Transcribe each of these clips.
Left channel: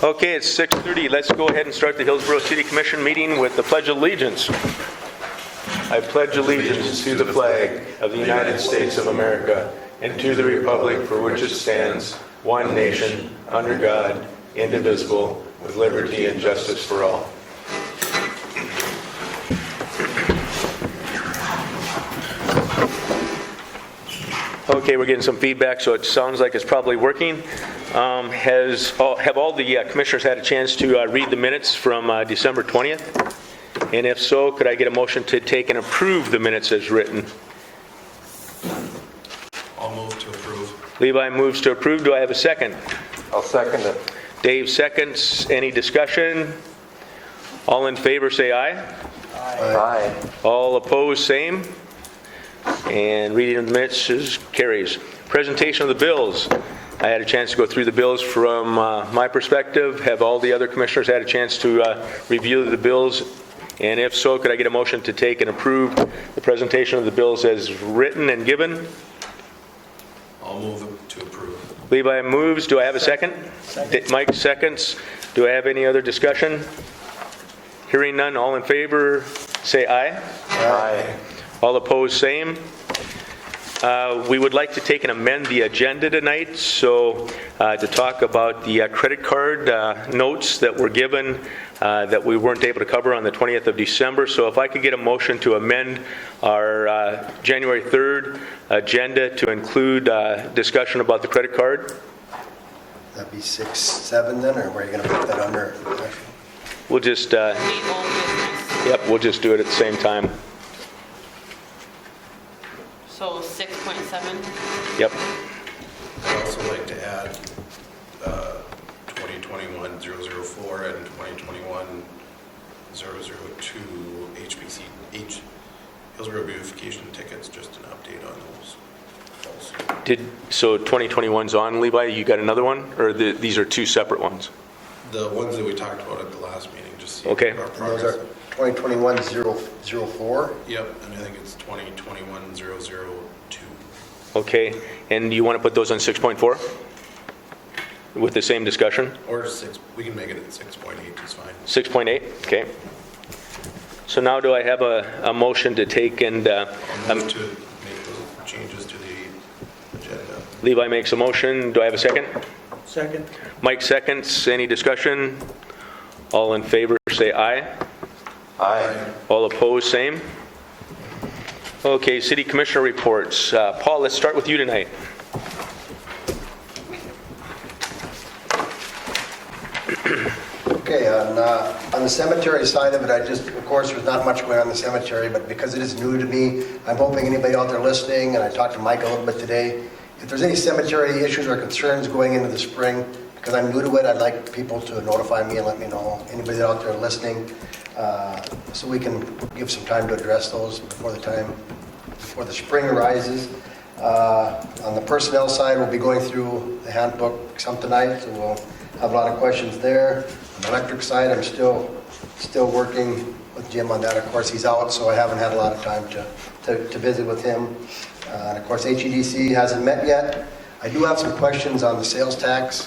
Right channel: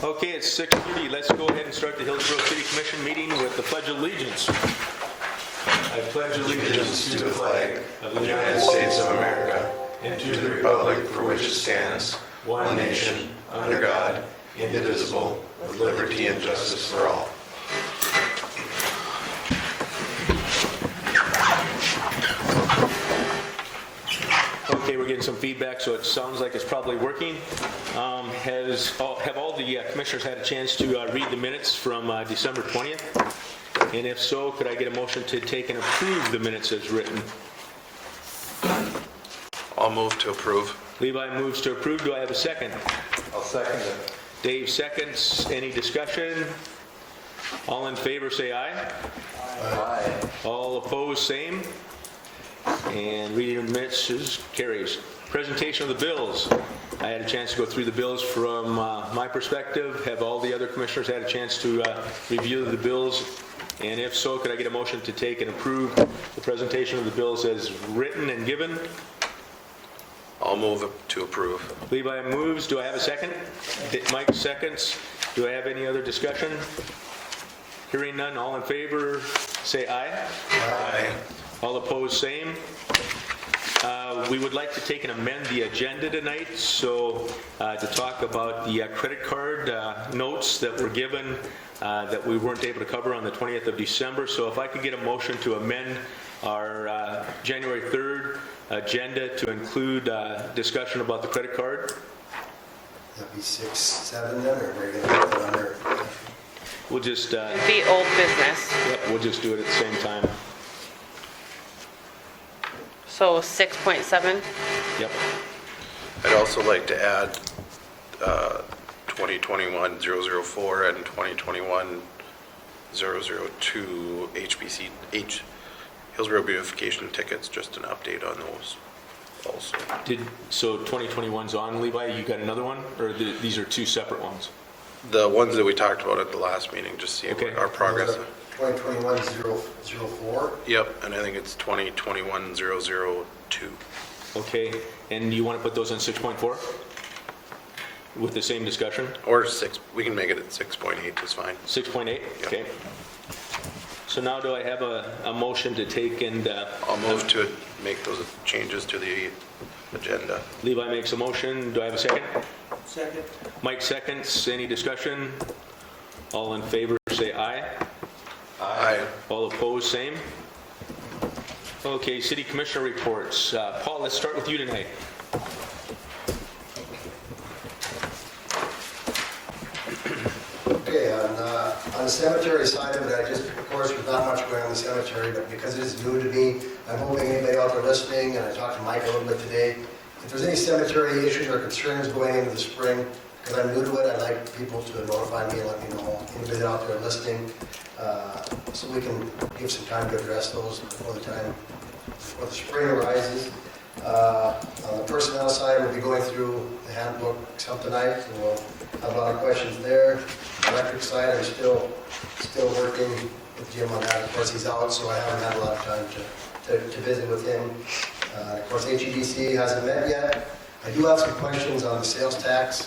Okay, it's 6:30. Let's go ahead and start the Hillsboro City Commission meeting with the Pledge of Allegiance. I pledge allegiance to the flag of the United States of America and to the republic for which it stands, one nation, under God, indivisible, with liberty and justice for all. Okay, we're getting some feedback, so it sounds like it's probably working. Have all the commissioners had a chance to read the minutes from December 20th? And if so, could I get a motion to take and approve the minutes as written? I'll move to approve. Levi moves to approve. Do I have a second? I'll second it. Dave seconds. Any discussion? All in favor say aye. Aye. All opposed, same. And reading of the minutes carries. Presentation of the bills. I had a chance to go through the bills from my perspective. Have all the other commissioners had a chance to review the bills? And if so, could I get a motion to take and approve the presentation of the bills as written and given? I'll move to approve. Levi moves. Do I have a second? Mike seconds. Do I have any other discussion? Hearing none, all in favor say aye. Aye. All opposed, same. We would like to take and amend the agenda tonight, so to talk about the credit card notes that were given that we weren't able to cover on the 20th of December. So if I could get a motion to amend our January 3rd agenda to include discussion about the credit card. That'd be 6, 7 then, or where are you going to put that under? We'll just, The old business. yep, we'll just do it at the same time. So 6.7. Yep. I'd also like to add 2021-004 and 2021-002 Hillsboro Beautification tickets, just an update on those also. So 2021's on, Levi? You got another one? Or these are two separate ones? The ones that we talked about at the last meeting, just see Okay. our progress. 2021-004. Yep, and I think it's 2021-002. Okay. And do you want to put those on 6.4? With the same discussion? Or 6, we can make it at 6.8, that's fine. 6.8? Okay. So now do I have a motion to take and... I'll move to make those changes to the agenda. Levi makes a motion. Do I have a second? Second. Mike seconds. Any discussion? All in favor say aye. Aye. All opposed, same. Okay, city commissioner reports. Paul, let's start with you tonight. Okay, on the cemetery side of it, of course, there's not much going on in the cemetery, but because it is new to me, I'm hoping anybody out there listening, and I talked to Mike a little bit today, if there's any cemetery issues or concerns going into the spring, because I'm new to it, I'd like people to notify me and let me know, anybody out there listening, so we can give some time to address those before the spring arises. On the personnel side, we'll be going through the handbook some tonight, so we'll have a lot of questions there. Electric side, I'm still working with Jim on that. Of course, he's out, so I haven't had a lot of time to visit with him. Of course, HEDC hasn't met yet. I do have some questions on the sales tax.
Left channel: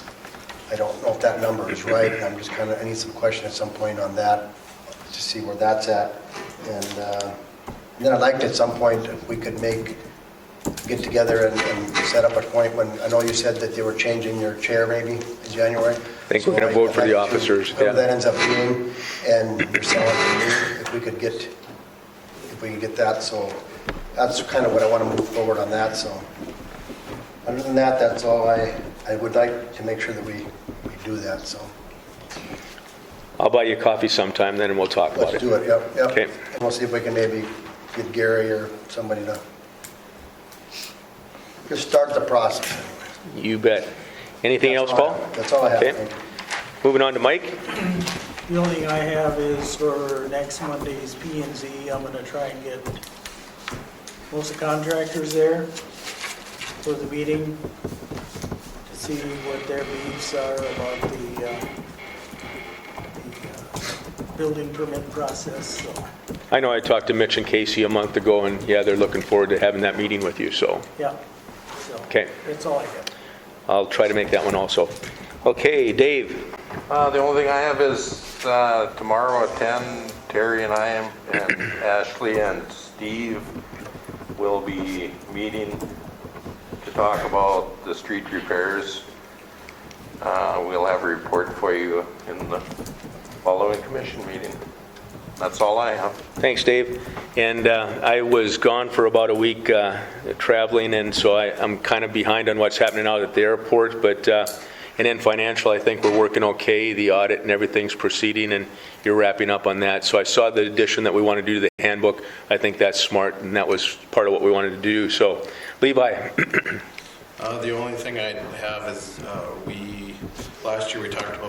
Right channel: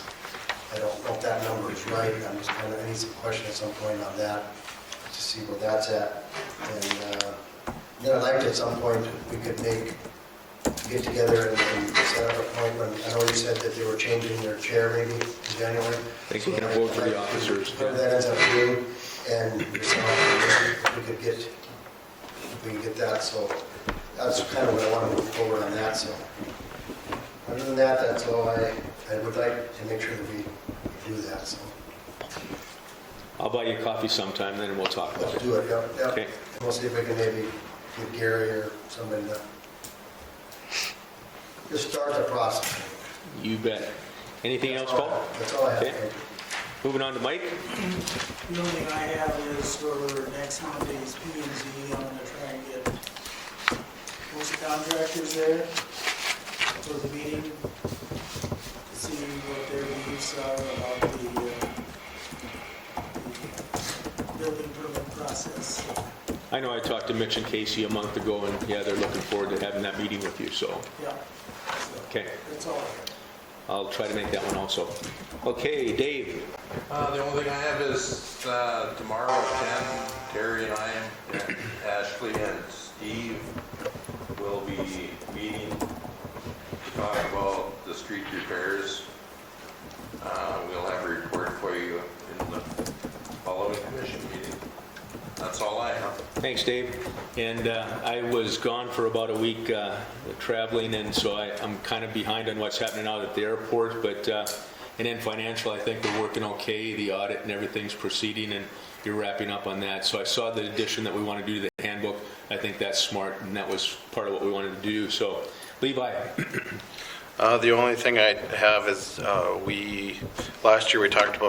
I don't know if that number is right. I need some question at some point on that to see where that's at. And then I'd like to, at some point, if we could get together and set up a point when, I know you said that they were changing your chair maybe in January. I think we're going to vote for the officers. Whatever that ends up being, and yourself, if we could get that, so that's kind of what I want to move forward on that, so. Other than that, that's all I would like to make sure that we do that, so. I'll buy you coffee sometime, then we'll talk about Let's it. do it, yep. Okay. And we'll see if we can maybe get Gary or somebody to just start the process. You bet. Anything else, Paul? That's all I have. Okay. Moving on to Mike. The only thing I have is for next Monday's P&Z, I'm gonna try and get most of the contractors there for the meeting to see what their beliefs are about the building permit process. So, I know I talked to Mitch and Casey a month ago, and yeah, they're looking forward to having that meeting with you, so. yeah. So, Okay. that's all I have. I'll try to make that one also. Okay, Dave. The only thing I have is tomorrow at 10, Terry and I and Ashley and Steve will be meeting to talk about the street repairs. We'll have a report for you in the following commission meeting. That's all I have. Thanks, Dave. And I was gone for about a week traveling, and so I'm kind of behind on what's happening out at the airport. But and then financial, I think we're working okay. The audit and everything's proceeding, and you're wrapping up on that. So I saw the addition that we want to do to the handbook. I think that's smart, and that was part of what we wanted to do. So, Levi. The only thing I have is last year we talked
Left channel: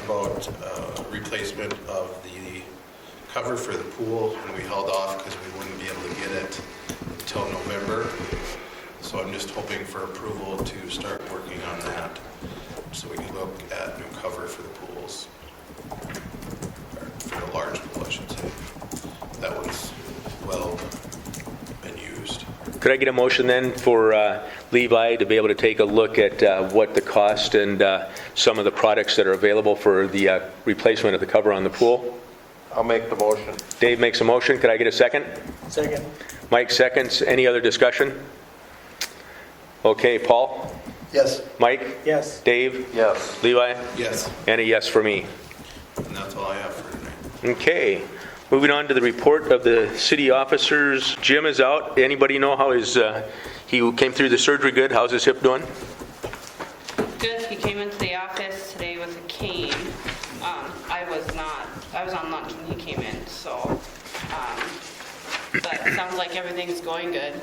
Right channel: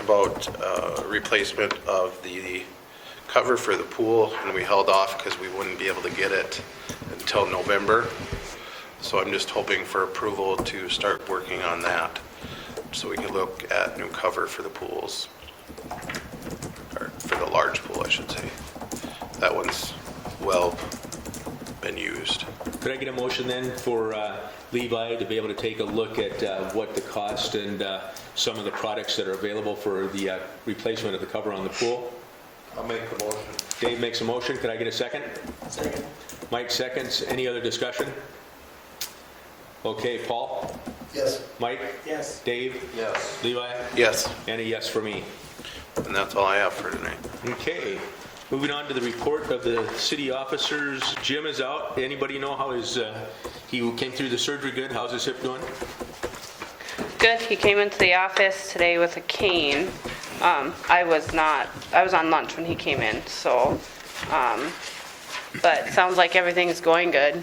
about replacement of the cover for the pool, and we held off because we wouldn't be able to get it until November. So I'm just hoping for approval to start working on that, so we can look at new cover for the pools, or for the large pool, I should say. That one's well been used. Could I get a motion then for Levi to be able to take a look at what the cost and some of the products that are available for the replacement of the cover on the pool? I'll make the motion. Dave makes a motion. Could I get a second? Second. Mike seconds. Any other discussion? Okay, Paul? Yes. Mike? Yes. Dave? Yes. Levi? Yes, And a yes for me. and that's all I have for tonight. Okay, moving on to the report of the city officers. Jim is out. Anybody know how he came through the surgery good? How's his hip doing? Good, he came into the office today with a cane. I was on lunch when he came in, so, but sounds like everything's going good.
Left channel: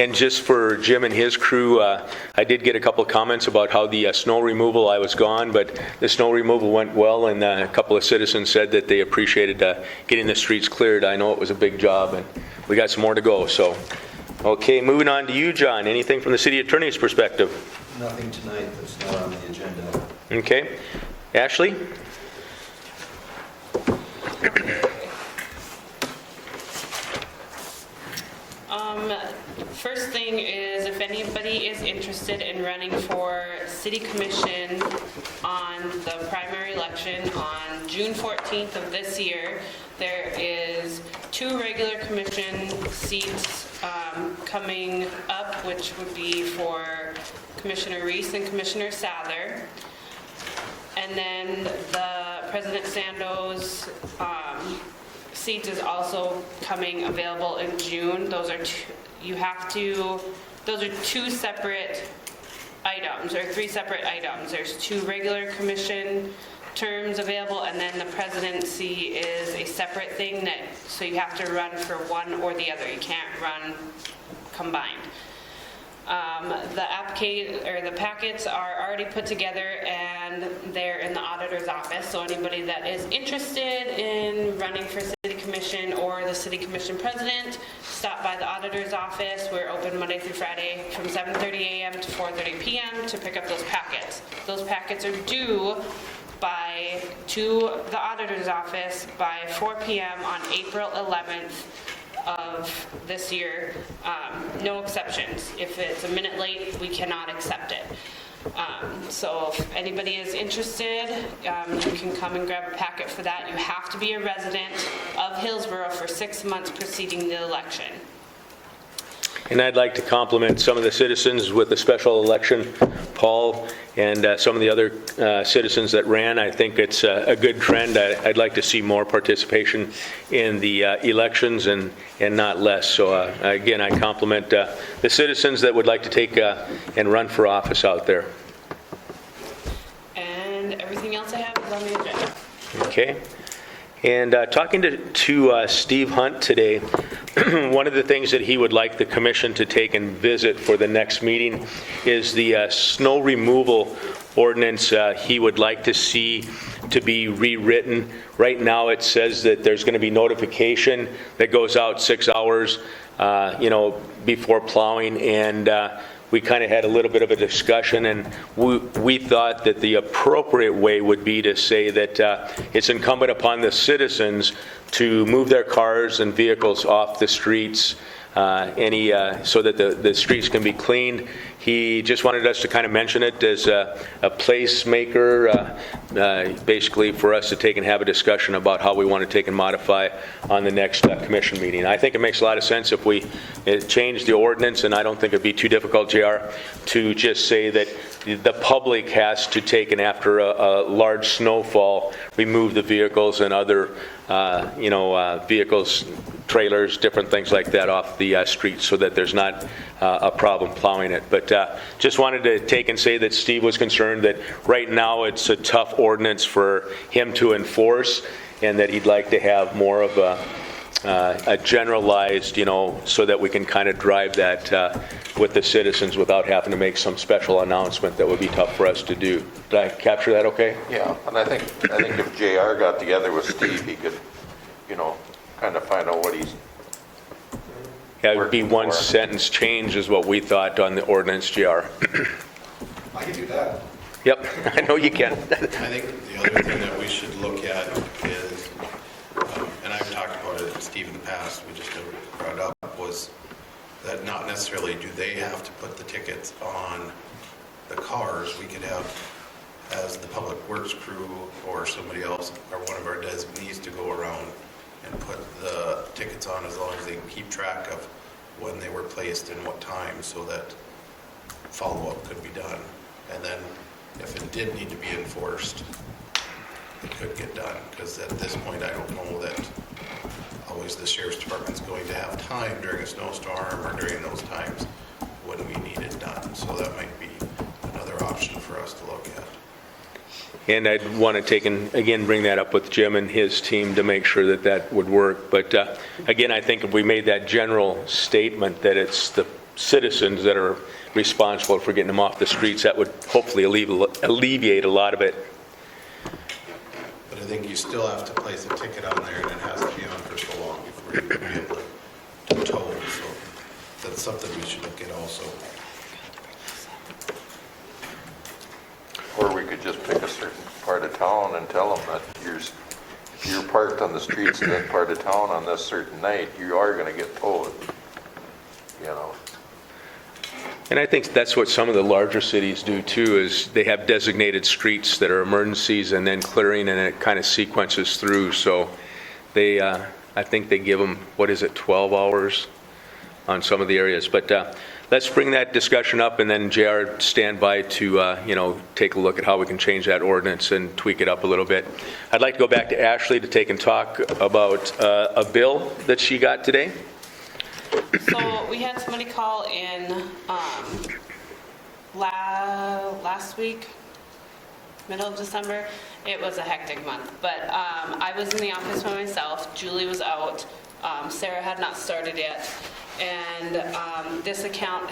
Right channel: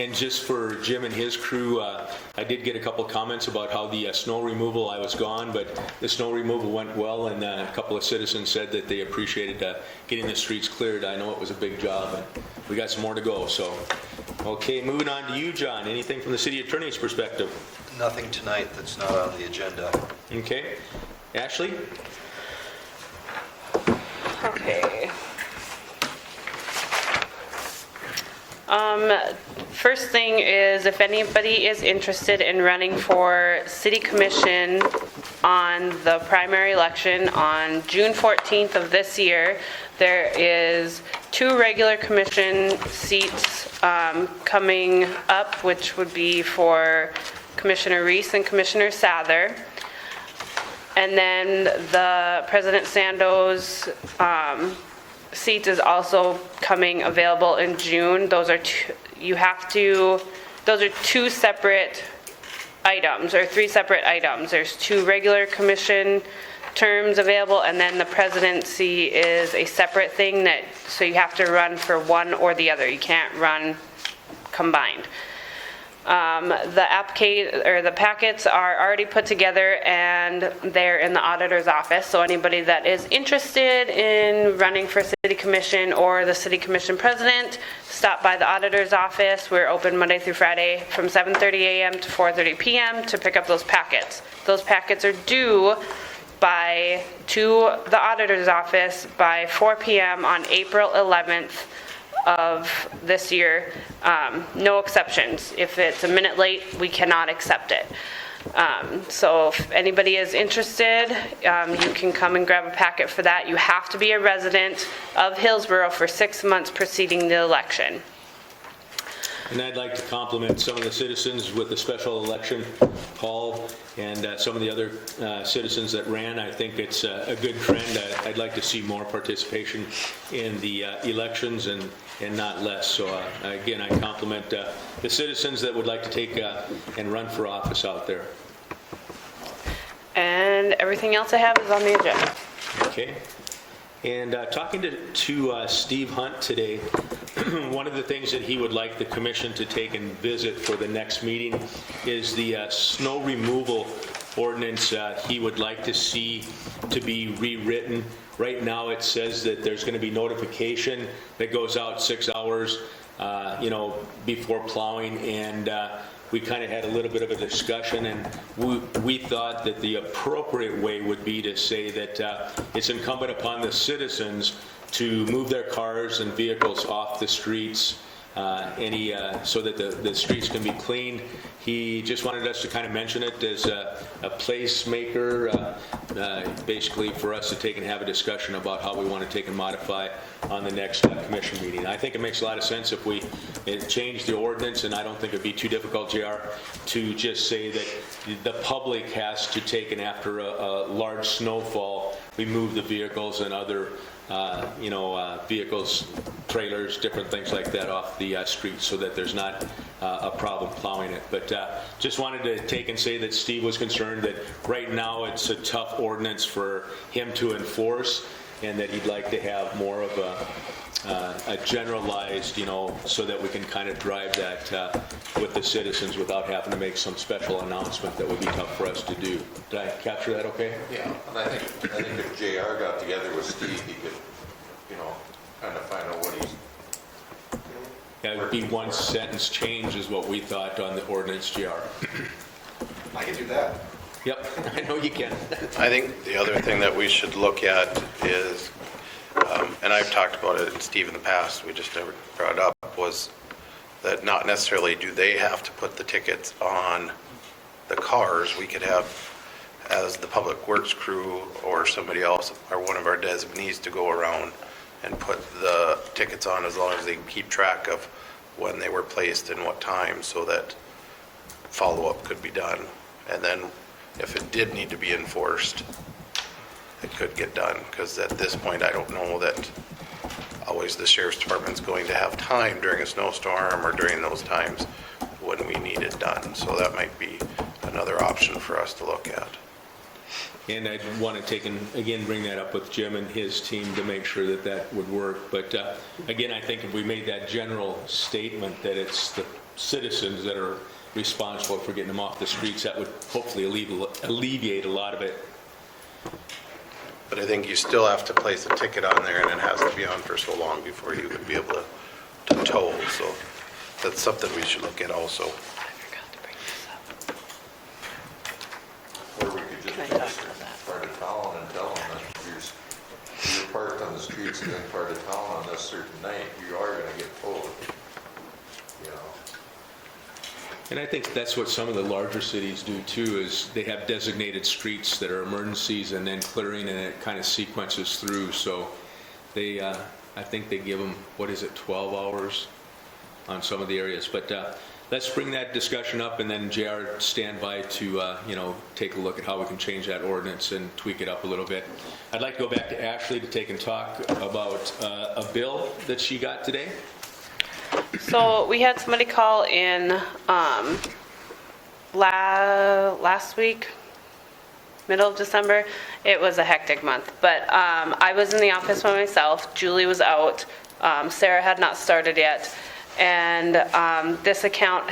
And just for Jim and his crew, I did get a couple of comments about how the snow removal, I was gone, but the snow removal went well, and a couple of citizens said that they appreciated getting the streets cleared. I know it was a big job, and we got some more to go, so. Okay, moving on to you, John. Anything from the city attorney's perspective? Nothing tonight that's not on the agenda. Okay. Ashley? Okay. First thing is, if anybody is interested in running for city commission on the primary election on June 14th of this year, there is 2 regular commission seats coming up, which would be for Commissioner Reese and Commissioner Sather. And then the President Sandoz seat is also coming available in June. Those are those are 2 separate items, or 3 separate items. There's 2 regular commission terms available, and then the presidency is a separate thing so you have to run for one or the other. You can't run combined. The packets are already put together, and they're in the auditor's office. So anybody that is interested in running for city commission or the city commission president, stop by the auditor's office. We're open Monday through Friday from 7:30 a.m. to 4:30 p.m. to pick up those packets. Those packets are due to the auditor's office by 4 p.m. on April 11th of this year. No exceptions. If it's a minute late, we cannot accept it. So if anybody is interested, you can come and grab a packet for that. You have to be a resident of Hillsboro for 6 months preceding the election. And I'd like to compliment some of the citizens with the special election, Paul, and some of the other citizens that ran. I think it's a good trend. I'd like to see more participation in the elections and not less. So again, I compliment the citizens that would like to take and run for office out there. And everything else I have is on the agenda. Okay. And talking to Steve Hunt today, one of the things that he would like the commission to take and visit for the next meeting is the snow removal ordinance he would like to see to be rewritten. Right now it says that there's going to be notification that goes out 6 hours before plowing, and we kind of had a little bit of a discussion, and we thought that the appropriate way would be to say that it's incumbent upon the citizens to move their cars and vehicles off the streets so that the streets can be cleaned. He just wanted us to kind of mention it as a placemaker, basically for us to take and have a discussion about how we want to take and modify on the next commission meeting. I think it makes a lot of sense if we change the ordinance, and I don't think it'd be too difficult, JR, to just say that the public has to take, and after a large snowfall, remove the vehicles and other, vehicles, trailers, different things like that off the streets so that there's not a problem plowing it. But just wanted to take and say that Steve was concerned that right now it's a tough ordinance for him to enforce, and that he'd like to have more of a generalized, so that we can kind of drive that with the citizens without having to make some special announcement that would be tough for us to do. Did I capture that okay? Yeah, and I think if JR got together with Steve, he could, kind of find out what he's. Yeah, it would be one sentence change is what we thought on the ordinance, JR. I can do that. Yep, I know you can. I think the other thing that we should look at is, and I've talked about it, Steve, in the past, we just never brought it up, was that not necessarily do they have to put the tickets on the cars. We could have, as the public works crew or somebody else, or one of our designees, to go around and put the tickets on, as long as they keep track of when they were placed and what time, so that follow-up could be done. And then if it did need to be enforced, it could get done, because at this point, I don't know that always the sheriff's department's going to have time during a snowstorm or during those times when we need it done. So that might be another option for us to look at. And I'd want to take and, again, bring that up with Jim and his team to make sure that that would work. But again, I think if we made that general statement that it's the citizens that are responsible for getting them off the streets, that would hopefully alleviate a lot of it. But I think you still have to place the ticket on there, and it has to be on for so long before you would be able to tow. So that's something we should look at also. Or we could just pick a certain part of town and tell them that you're parked on the streets in this part of town on this certain night, you are going to get towed, And I think that's what some of the larger cities do too, is they have designated streets that are emergencies and then clearing, and it kind of sequences through. So they, I think they give them, 12 hours on some of the areas. But let's bring that discussion up, and then JR, stand by to, take a look at how we can change that ordinance and tweak it up a little bit. I'd like to go back to Ashley to take and talk about a bill that she got today. So we had somebody call in last week, middle of December. It was a hectic month, but I was in the office by myself. Julie was out. Sarah had not started yet. And this account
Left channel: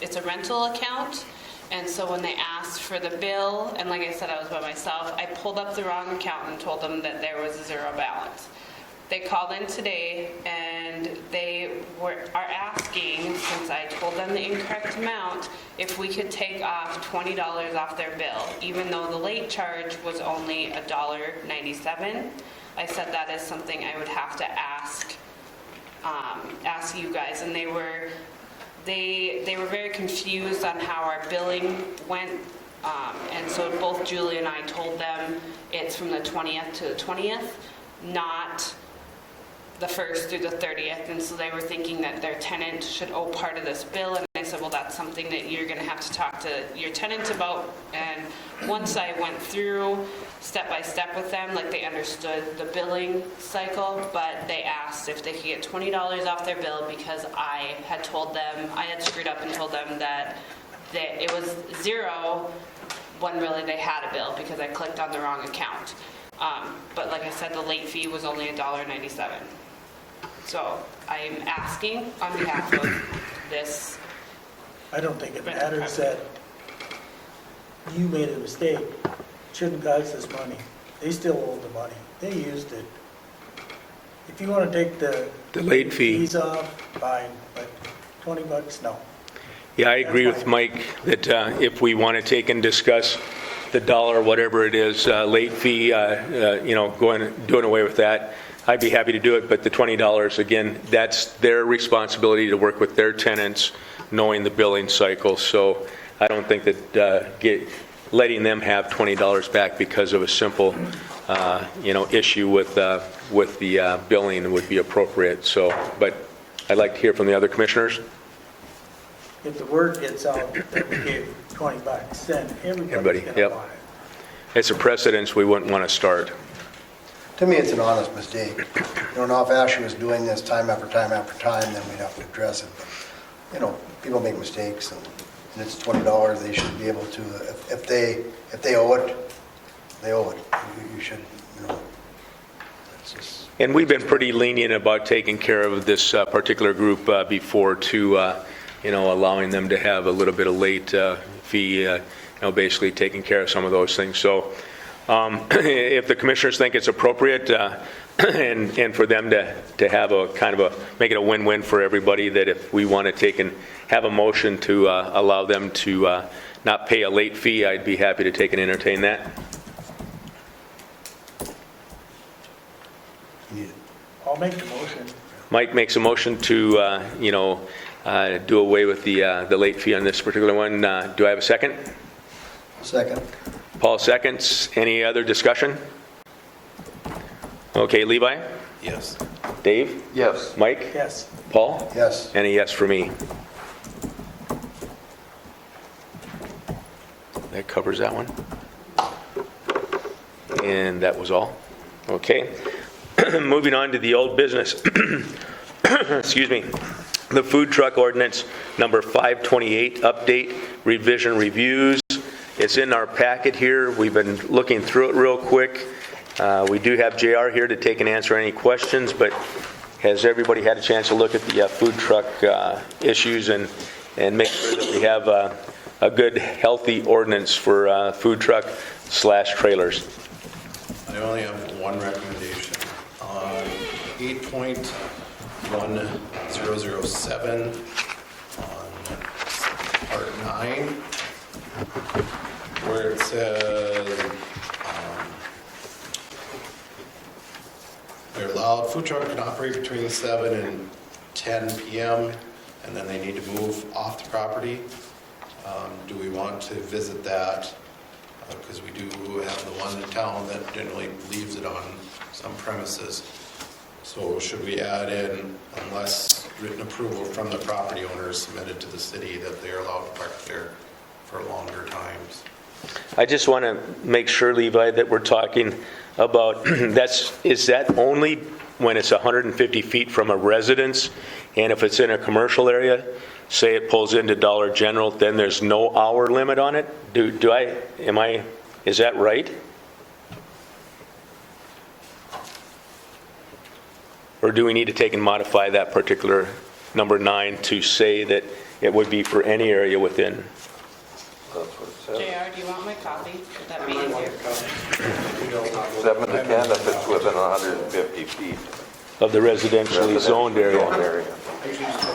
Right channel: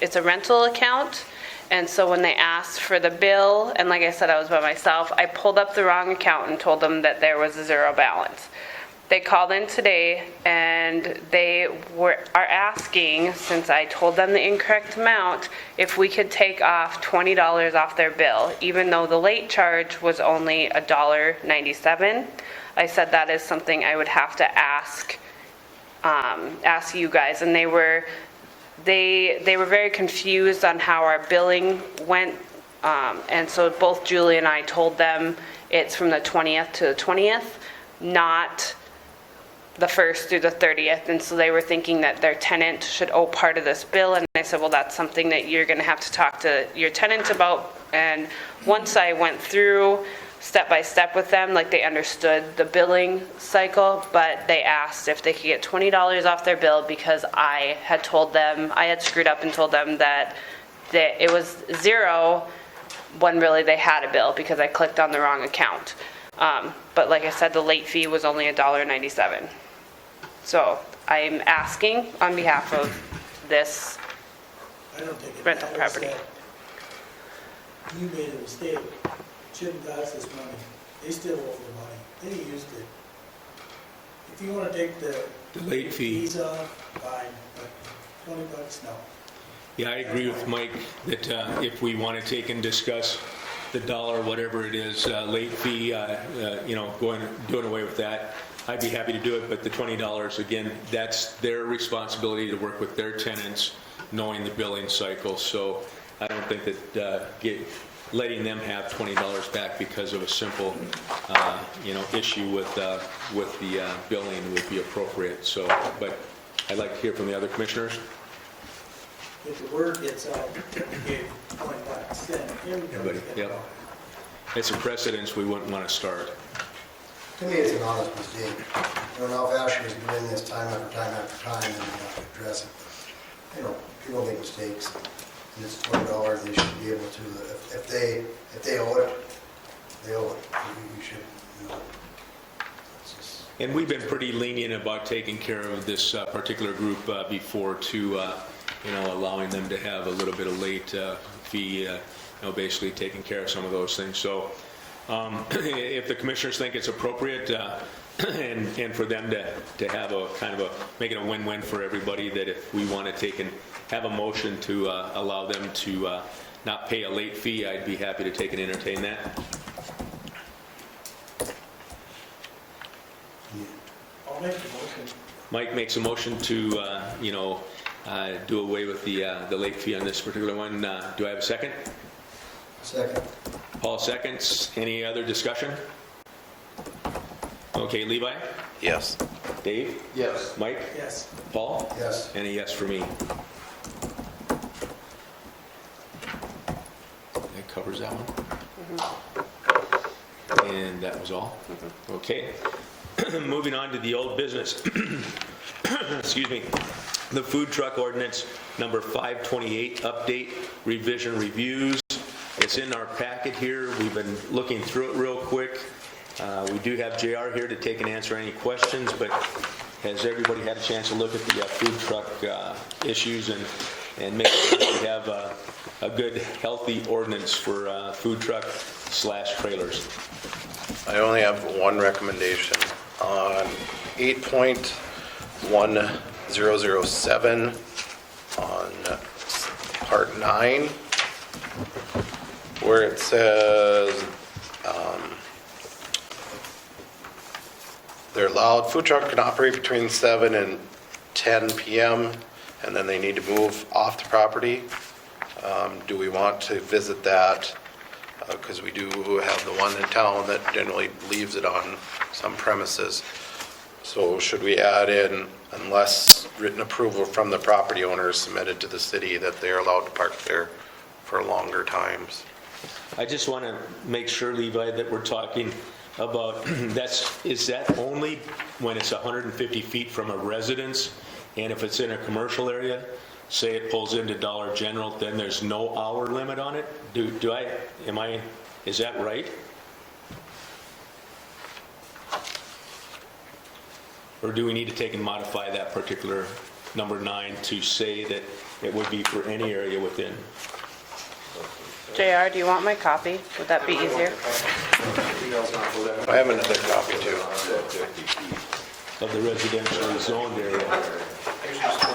it's a rental account. And so when they asked for the bill, and like I said, I was by myself, I pulled up the wrong account and told them that there was a zero balance. They called in today, and they are asking, since I told them the incorrect amount, if we could take off $20 off their bill, even though the late charge was only $1.97. I said that is something I would have to ask you guys, and they were very confused on how our billing went, and so both Julie and I told them it's from the 20th to the 20th, not the 1st through the 30th, and so they were thinking that their tenant should owe part of this bill, and I said, well, that's something that you're going to have to talk to your tenant about. And once I went through step by step with them, like, they understood the billing cycle, but they asked if they could get $20 off their bill, because I had screwed up and told them that it was zero when really they had a bill, because I clicked on the wrong account. But like I said, the late fee was only $1.97. So I'm asking on behalf of this. I don't think it Rental matters property. that you made a mistake. Shouldn't cost us money. They still owe the money. They used it. If you want to take the late fee. fees off, fine, but $20, no. Yeah, I agree with Mike that if we want to take and discuss the dollar, whatever it is, late fee, doing away with that, I'd be happy to do it. But the $20, again, that's their responsibility to work with their tenants knowing the billing cycle. So I don't think that letting them have $20 back because of a simple, issue with the billing would be appropriate. So, but I'd like to hear from the other commissioners. If the word gets out that we gave 25 cents, Everybody, everybody's gonna yep. want it. It's a precedence we wouldn't want to start. To me, it's an honest mistake. Now if Ashley was doing this time after time after time, then we have to address it. People make mistakes, and it's $20, they should be able to, if they owe it, they owe it. You should, it's just. And we've been pretty lenient about taking care of this particular group before to, allowing them to have a little bit of late fee, basically taking care of some of those things. So if the commissioners think it's appropriate and for them to have a kind of make it a win-win for everybody, that if we want to take and have a motion to allow them to not pay a late fee, I'd be happy to take and entertain that. I'll make the motion. Mike makes a motion to, do away with the late fee on this particular one. Do I have a second? Second. Paul seconds. Any other discussion? Okay, Levi? Yes. Dave? Yes. Mike? Yes. Paul? Yes. And a yes for me. That covers that one. And that was all? Okay. Moving on to the old business. Excuse me. The food truck ordinance number 528, update, revision, reviews. It's in our packet here. We've been looking through it real quick. We do have JR here to take and answer any questions, but has everybody had a chance to look at the food truck issues and make sure that we have a good, healthy ordinance for food truck / trailers? I only have one recommendation on 8.1007 on part 9, where it says they're allowed, food truck can operate between 7 and 10 p.m. and then they need to move off the property. Do we want to visit that? Because we do have the one in town that generally leaves it on some premises. So should we add in, unless written approval from the property owner is submitted to the city, that they're allowed to park there for longer times? I just want to make sure, Levi, that we're talking about, is that only when it's 150 feet from a residence? And if it's in a commercial area, say it pulls into Dollar General, then there's no hour limit on it? Is that right? Or do we need to take and modify that particular number 9 to say that it would be for any area within? JR, do you want my copy? Would that be easier? I haven't had a copy within 150 feet. Of the residentially zoned area.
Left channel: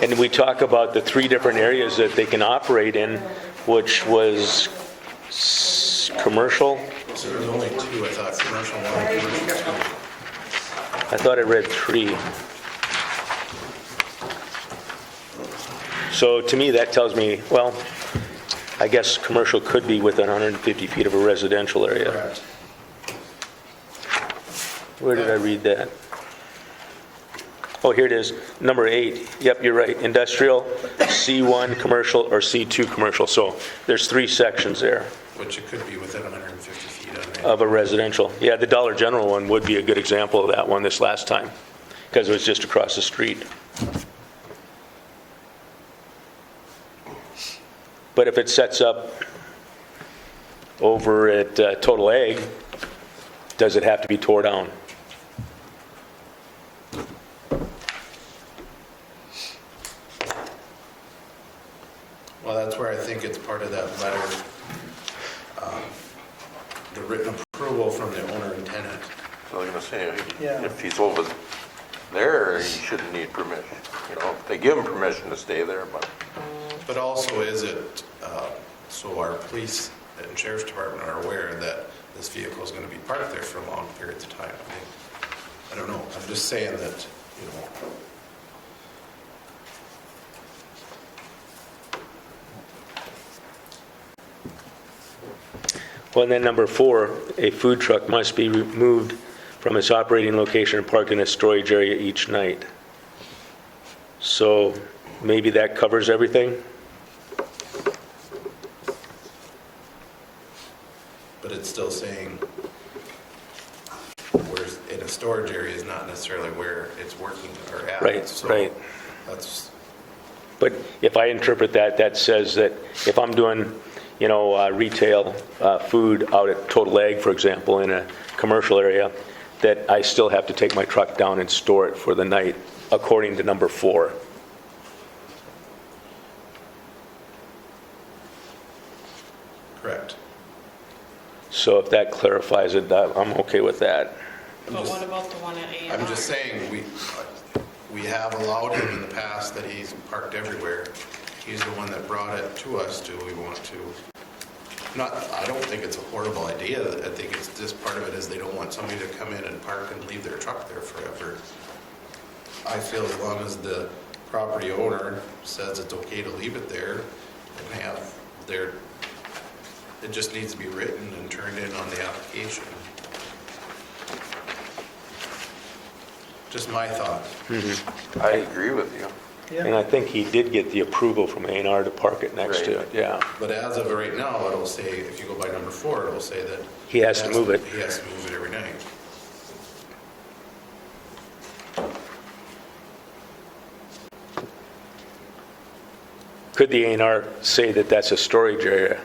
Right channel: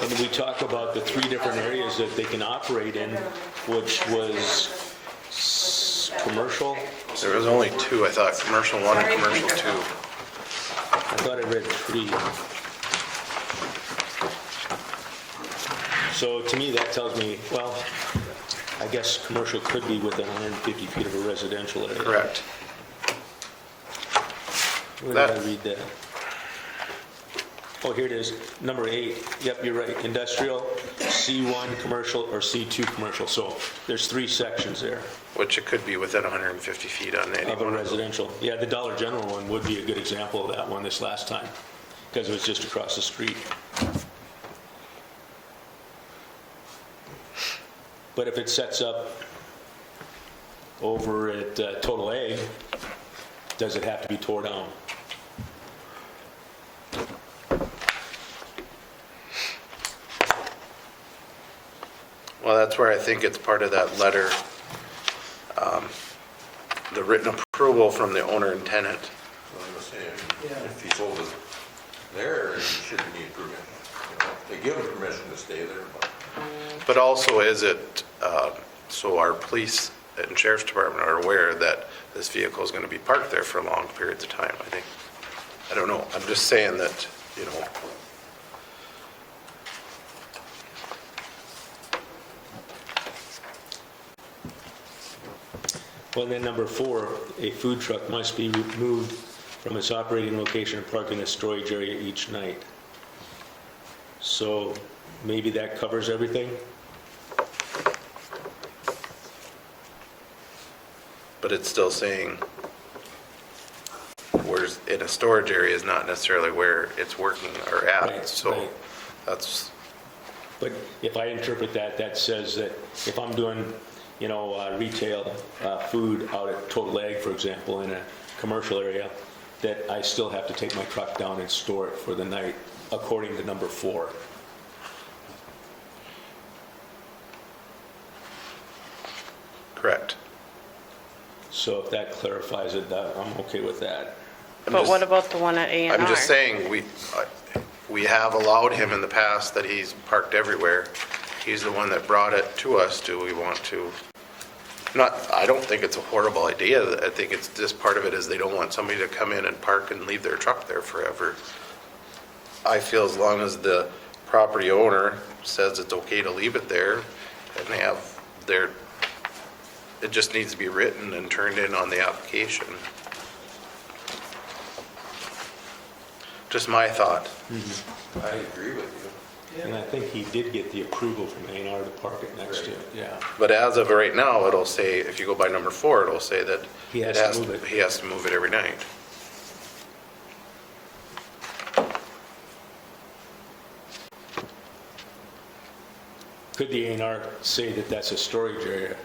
And we talk about the 3 different areas that they can operate in, which was commercial. There was only 2, I thought, commercial 1 and commercial 2. I thought I read 3. So to me, that tells me, well, I guess commercial could be within 150 feet of a residential area. Correct. Where did I read that? Oh, here it is, number 8. Yep, you're right. Industrial, C1 commercial, or C2 commercial. So there's 3 sections there Which it could be within 150 feet on the. of a residential. Yeah, the Dollar General one would be a good example of that one this last time, because it was just across the street. But if it sets up over at Total Ag, does it have to be tore down? Well, that's where I think it's part of that letter, the written approval from the owner and tenant. I was gonna say, Yeah. if he's over there, he shouldn't need permission. They give him permission to stay there, but But also, is it, so our police and sheriff's department are aware that this vehicle is going to be parked there for long periods of time, I think. I don't know, I'm just saying that, Well, and then number 4, a food truck must be removed from its operating location and parked in a storage area each night. So maybe that covers everything? But it's still saying where's in a storage area is not necessarily where it's working or at. Right, So right. that's, But if I interpret that, that says that if I'm doing, retail food out at Total Ag, for example, in a commercial area, that I still have to take my truck down and store it for the night, according to number 4. correct. So if that clarifies it, I'm okay with that. But what about the one at A&R? I'm just saying, we have allowed him in the past that he's parked everywhere. He's the one that brought it to us. Do we want to? I don't think it's a horrible idea. I think it's just part of it is they don't want somebody to come in and park and leave their truck there forever. I feel as long as the property owner says it's okay to leave it there and they have it just needs to be written and turned in on the application. Just my thought. I agree with you. And I think he did get the approval from A&R to park it next to it, yeah. But as of right now, it'll say, if you go by number 4, it'll say that He has to move it. He has to move it every night. Could the A&R say that that's a storage area?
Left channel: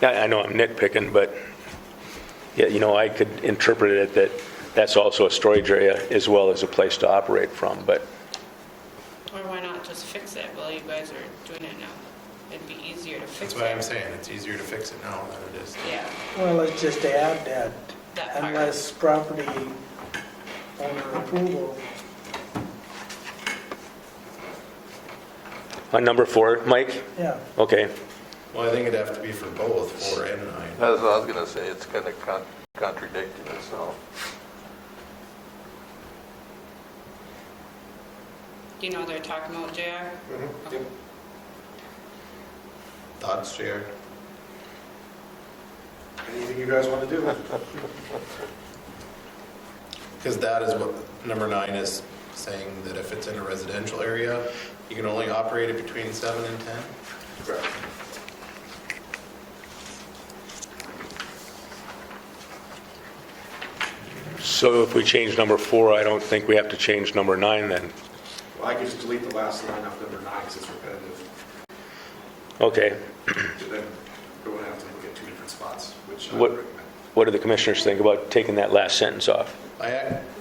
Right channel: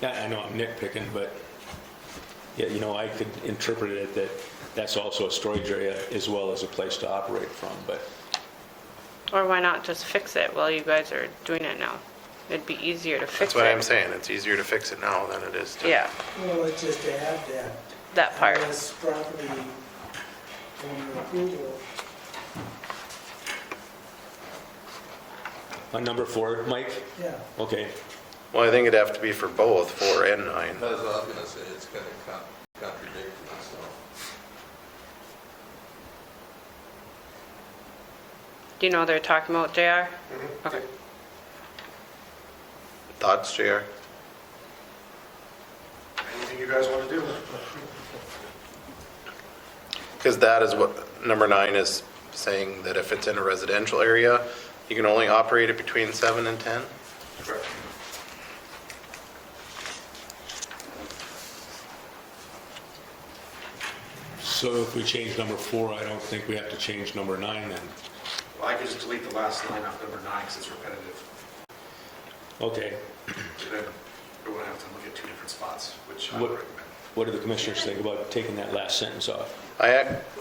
I know I'm nitpicking, but, yeah, I could interpret it that that's also a storage area as well as a place to operate from, but, Or why not just fix it while you guys are doing it now? It'd be easier to fix That's what I'm it. saying. It's easier to fix it now than it is to. Yeah, Well, let's just add that part. unless property owner approval. on number 4, Mike? Yeah, Okay, Well, I think it'd have to be for both, 4 and 9. That's what I was gonna say, it's kind of contradicting itself. Do you know what they're talking about, JR? Okay. Thoughts, JR? Anything you guys want to do? Because that is what number 9 is saying, that if it's in a residential area, you can only operate it between 7 and 10? Correct. so if we change number 4, I don't think we have to change number 9 then. Well, I could just delete the last line off number 9 because it's repetitive. Okay, Then we wouldn't have to look at 2 different spots, which I What- would recommend. what do the commissioners think about taking that last sentence off? The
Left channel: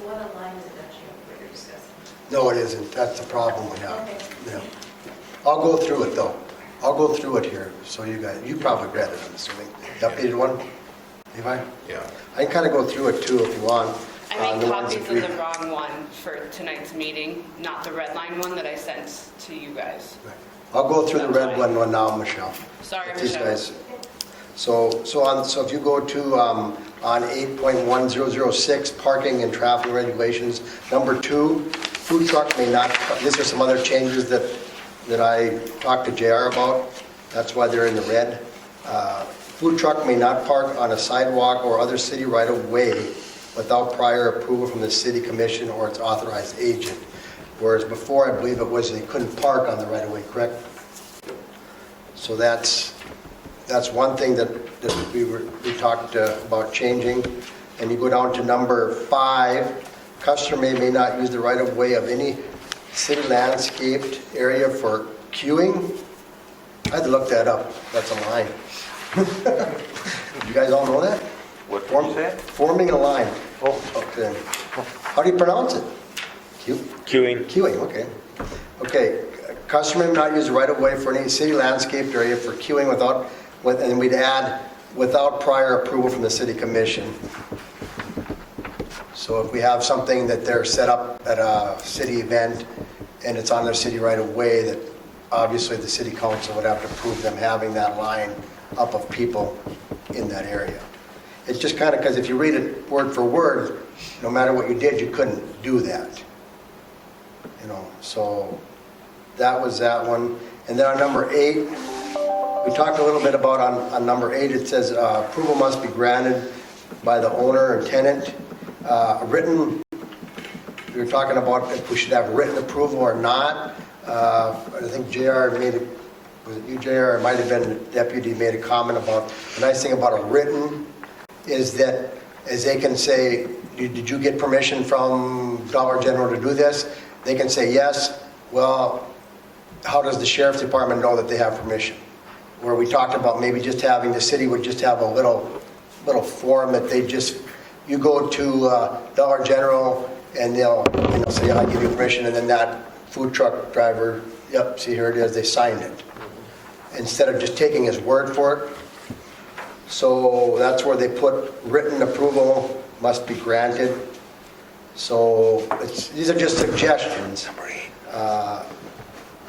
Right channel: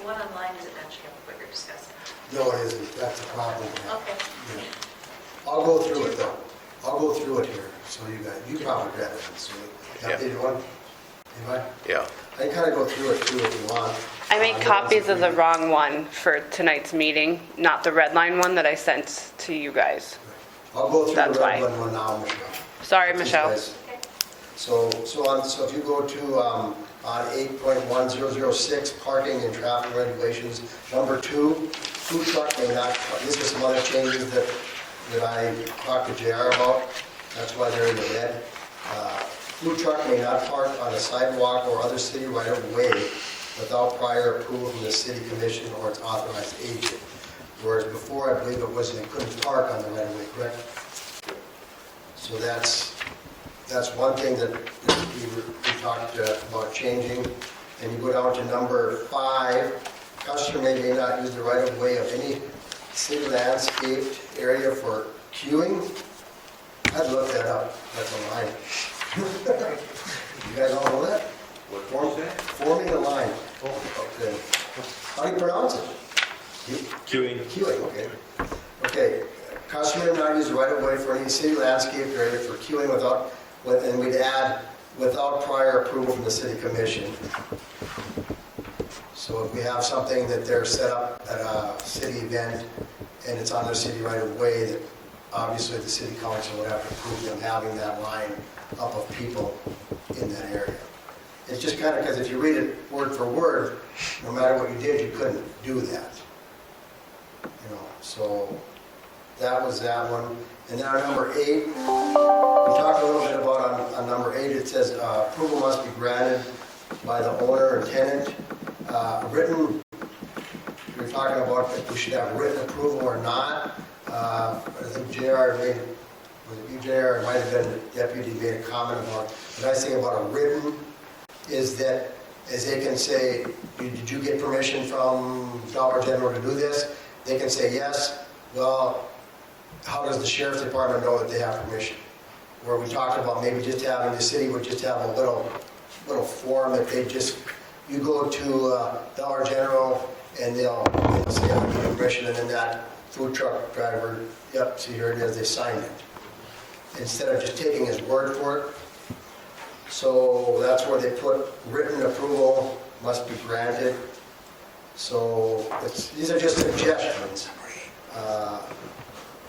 one online isn't matching up with what you're discussing. No, it isn't. That's the problem we have. Okay. Yeah. I'll go through it, though. I'll go through it here, so you probably read it, I'm assuming. The updated one? Levi? Yeah. I can kind of go through it, too, if you want. I made The ones copies that of the we- wrong one for tonight's meeting, not the red line one that I sent to you guys. I'll go through the That's red fine. one now, Michelle. Sorry, These Michelle. guys. So if you go to, on 8.1006, parking and traffic regulations, number 2, food truck may not, these are some other changes that I talked to JR about. That's why they're in the red. Food truck may not park on a sidewalk or other city right-of-way without prior approval from the city commission or its authorized agent. Whereas before, I believe it was they couldn't park on the right-of-way, correct? So that's one thing that we talked about changing. And you go down to number 5, customer may not use the right-of-way of any city landscaped area for queuing. I had to look that up. That's a line. You guys all know that? What did you say? Forming a line. Oh, okay. How do you pronounce it? Queuing. Queuing, okay. Okay, customer may not use the right-of-way for any city landscaped area for queuing and we'd add, without prior approval from the city commission. So if we have something that they're set up at a city event and it's on their city right-of-way, that obviously the city council would have to approve them having that line up of people in that area. It's just kind of, because if you read it word for word, no matter what you did, you couldn't do that. So that was that one. And then on number 8, we talked a little bit about on number 8, it says approval must be granted by the owner or tenant. Written, we were talking about if we should have written approval or not. I think JR made it, was it you, JR? It might have been the deputy made a comment about, the nice thing about a written is that, as they can say, did you get permission from Dollar General to do this? They can say yes. Well, how does the sheriff's department know that they have permission? Where we talked about maybe just having, the city would just have a little form that they just, you go to Dollar General and they'll say, I give you permission, and then that food truck driver, yep, see, here it is, they signed it. Instead of just taking his word for it. So that's where they put written approval must be granted. So these are just suggestions.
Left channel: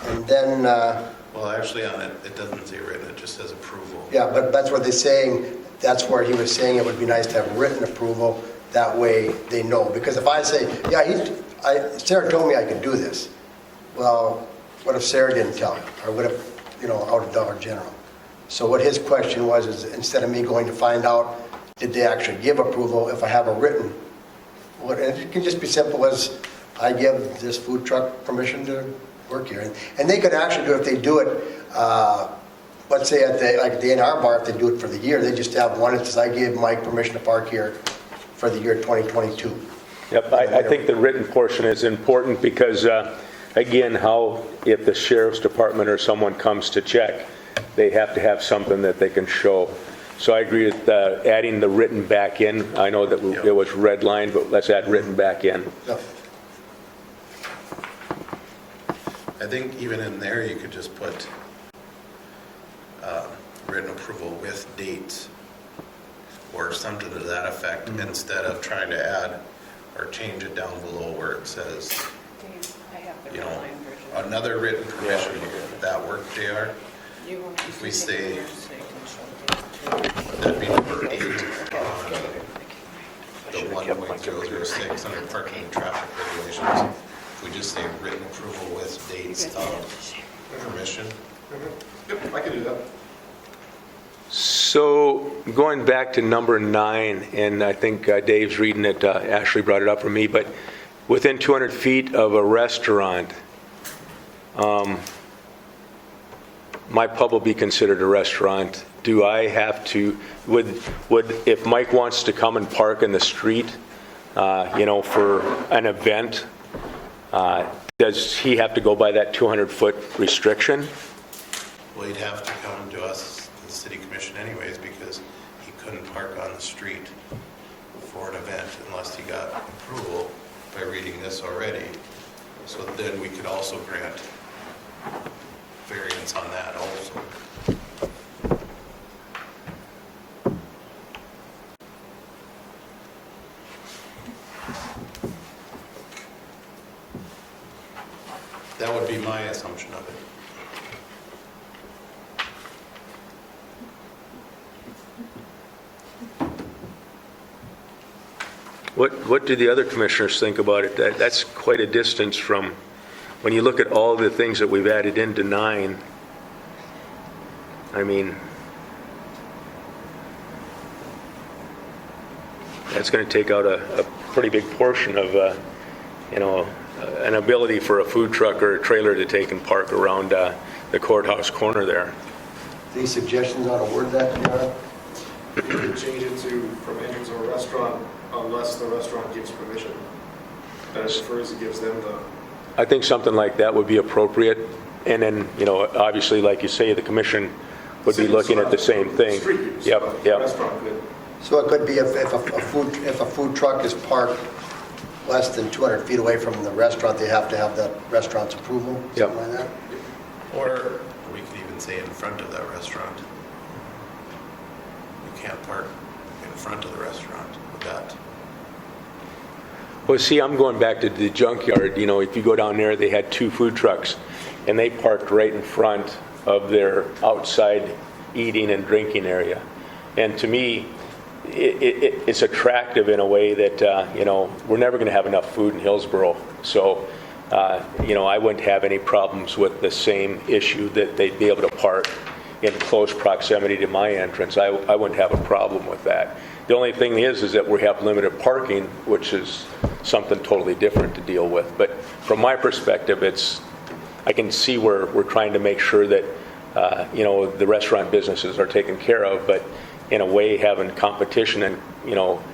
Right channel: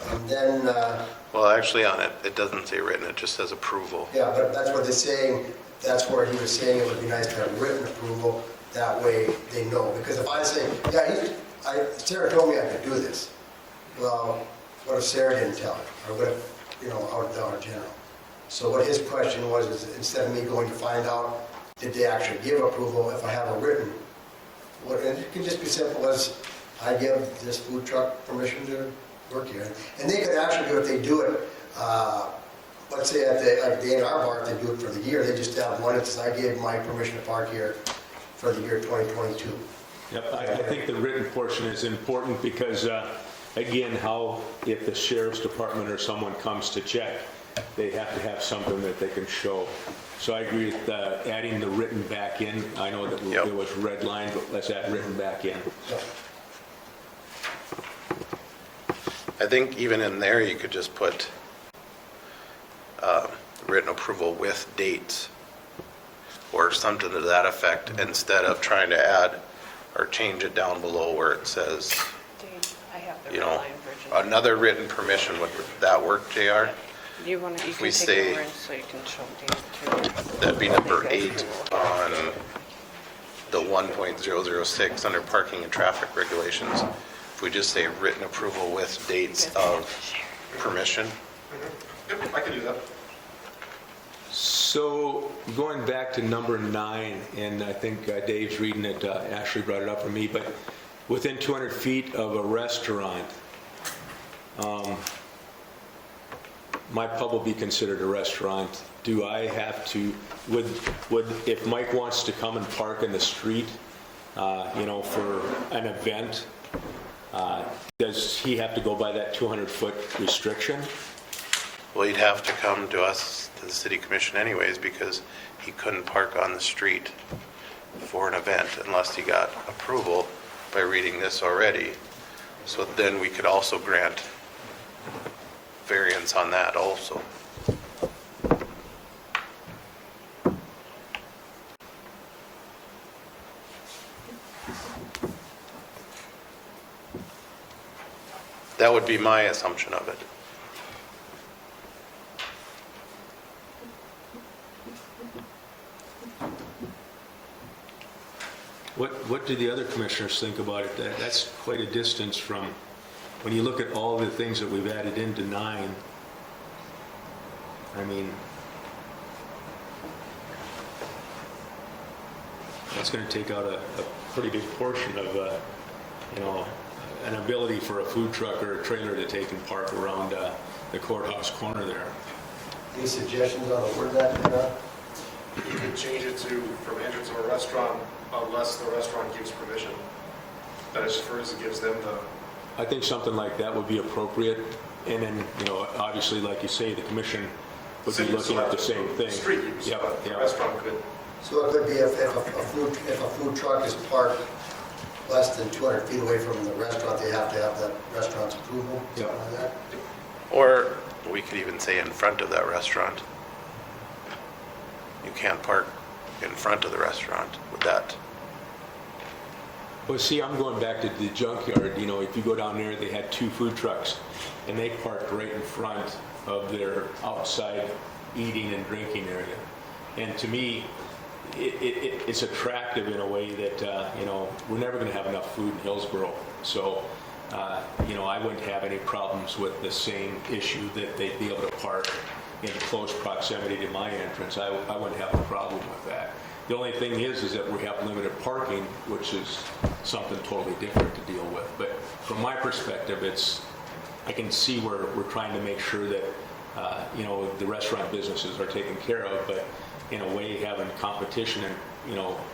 And then, Well, actually on it, it doesn't say written, it just says approval. yeah, but that's what they're saying, that's where he was saying it would be nice to have written approval, that way they know. Because if I say, yeah, Sarah told me I could do this. Well, what if Sarah didn't tell me? Or what if, out of Dollar General? So what his question was, is instead of me going to find out, did they actually give approval, if I have a written, and it can just be simple as, I give this food truck permission to work here. And they could actually do, if they do it, let's say at the A&R bar, if they do it for the year, they just have one that says, I gave Mike permission to park here for the year 2022. Yep, I think the written portion is important because, again, if the sheriff's department or someone comes to check, they have to have something that they can show. So I agree with adding the written back in. I know that Yep. there was red line, but let's add written back in. So, I think even in there, you could just put written approval with dates or something to that effect instead of trying to add or change it down below where it says, Dave, I have the you red know, line version. another written permission. Would that work, JR? You want to, you if we can take say- the words so you can show Dave too. That'd be number You 8 guys can look at on it together. the 1.006 under parking and traffic regulations. If we just say written approval with You dates guys have of to share. permission. Yep, I can do that. So going back to number 9, and I think Dave's reading it, Ashley brought it up for me, but within 200 feet of a restaurant, my pub will be considered a restaurant. Do I have to, if Mike wants to come and park in the street, for an event, does he have to go by that 200-foot restriction? Well, he'd have to come to us, to the city commission anyways, because he couldn't park on the street for an event unless he got approval by reading this already. So then we could also grant variance on that also. That would be my assumption of it. What do the other commissioners think about it? That's quite a distance from, when you look at all the things that we've added into 9, I mean, that's going to take out a pretty big portion of, an ability for a food truck or a trailer to take and park around the courthouse corner there. any suggestions on a word that, You could change it to from entrance of a restaurant unless the restaurant gives permission. That it prefers it gives them the, I think something like that would be appropriate. And then, obviously, like you say, the commission would be city looking at the selected same thing. street use, Yep, but the yep. restaurant could. So it could be if a food truck is parked less than 200 feet away from the restaurant, they have to have that restaurant's approval, Yep. something like that? Or we could even say in front of that restaurant. You can't park in front of the restaurant with that. Well, see, I'm going back to the junkyard. If you go down there, they had 2 food trucks, and they parked right in front of their outside eating and drinking area. And to me, it's attractive in a way that, we're never going to have enough food in Hillsboro. So, I wouldn't have any problems with the same issue that they'd be able to park in close proximity to my entrance, I wouldn't have a problem with that. The only thing is that we have limited parking, which is something totally different to deal with. But from my perspective, I can see where we're trying to make sure that, the restaurant businesses are taken care of, but in a way, having competition and,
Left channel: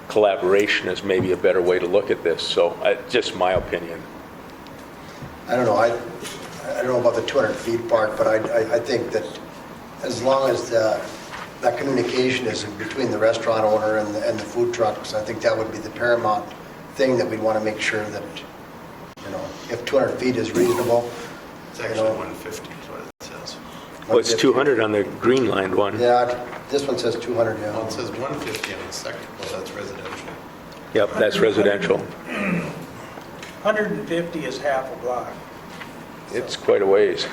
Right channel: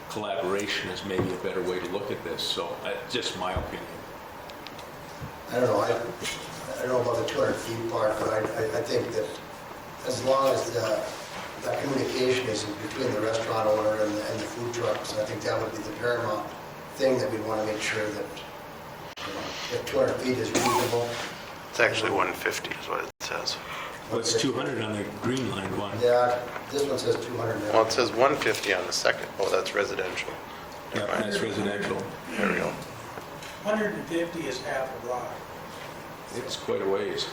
collaboration is maybe a better way to look at this. So, just my opinion. I don't know, I don't know about the 200 feet part, but I think that as long as that communication is between the restaurant owner and the food trucks, I think that would be the paramount thing that we want to make sure that, if 200 feet is reasonable. It's actually 150 is what it says. Well, it's 200 on the green line one. Yeah, this one says 200 now. Well, it says 150 on the second. Oh, that's residential. Yep, that's residential. 150 is half a block. It's quite a ways.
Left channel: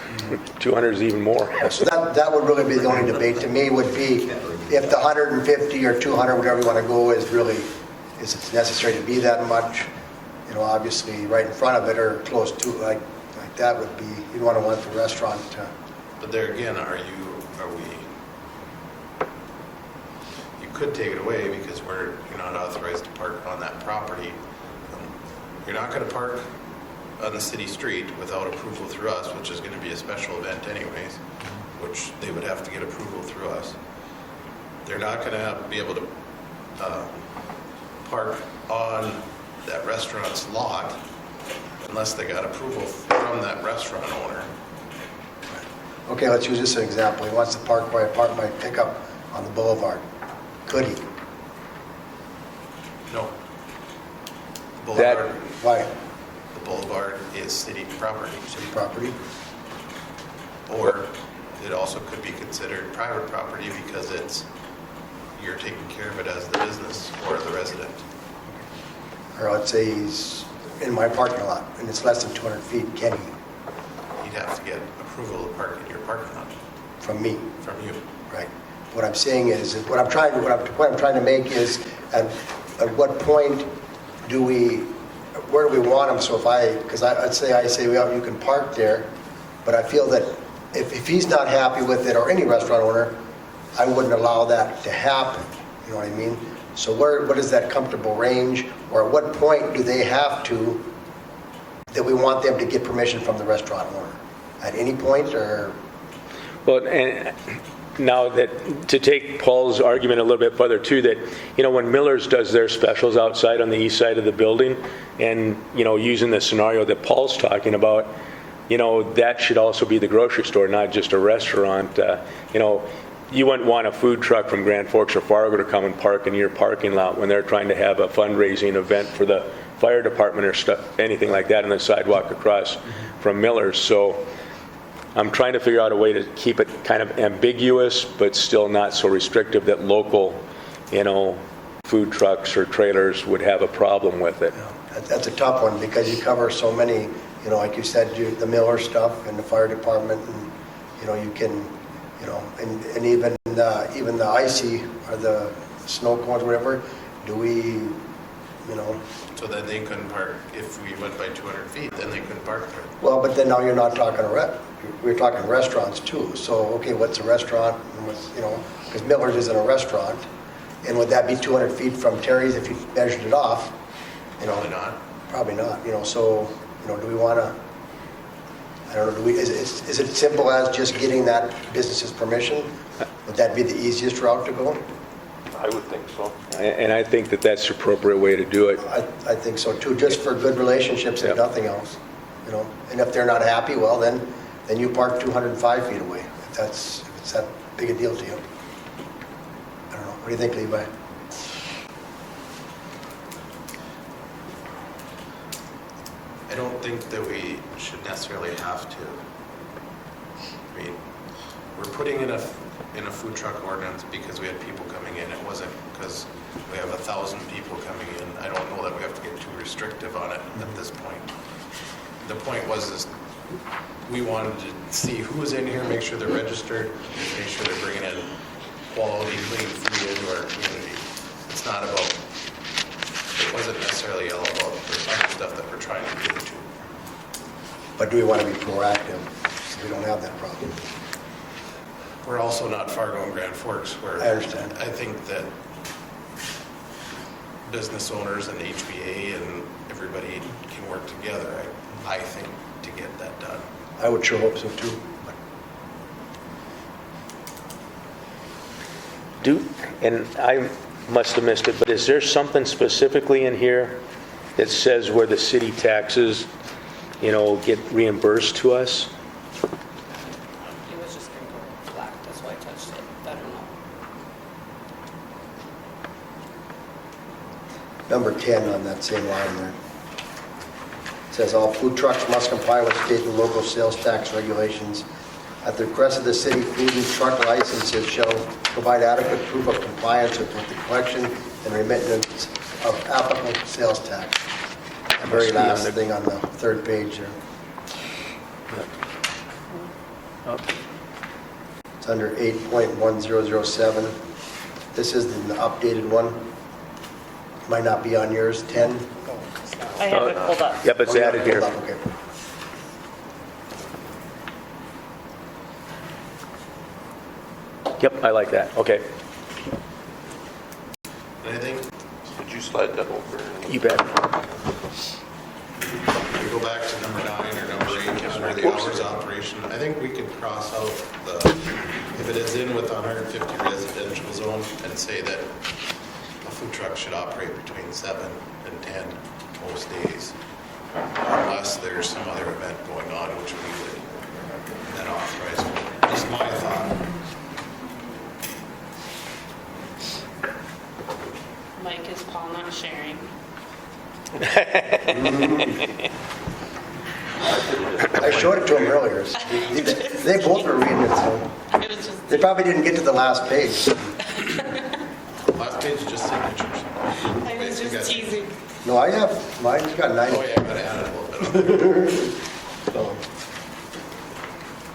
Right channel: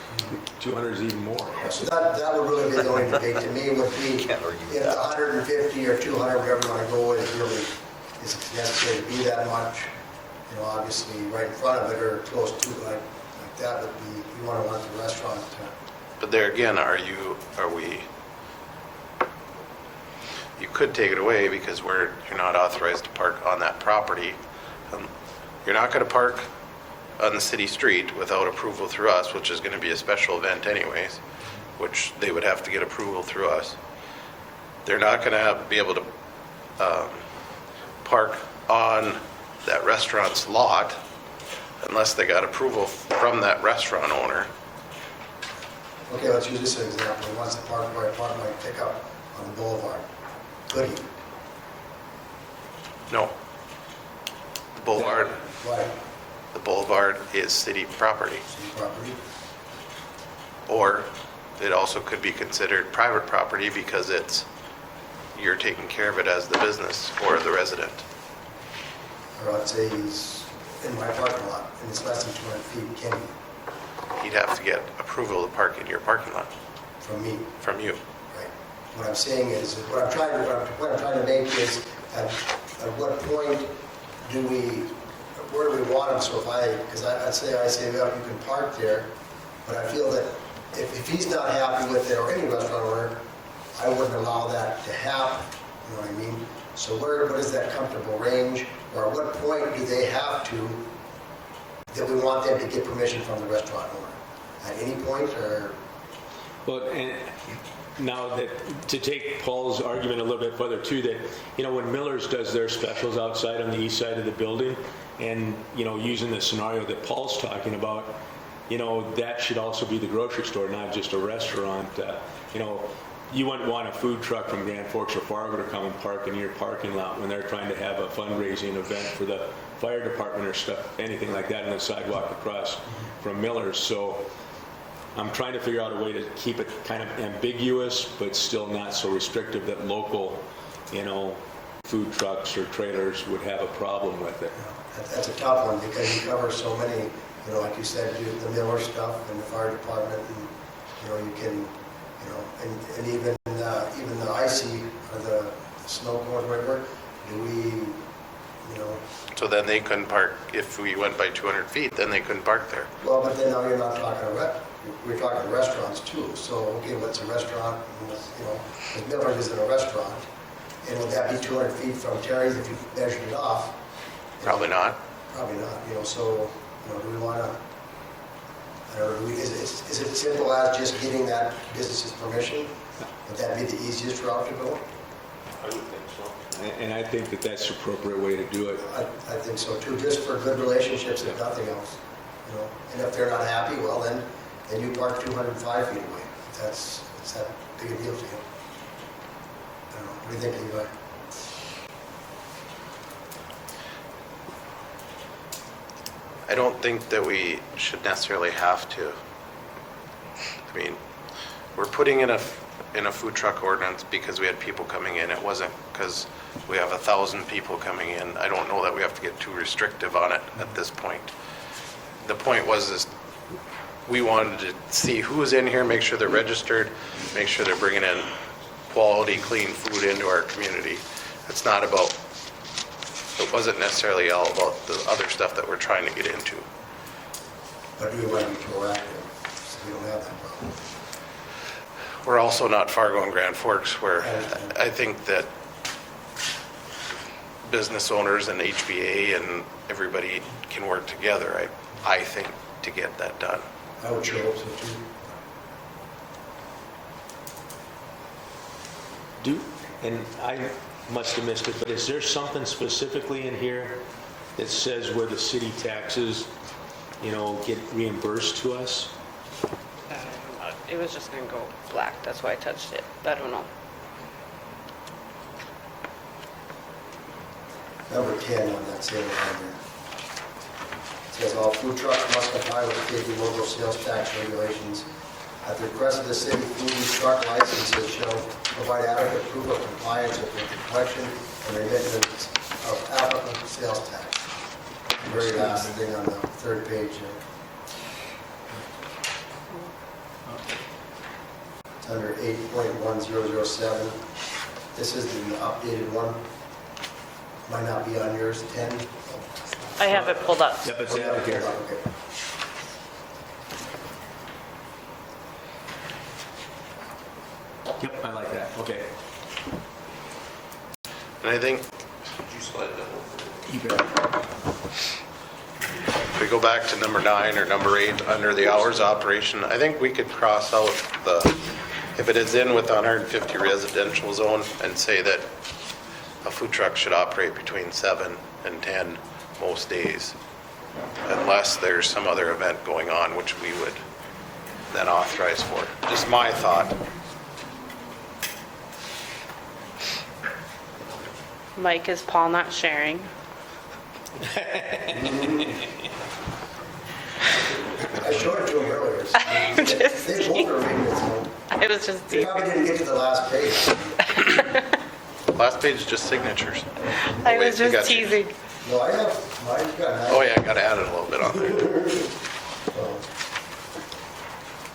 200 is even more. So that would really be the only debate to me would be if the 150 or 200, whatever you want to go, is necessary to be that much. Obviously right in front of it or close to it, like that would be, you'd want the restaurant to. But there again, you could take it away because you're not authorized to park on that property. You're not going to park on the city street without approval through us, which is going to be a special event anyways, which they would have to get approval through us. They're not going to be able to park on that restaurant's lot unless they got approval from that restaurant owner. Okay, let's use this as an example. He wants to park by pickup on the boulevard. Could he? No. Boulevard, Why? the boulevard is city property. City property? Or it also could be considered private property because you're taking care of it as the business or the resident. Or I'd say he's in my parking lot and it's less than 200 feet, can he? You'd have to get approval to park in your parking lot From me, from you. right? What I'm saying is, the point I'm trying to make is, at what point where do we want him? So because I say, well, you can park there, but I feel that if he's not happy with it, or any restaurant owner, I wouldn't allow that to happen, you know what I mean? So what is that comfortable range, or at what point do they have to, that we want them to get permission from the restaurant owner? At any point, or? Well, and now that, to take Paul's argument a little bit further too, that, when Miller's does their specials outside on the east side of the building, and, using the scenario that Paul's talking about, that should also be the grocery store, not just a restaurant. You wouldn't want a food truck from Grand Forks or Fargo to come and park in your parking lot when they're trying to have a fundraising event for the fire department or stuff, anything like that on the sidewalk across from Miller's. So I'm trying to figure out a way to keep it kind of ambiguous, but still not so restrictive that local, food trucks or trailers would have a problem with it. That's a tough one, because you cover so many, like you said, the Miller stuff and the fire department, and, you can, and even the icy or the snow cones, whatever, do we, So then they couldn't park, if we went by 200 feet, then they couldn't park there. well, but then now you're not talking we're talking restaurants too. So, okay, what's a restaurant? Because Miller's isn't a restaurant. And would that be 200 feet from Terry's if you measured it off? Probably not. Probably not, so, do we want to, I don't know, is it simple as just getting that business's permission? Would that be the easiest route to go? I would think so. And I think that that's the appropriate way to do it. I think so too, just for good relationships and nothing else, And if they're not happy, well, then you park 205 feet away. If it's that big a deal to you. I don't know, what do you think, Levi? I don't think that we should necessarily have to. I mean, we're putting in a food truck ordinance because we had people coming in. It wasn't because we have 1,000 people coming in. I don't know that we have to get too restrictive on it at this point. The point was we wanted to see who's in here, make sure they're registered, make sure they're bringing in quality, clean food into our community. It's not about, it wasn't necessarily all about the other stuff that we're trying to get into. But do we want to be proactive so we don't have that problem? We're also not Fargo and Grand Forks, where I understand. I think that business owners and HBA and everybody can work together, I think, to get that done. I would sure hope so too. And I must have missed it, but is there something specifically in here that says where the city taxes, get reimbursed to us? It was just gonna go black, that's why I touched it. I don't know. Number 10 on that same line there. It says all food trucks must comply with state and local sales tax regulations. At the request of the city, food and truck licenses shall provide adequate proof of compliance with the collection and remittance of applicable sales tax. The very last thing on the third page here. It's under 8.1007. This is the updated one. Might not be on yours, 10. I have it pulled up. Yep, it's added here. Okay. Yep, I like that. Okay. And I think Could you slide that over? You bet. if we go back to number 9 or number 8, under the hours operation, I think we could cross out if it is in with the 150 residential zone, and say that a food truck should operate between 7 and 10 most days, unless there's some other event going on, which we would then authorize for. Just my thought. Mike, is Paul not sharing? I showed it to them earlier. They both were reading it, so I was just, they probably didn't get to the last page. Last page is just signatures. I was Wait, you just got- teasing. No, I have, mine's got 9. Oh yeah, I gotta add it a little bit on there. So,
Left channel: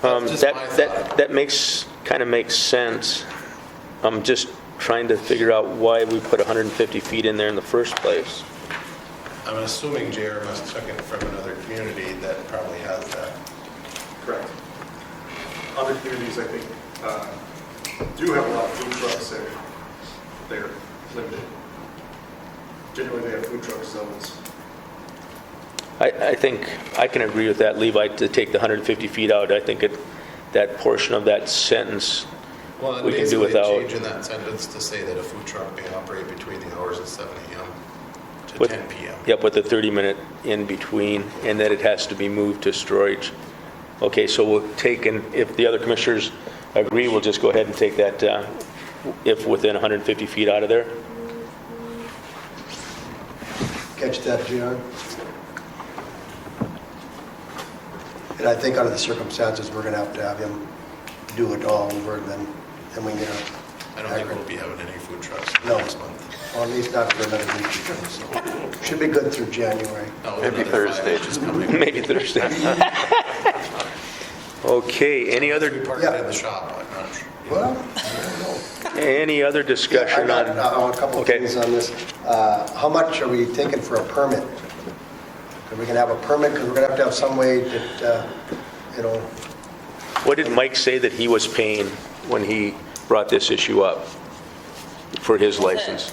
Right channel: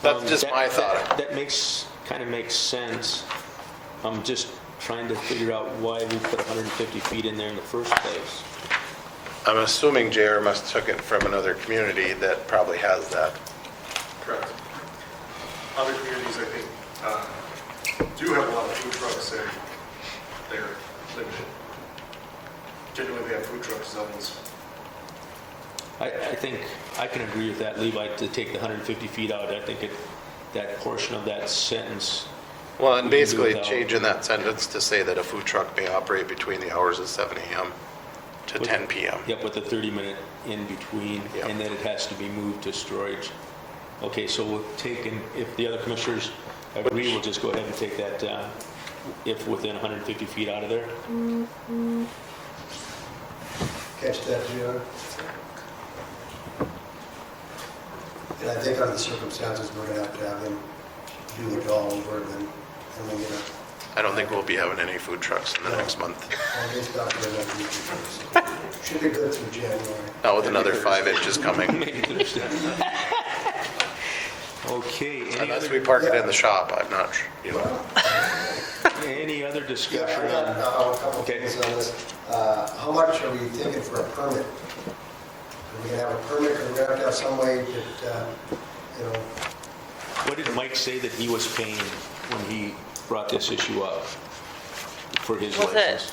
That's just my thought. That kind of makes sense. I'm just trying to figure out why we put 150 feet in there in the first place. I'm assuming JR must took it from another community that probably has that. Correct. Other communities, I think, do have a lot of food trucks that they're limited. Generally, they have food truck zones. I think I can agree with that, Levi, to take the 150 feet out. I think that portion of that sentence, Well, and We can do basically without- changing that sentence to say that a food truck may operate between the hours of 7 a.m. to With- 10 p.m. yep, with the 30-minute in between, and that it has to be moved to storage. Okay, so we'll take, and if the other commissioners agree, we'll just go ahead and take that, if within 150 feet out of there. catch that, Gina? And I think under the circumstances, we're gonna have him do it all over, and then we can get it. I don't think we'll be having any food trucks in the No. next month. Well, at least not for another week. So, should be good through January. Not with another 5 inches coming. Make it Thursday. Okay, any Unless we other, park it in the shop, I'm not sure. Well, any other I discussion got on? a couple of Okay. things on this. How much are we thinking for a permit? Are we gonna have a permit, because we're gonna have to have some way that, What did Mike say that he was paying when he brought this issue up for his Was it, license?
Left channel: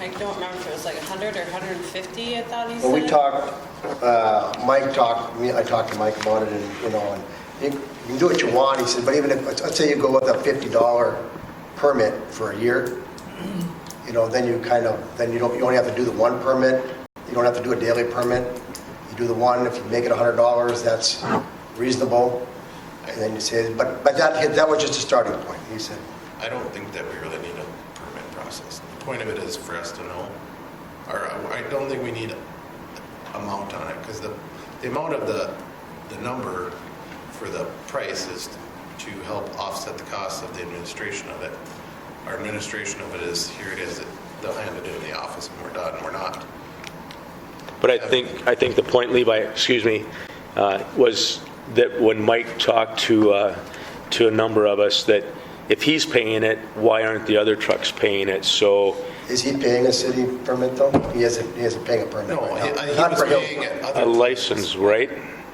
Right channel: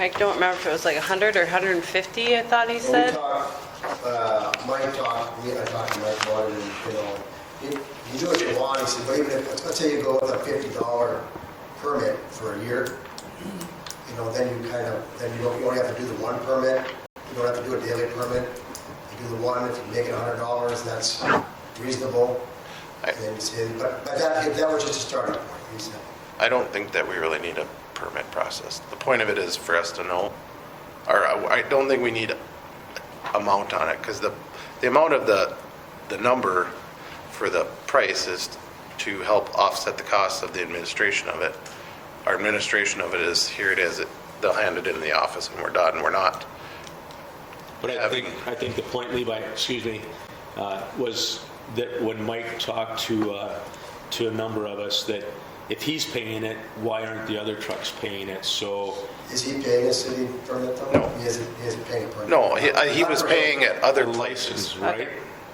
I don't remember if it was like 100 or 150, I thought he Well, we said. talked, Mike talked, I talked to Mike about it, and, and you can do what you want, he said, but even if, let's say you go with a $50 permit for a year, then you you only have to do the one permit, you don't have to do a daily permit, you do the one, if you make it $100, that's reasonable, and then you say, but that was just a starting point, he said. I don't think that we really need a permit process. The point of it is for us to know, or I don't think we need amount on it, because the amount of the number for the price is to help offset the cost of the administration of it. Our administration of it is, here it is, they'll hand it in the office and we're done, we're not. But I think the point, Levi, was that when Mike talked to a number of us, that if he's paying it, why aren't the other trucks paying it? So, Is he paying a city permit though? No. He isn't paying a permit. No, he Not was for paying Hillsboro. at a other, license, right?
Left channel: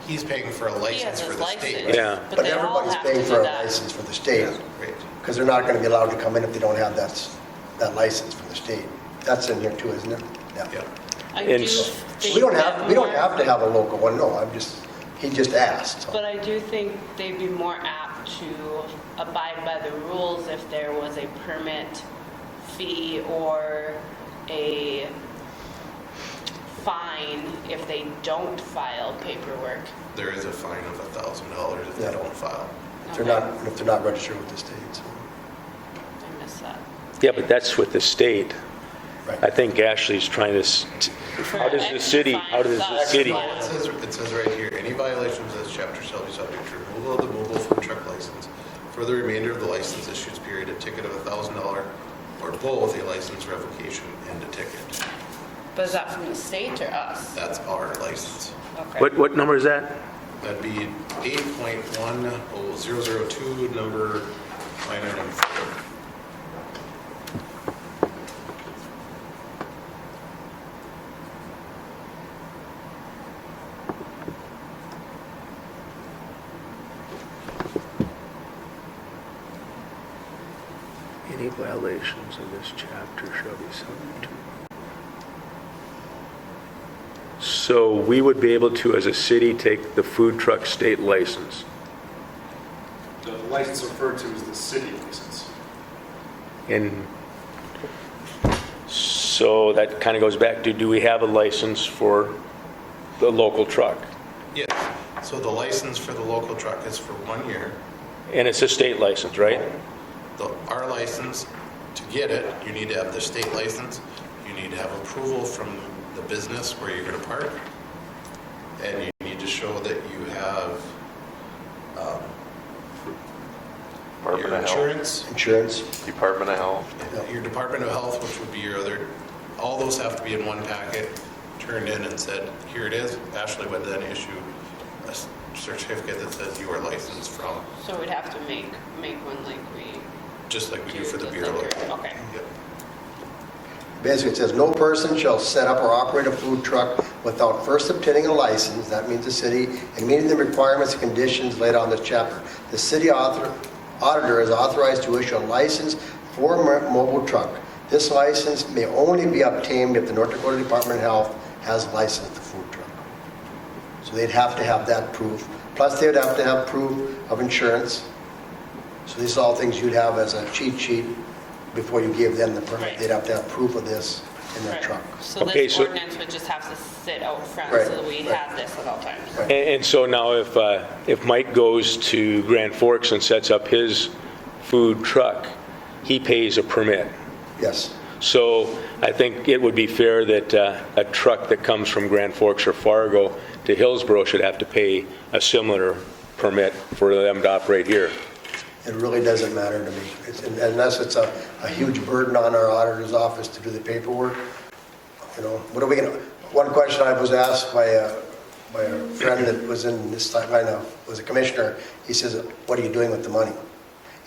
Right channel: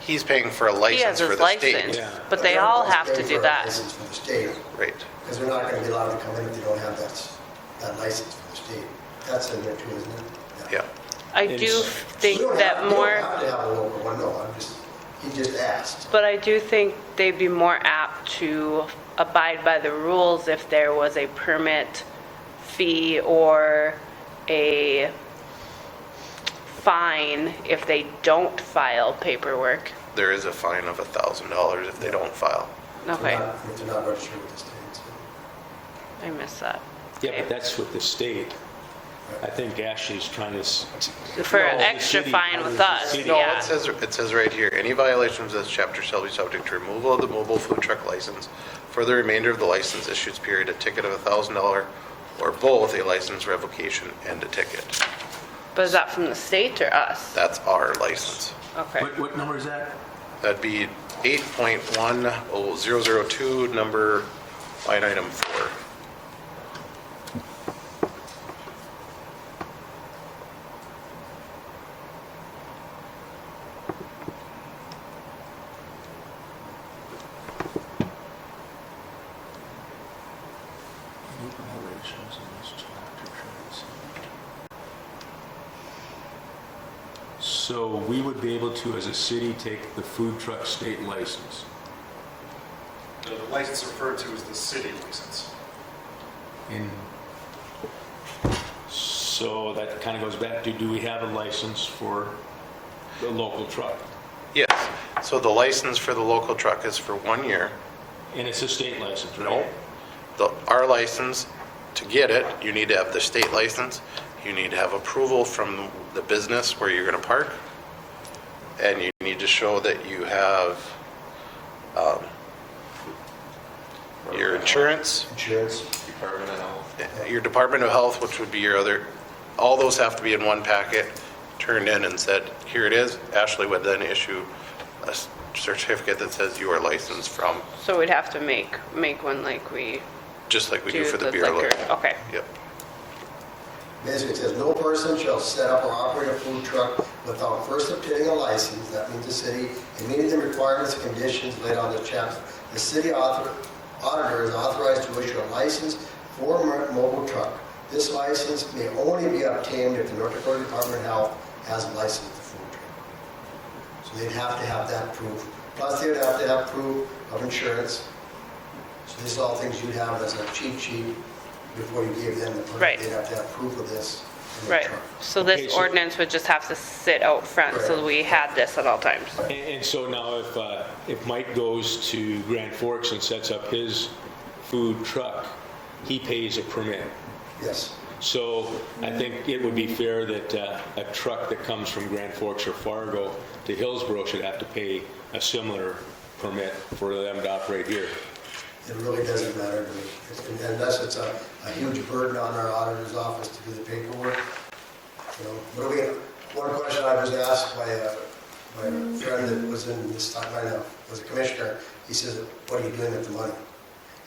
He's paying for a He has license for his the state. license, Yeah. but they all everybody's have paying to for do a that. license for the state. Right. Because they're not going to be allowed to come in if they don't have that license from the state. That's in here too, isn't it? Yeah. I And do so- think We don't that have, we don't more, have to have a local one, no, he just asked. so. but I do think they'd be more apt to abide by the rules if there was a permit fee or a fine if they don't file paperwork. There is a fine of $1,000 if they Yeah. don't file. If Okay, they're not registered with the state, so. I missed that. Yeah, but that's with the state. Right. I think Ashley's trying to, For How an does the extra city- fine how does with the us, city- No, yeah. it says right here, any violations of this chapter shall be subject to removal of the mobile food truck license for the remainder of the license issuance period, a ticket of $1,000, or both a license revocation and a ticket. But is that from the state or us? That's our license. Okay. what number is that? That'd be 8.1002, number, line item 4. Any violations of this chapter shall be subject to. So we would be able to, as a city, take the food truck state license. The license referred to is the city license. And so that kind of goes back to, do we have a license for the local truck? Yes, so the license for the local truck is for 1 year. And it's a state license, right? Our license, to get it, you need to have the state license, you need to have approval from the business where you're going to park, and you need to show that you have your insurance, Insurance, Department of Health. your Department of Health, which would be your other, all those have to be in one packet, turned in and said, here it is. Ashley would then issue a certificate that says you are licensed from, So we'd have to make one like we just like we do do for the the beer. liquor. Okay. Yep. basically it says, no person shall set up or operate a food truck without first obtaining a license, that means the city, and meeting the requirements and conditions laid on this chapter. The city auditor is authorized to issue a license for a mobile truck. This license may only be obtained if the North Dakota Department of Health has licensed the food truck. So they'd have to have that proof. Plus, they would have to have proof of insurance. So these are all things you'd have as a cheat sheet before you give them the permit. Right. They'd have to have proof of this in their Right. truck. So Okay, this so- ordinance would just have to sit out front Right. so we had this at all times. And so now if Mike goes to Grand Forks and sets up his food truck, he pays a permit. Yes. So I think it would be fair that a truck that comes from Grand Forks or Fargo to Hillsboro should have to pay a similar permit for them to operate here. It really doesn't matter to me, unless it's a huge burden on our auditor's office to do the paperwork. You know, what are we gonna, one question I was asked by a friend that was in this time, I know, was a commissioner, he says, what are you doing with the money?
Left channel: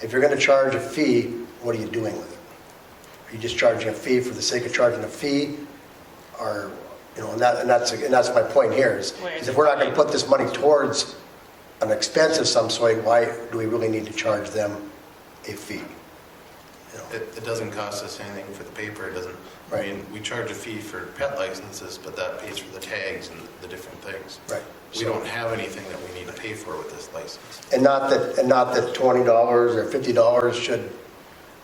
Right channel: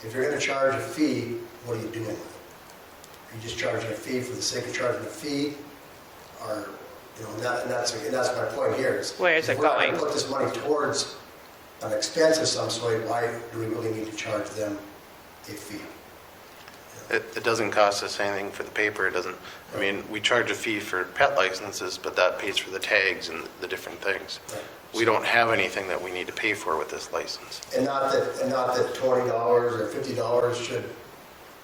If you're gonna charge a fee, what are you doing with it? Are you just charging a fee for the sake of charging a fee? Or, you know, and that's my point here, is Where is if it we're not gonna going? put this money towards an expense of some sort, why do we really need to charge them a fee? You know, It doesn't cost us anything for the paper, it doesn't, I Right. mean, we charge a fee for pet licenses, but that pays for the tags and the different things. Right. We don't have anything that we need to pay for with this license. And not that $20 or $50 should,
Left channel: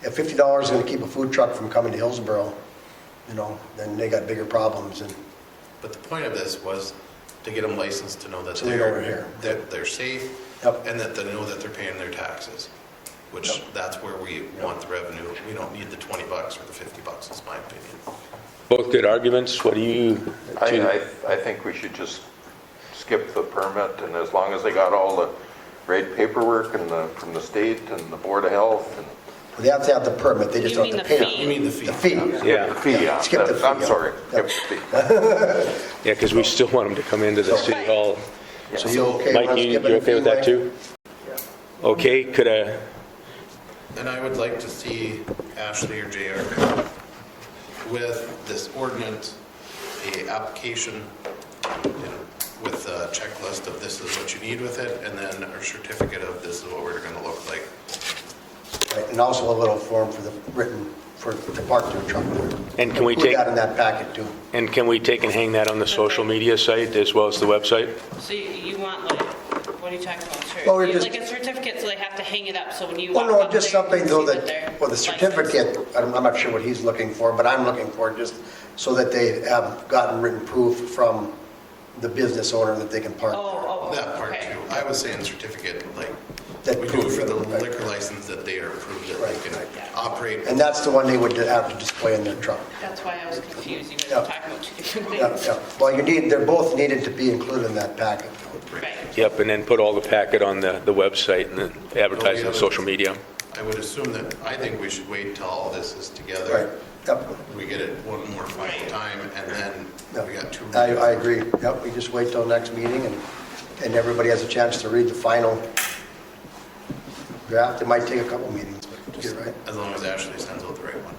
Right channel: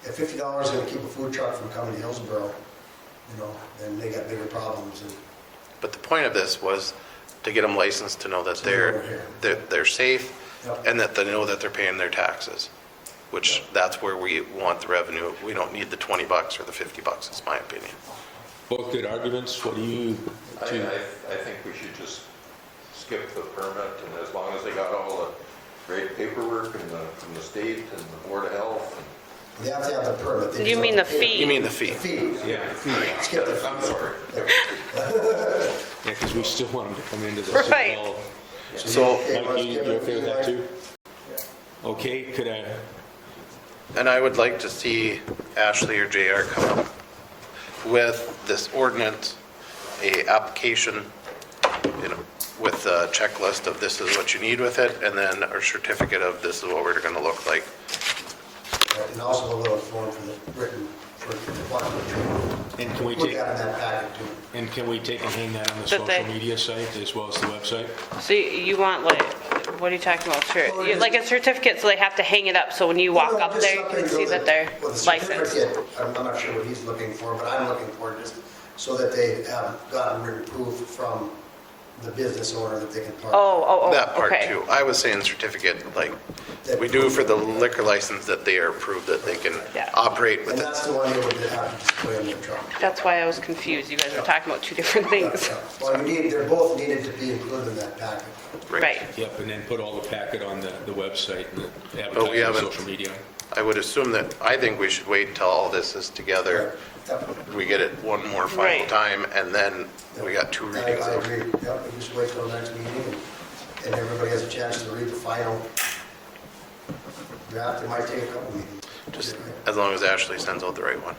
if $50 is gonna keep a food truck from coming to Hillsboro, you know, then they got bigger problems, and But the point of this was to get them licensed to know that So they're over here. they're safe, Yep. and that they know that they're paying their taxes, which that's where we want the revenue. We don't need the $20 or the $50, is my opinion. Both good arguments. What do you? I think we should just skip the permit, and as long as they got all the right paperwork and from the state and the Board of Health. they have to have the permit, they just You don't mean have the to pay. fee? You mean the fee? The fee. Yeah, Skip the fee. I'm sorry. yeah, because we still want them to come into the city Right. hall. So you okay with Mike, us you skipping the okay with fee, that Mike? too? Okay, could I, And I would like to see Ashley or JR come up with this ordinance, a application, you know, with a checklist of this is what you need with it, and then a certificate of this is what we're gonna look like. And also a little form for the written, for to park the truck. And can we Put take, that in that packet too. and can we take and hang that on the The social thing. media site as well as the website? So you want like, what are you talking about? Sure. Well, we just- Like a certificate, so they have to hang it up, so when you Well, walk no, up just there, you something can so see that they're well, the licensed. certificate, I'm not sure what he's looking for, but I'm looking for just so that they have gotten written proof from the business owner that they can park. That part okay. too. I was saying certificate, like That we do for the proof, right. liquor license, that they are approved that they can Yeah. operate. And that's the one they would have to display in their truck. That's why I was confused. You guys Yeah. were talking about two different Yeah, things. yeah. Well, they're both needed to be included in that packet. Right. Yep, and then put all the packet on the website and then advertise it on haven't- social media. I would assume that, I think we should wait till all this is together. Yep, We get it one more final Right. time, and then we got two I reviews. agree. Yep, we just wait till next meeting and everybody has a chance to read the final draft. It might take a couple meetings, but Just you're right. as long as Ashley sends out the right one.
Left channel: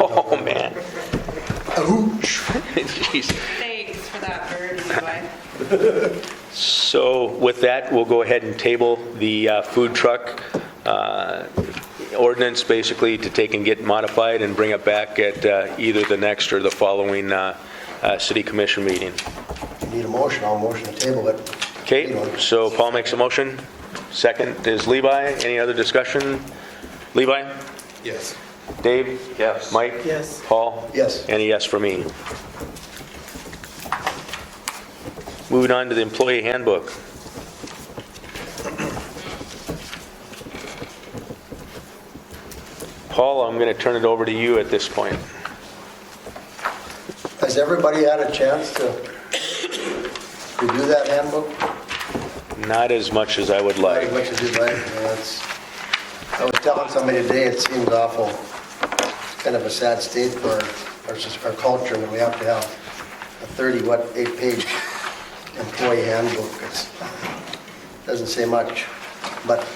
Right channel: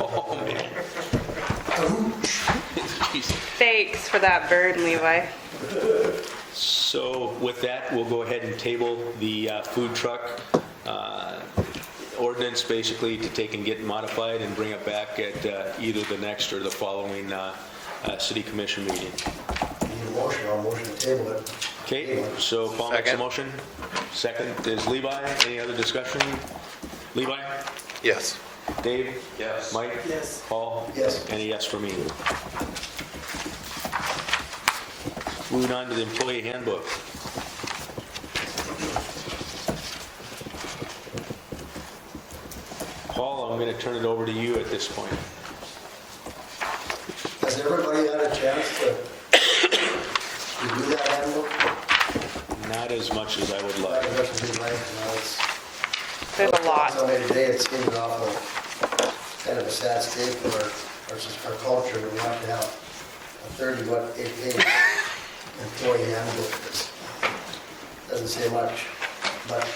Oh, man. Thanks for that bird, Levi. So with that, we'll go ahead and table the food truck ordinance, basically, to take and get modified and bring it back at either the next or the following city commission meeting. You need a motion, I'll motion to table it. Okay, so Paul makes a motion. Second is Levi. Any other discussion? Levi? Yes. Dave? Yes. Mike? Yes. Paul? Yes. And a yes for me. Moving on to the employee handbook. Paul, I'm going to turn it over to you at this point. Has everybody had a chance to review that handbook? Not as much as I would Not like. as much as you'd like. I was There's a telling lot. somebody today, it seems awful, kind of a sad state for our culture, that we have to have a 8-page employee handbook. It doesn't say much, but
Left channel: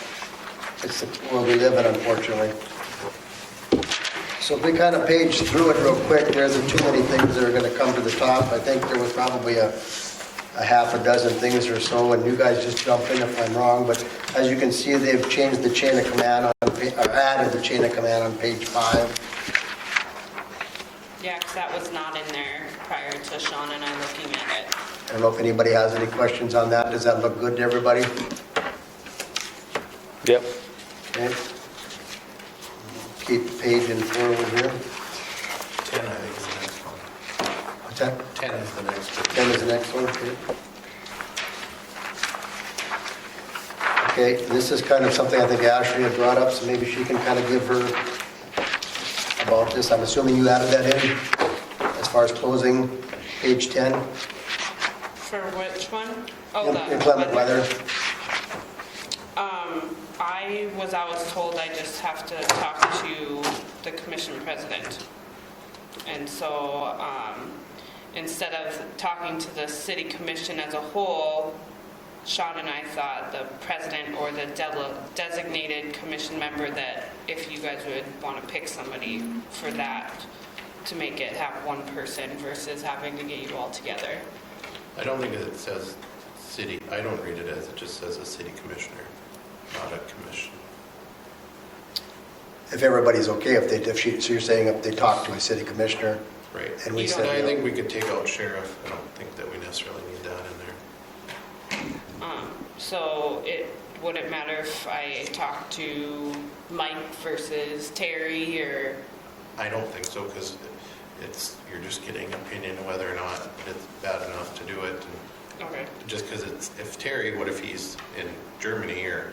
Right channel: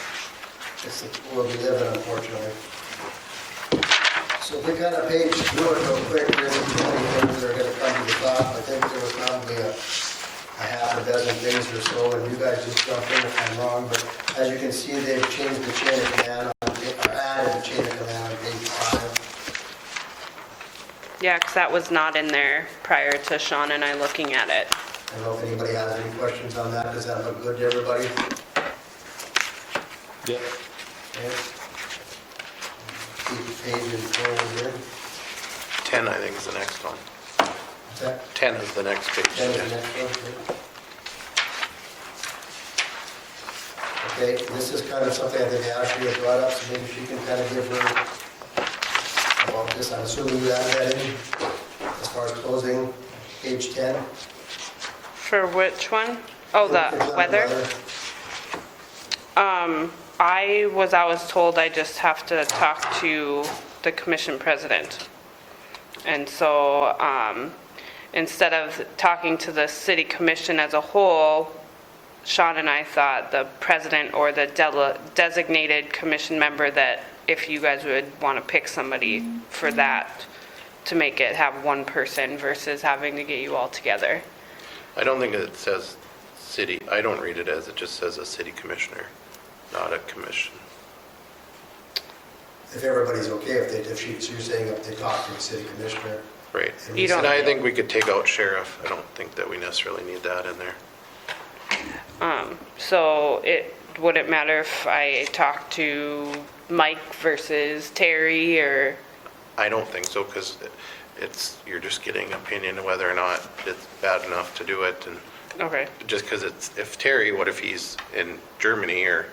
it's the world we live in, unfortunately. So if we kind of page through it real quick, there isn't too many things that are going to come to the top. I think there was probably a half a dozen things or so, and you guys just jump in if I'm wrong, but as you can see, they've changed the chain of command or added the chain of command on page 5. Yeah, because that was not in there prior to Sean and I looking at it. I don't know if anybody has any questions on that. Does that look good to everybody? Yep. Okay. Keep the page in forward here. 10, I think, is the next one. What's that? 10 is the next page. 10 is the next one here. Okay, this is kind of something I think Ashley has brought up, so maybe she can kind of give her about this. I'm assuming you added that in as far as closing page 10? For which one? Oh, the Inclement weather? I was told I just have to talk to the commission president. And so, instead of talking to the city commission as a whole, Sean and I thought the president or the designated commission member, that if you guys would want to pick somebody for that, to make it have one person versus having to get you all together. I don't think it says city, I don't read it as, it just says a city commissioner, not a commission. If everybody's okay, so you're saying if they talk to a city commissioner? Right. And we You don't- And I think we could take out sheriff. I don't think that we necessarily need that in there. So would it matter if I talk to Mike versus Terry, or? I don't think so, because you're just getting opinion of whether or not it's bad enough to do it. And Okay. just because if Terry, what if he's in Germany or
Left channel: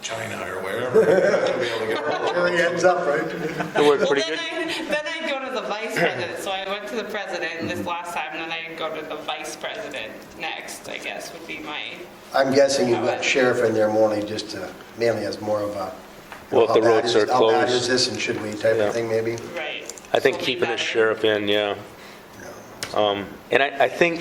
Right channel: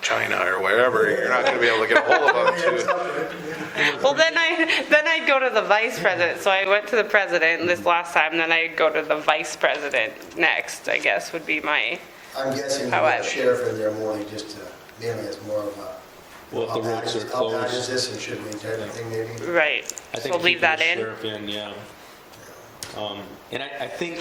China or wherever, you're not going to be able to get a hold of him. Hands up, right? Well, then I'd go to the vice president. So I went to the president this last time, then I'd go to the vice president next, I guess, would be my, I'm guessing you How put about- sheriff in there only just to, mainly as more of a, Well, if how the bad roads is, are how bad closed. is this and should we type Yeah. of thing maybe? right. I think So leave keeping the that in. sheriff in, yeah. And I think,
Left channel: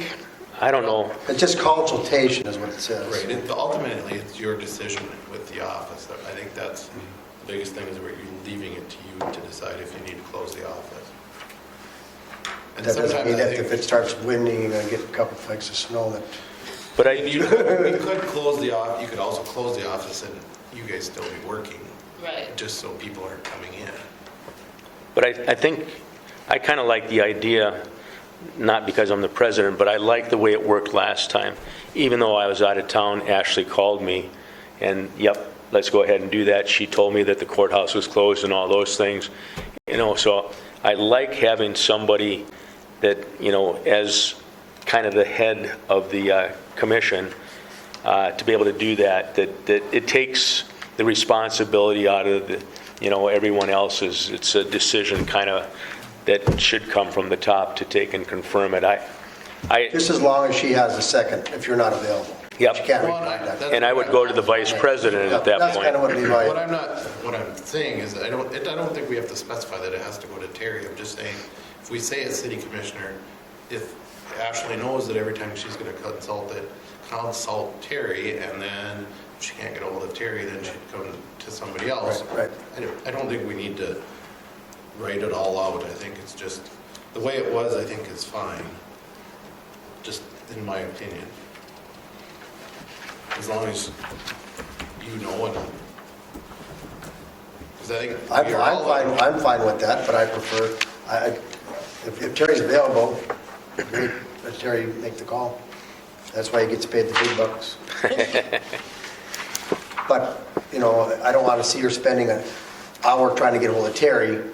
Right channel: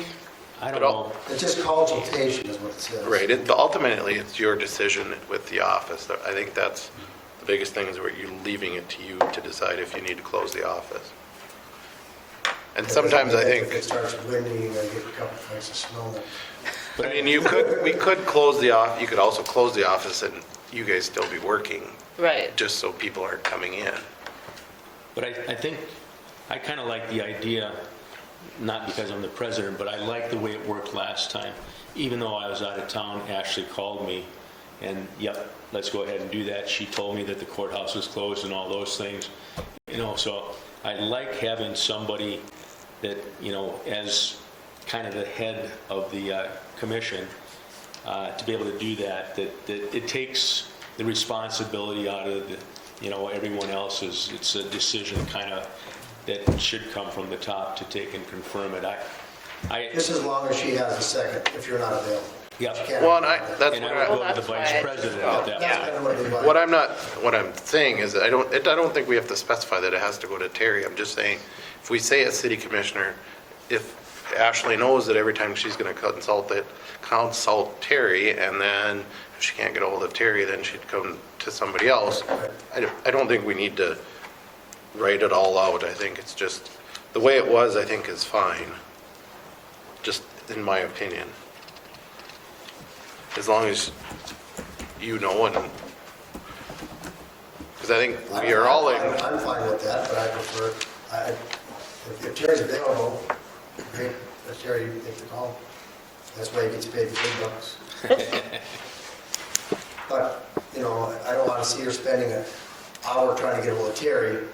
I don't know, It's just consultation is what it says. Right. Ultimately, it's your decision with the office. I think that's the biggest thing, is where you're leaving it to you to decide if you need to close the office. And That doesn't sometimes mean I that think, if it starts winding, you're gonna get a couple flakes of snow that. but and we could close the off, you could also close the office and you guys still be working. Right. just so people aren't coming in. But I think, I kind of like the idea, not because I'm the president, but I like the way it worked last time. Even though I was out of town, Ashley called me, and yep, let's go ahead and do that. She told me that the courthouse was closed and all those things. So I like having somebody that, as kind of the head of the commission, to be able to do that it takes the responsibility out of everyone else's. It's a decision kind of that should come from the top to take and confirm it. Just as long as she has a second, if you're not available. Yep. She can't Well, require that. And I would go to the vice president at that That's kind of point. what Levi. What I'm saying is that I don't think we have to specify that it has to go to Terry. I'm just saying, if we say as city commissioner, if Ashley knows that every time she's gonna consult Terry, and then if she can't get a hold of Terry, then she'd come to somebody else. Right. I don't think we need to write it all out. I think it's just, the way it was, I think is fine, just in my opinion. As long as you know, and, because I think we are all in. I'm fine with that, but I prefer, if Terry's available, let Terry make the call. That's why he gets paid the big bucks. But, I don't want to see her spending an hour trying to get a hold of Terry,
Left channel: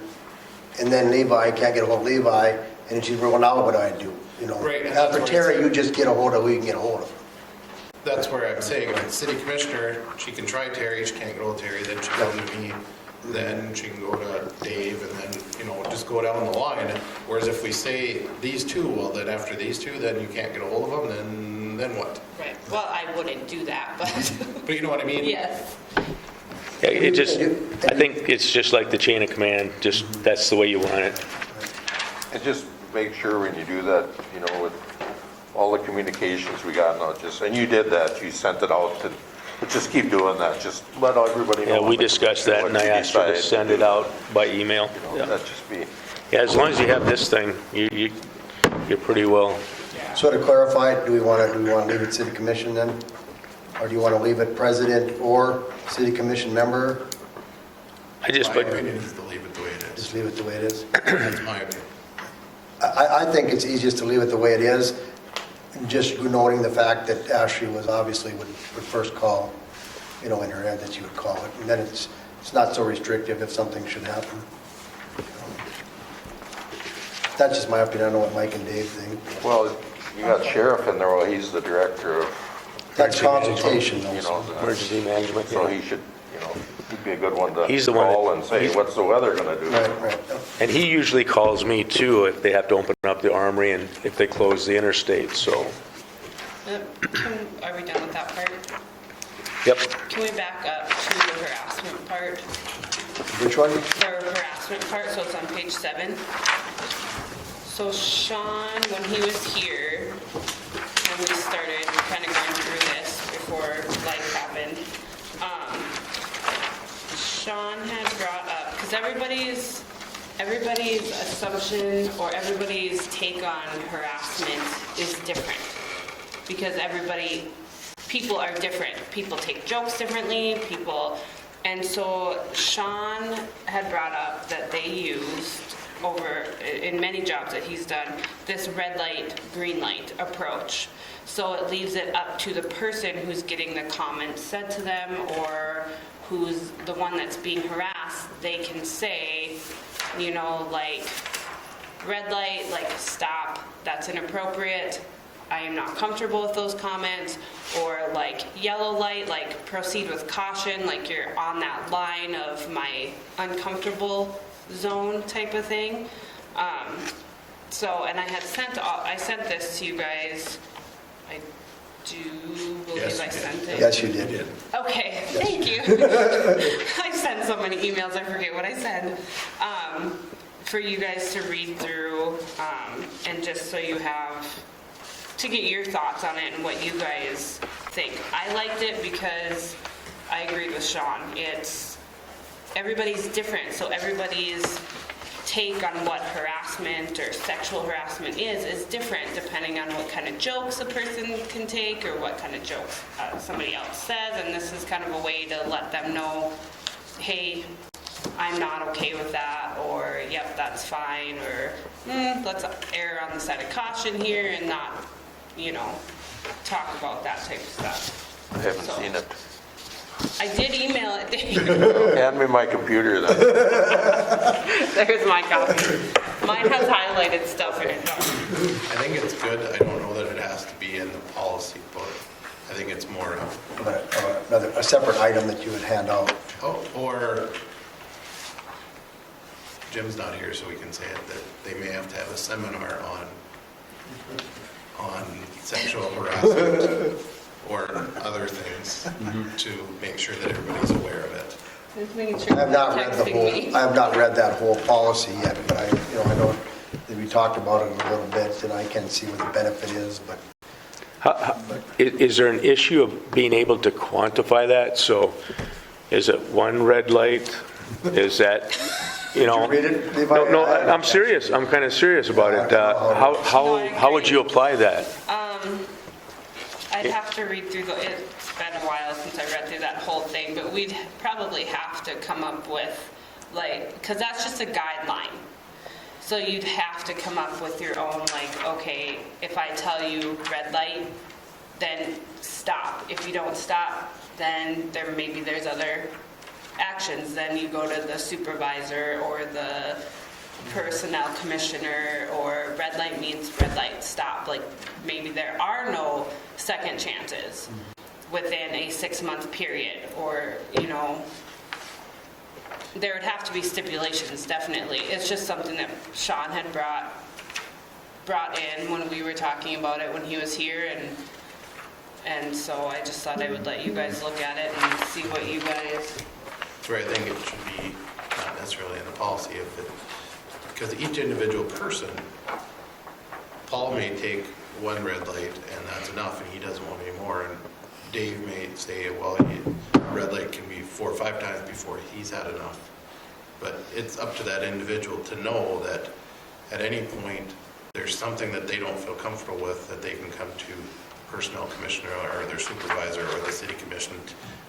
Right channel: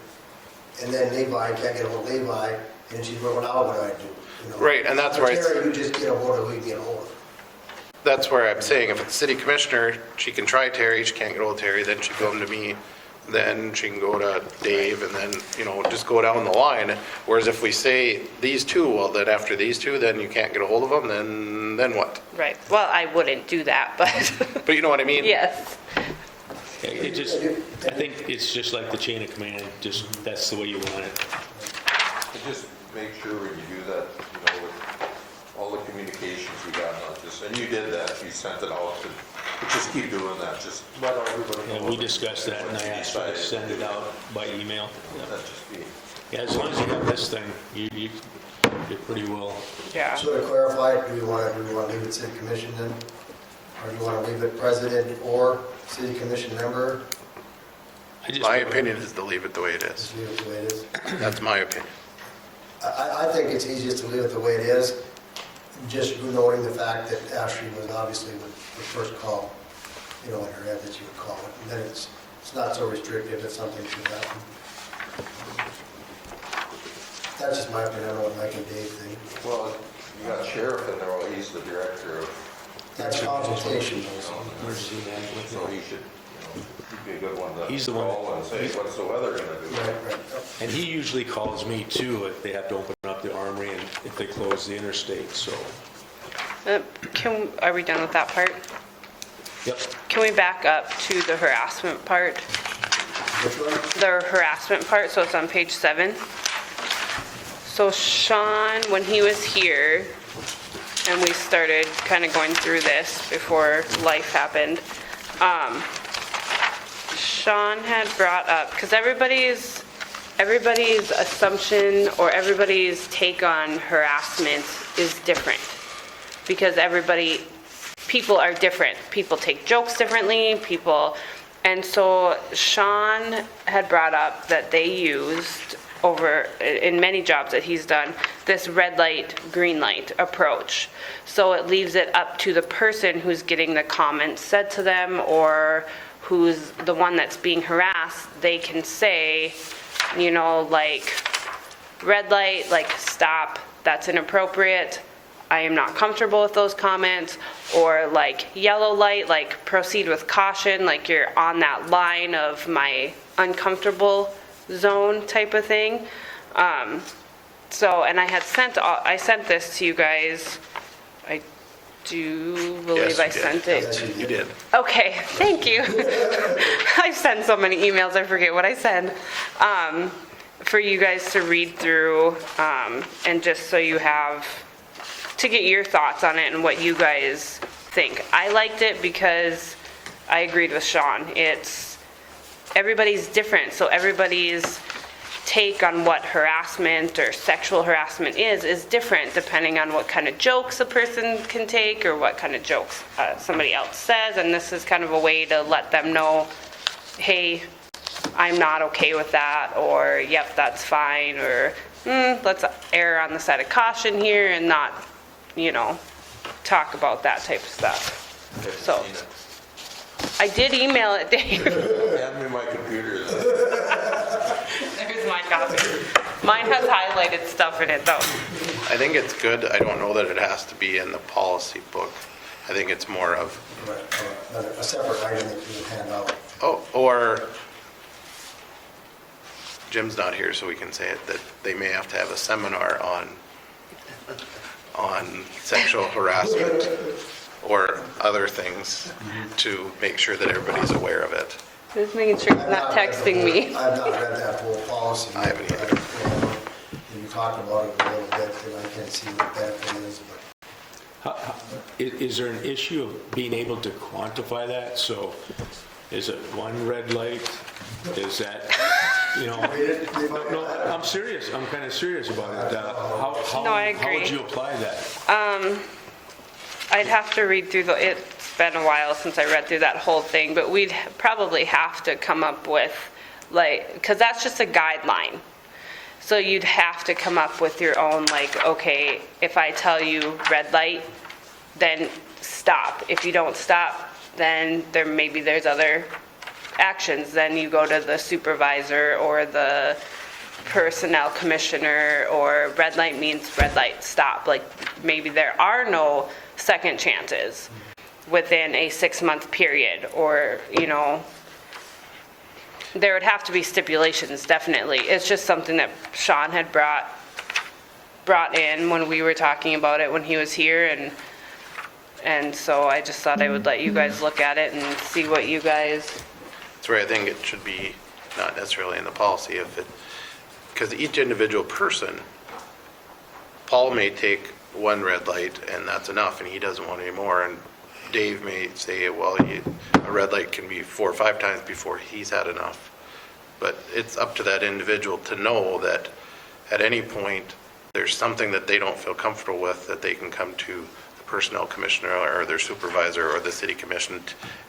and then Levi can't get a hold of Levi, and she's, well, now what do I do? Right, and that's For why it's- Terry, you just get a hold of who you can get a hold of. That's where I'm saying, if it's city commissioner, she can try Terry, she can't get hold of Terry, then she come to me, then she can go to Dave, and then, just go down the line. Whereas if we say these two, well, then after these two, then you can't get a hold of them, then what? Right. Well, I wouldn't do that, but But you know what I mean? yes. Yeah, I think it's just like the chain of command, just that's the way you want it. And just make sure when you do that, with all the communications we got, not just, and you did that, you sent it out to, just keep doing that, just let everybody know. Yeah, we discussed that, and I asked you to send it out by email. That's just me. Yeah, as long as you have this thing, you're pretty well. Yeah. So to clarify, do we want to leave it city commission then? Or do you want to leave it president or city commission member? My opinion is to leave it the way it is. Just leave it the way it is? That's my opinion. I think it's easiest to leave it the way it is, just noting the fact that Ashley was obviously would first call, in her head that she would call it. And then it's not so restrictive if something should happen. That's just my opinion. I don't know what Mike and Dave think. Well, you got sheriff in there, well, he's the director of, That's consultation, though. Emergency management. so he should, he'd be a good one to He's the one that- call and say, what's the weather gonna do? Right. And he usually calls me too if they have to open up the armory and if they close the interstate, so. Are we done with that part? Yep. Can we back up to the harassment part? Which one? The harassment part, so it's on page 7. So Sean, when he was here, and we started kind of going through this before life happened, Sean had brought up, because everybody's assumption or everybody's take on harassment is different. Because people are different. People take jokes differently, and so Sean had brought up that they used in many jobs that he's done, this red light, green light approach. So it leaves it up to the person who's getting the comments said to them, or who's the one that's being harassed. They can say, like, red light, like, stop, that's inappropriate, I am not comfortable with those comments, or like yellow light, like proceed with caution, like you're on that line of my uncomfortable zone type of thing. And I sent this to you guys. I do believe Yes, I you did. sent it. Yes, you did. Okay, thank you. I send so many emails, I forget what I send. For you guys to read through, and just so you have, to get your thoughts on it and what you guys think. I liked it because I agreed with Sean. Everybody's different, so everybody's take on what harassment or sexual harassment is different depending on what kind of jokes a person can take or what kind of jokes somebody else says, and this is kind of a way to let them know hey, I'm not okay with that, or yep, that's fine, or let's err on the side of caution here and not, talk about that type of stuff. I haven't So- seen it. I did email it, Dave. Hand me my computer then. There's my copy. Mine has highlighted stuff in it, though. I think it's good. I don't know that it has to be in the policy book. I think it's more of, A separate item that you would hand out. or Jim's not here, so we can say it, that they may have to have a seminar on sexual harassment or other things to make sure that everybody's aware of it. Just making sure I have you're not read the texting whole- me. I have not read that whole policy yet. I know that we talked about it a little bit, and I can see what the benefit is, but Is there an issue of being able to quantify that? So is it one red light? Is that, read it, Levi? No, I'm serious. I'm kind of serious about it. No, I How would agree. you apply that? I'd have to read through it's been a while since I read through that whole thing, but we'd probably have to come up with, because that's just a guideline. So you'd have to come up with your own, okay, if I tell you red light, then stop. If you don't stop, then maybe there's other actions. Then you go to the supervisor or the personnel commissioner, or red light means red light, stop. Maybe there are no second chances within a 6-month period, or, there would have to be stipulations, definitely. It's just something that Sean had brought in when we were talking about it when he was here, and so I just thought I would let you guys look at it and see what you guys, That's where I think it should be not necessarily in the policy because each individual person, Paul may take one red light and that's enough and he doesn't want any more. And Dave may say, well, a red light can be 4 or 5 times before he's had enough. But it's up to that individual to know that at any point there's something that they don't feel comfortable with, that they can come to the personnel commissioner or their supervisor or the city commission,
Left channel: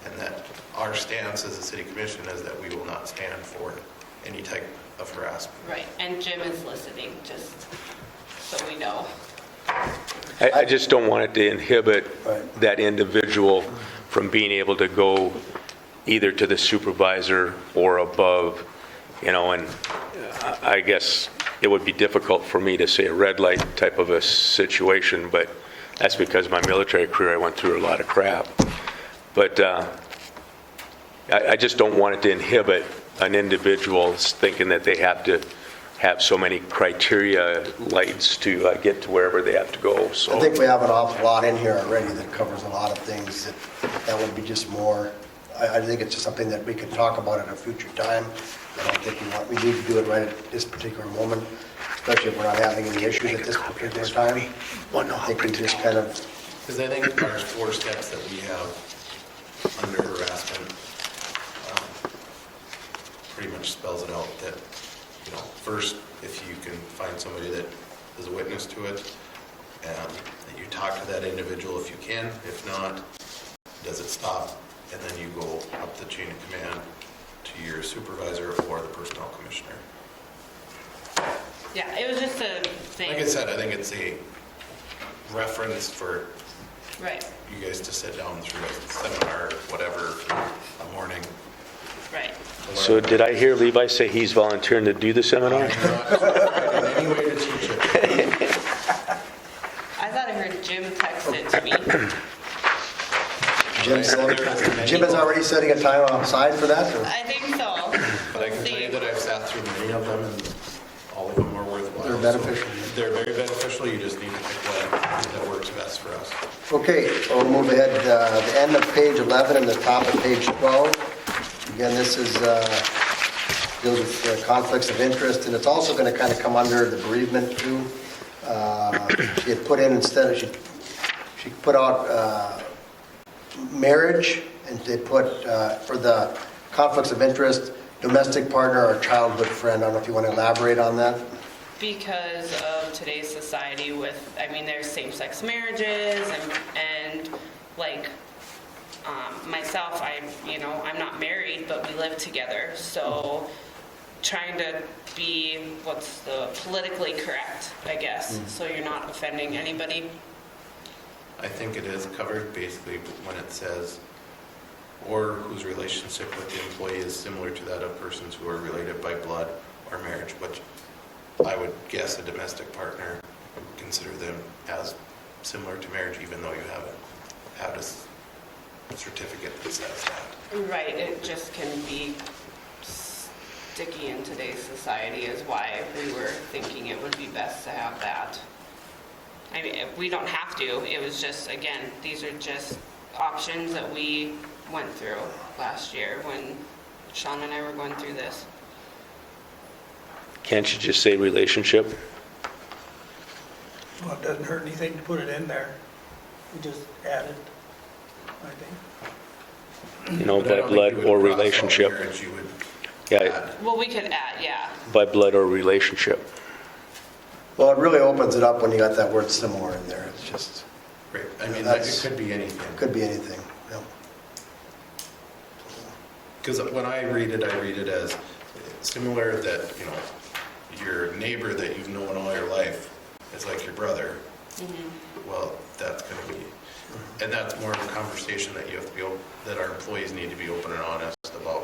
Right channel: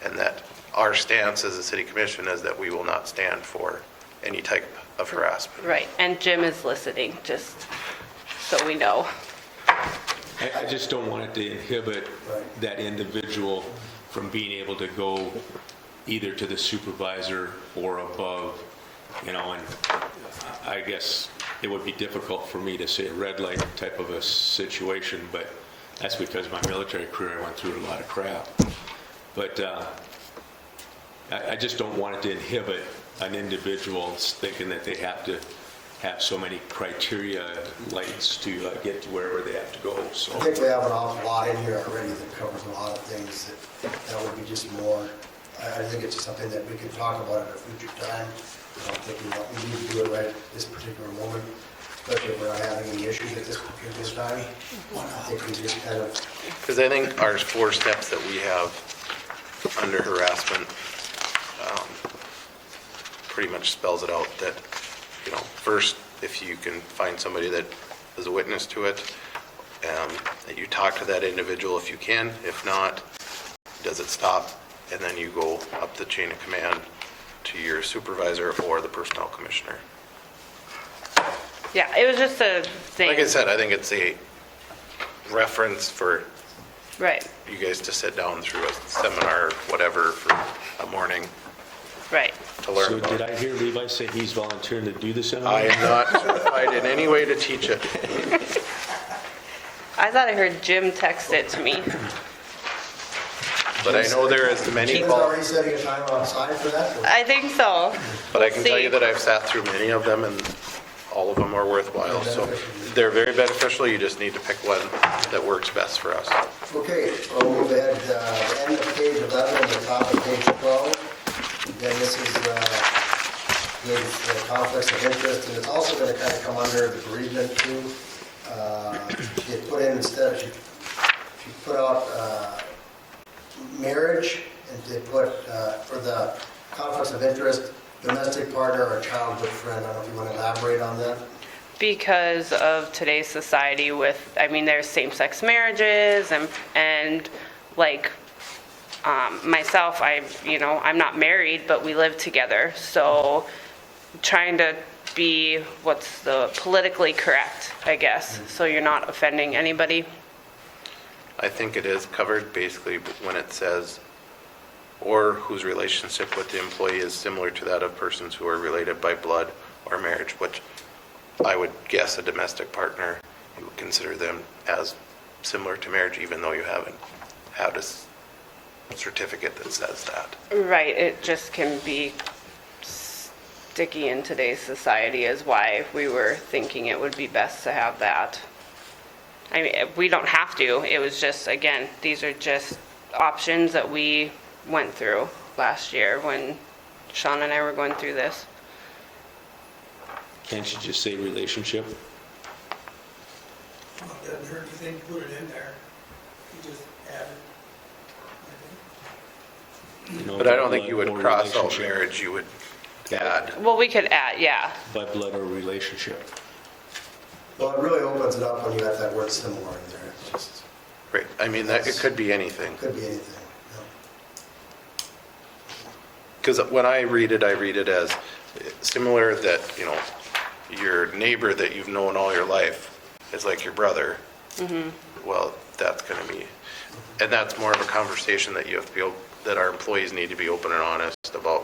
and that our stance as a city commission is that we will not stand for any type of harassment. right, and Jim is listening, just so we know. I just don't want it to inhibit Right. that individual from being able to go either to the supervisor or above, and I guess it would be difficult for me to say a red light type of a situation, but that's because my military career, I went through a lot of crap. But I just don't want it to inhibit an individual thinking that they have to have so many criteria lights to get to wherever they have to go, so. I think we have an awful lot in here already that covers a lot of things that would be just more. I think it's just something that we could talk about at a future time. I don't think we need to do it right at this particular moment, especially if we're not having any issues at this particular time. I think we just kind of, Because I think our 4 steps that we have under harassment pretty much spells it out that, first, if you can find somebody that is a witness to it, that you talk to that individual if you can. If not, does it stop? And then you go up the chain of command to your supervisor or the personnel commissioner. Yeah, it was just a thing. Like I said, I think it's a reference for Right, you guys to sit down through a seminar, whatever, for a morning right. to learn. So did I hear Levi say he's volunteering to do the I seminar? am not qualified in any way to teach it. I thought I heard Jim text it to me. But I know there is many, Jim is already setting a time aside for that? or- I think so. but I can tell you See. that I've sat through many of them and all of them are worthwhile. They're So beneficial. they're very beneficial. You just need to pick one that works best for us. Okay, we'll move ahead, the end of page 11 and the top of page 12. Again, this is deals with conflicts of interest, and it's also going to kind of come under the bereavement too. She had put in instead of, she put out marriage, and they put for the conflicts of interest, domestic partner or childhood friend. I don't know if you want to elaborate on that. Because of today's society with, there's same-sex marriages and Myself, I'm not married, but we live together, so trying to be, what's the politically correct, I guess, so you're not offending anybody. I think it is covered basically when it says, or whose relationship with the employee is similar to that of persons who are related by blood or marriage, which I would guess a domestic partner, you would consider them as similar to marriage, even though you haven't had a certificate that says that. Right, it just can be sticky in today's society is why we were thinking it would be best to have that. I mean, we don't have to, it was just, again, these are just options that we went through last year when Sean and I were going through this. Can't you just say relationship? Well, it doesn't hurt anything to put it in there. You just add it, I think. You know, But I by don't think blood you would or cross out relationship. marriage, you would Yeah, add. Well, we could add, yeah. by blood or relationship. Well, it really opens it up when you got that word similar in there. It's just, Right, I mean, it could be anything. could be anything, you know. Because when I read it as similar that, your neighbor that you've known all your life is like your brother. Well, that's going to be, and that's more of a conversation that you have to be, that our employees need to be open and honest about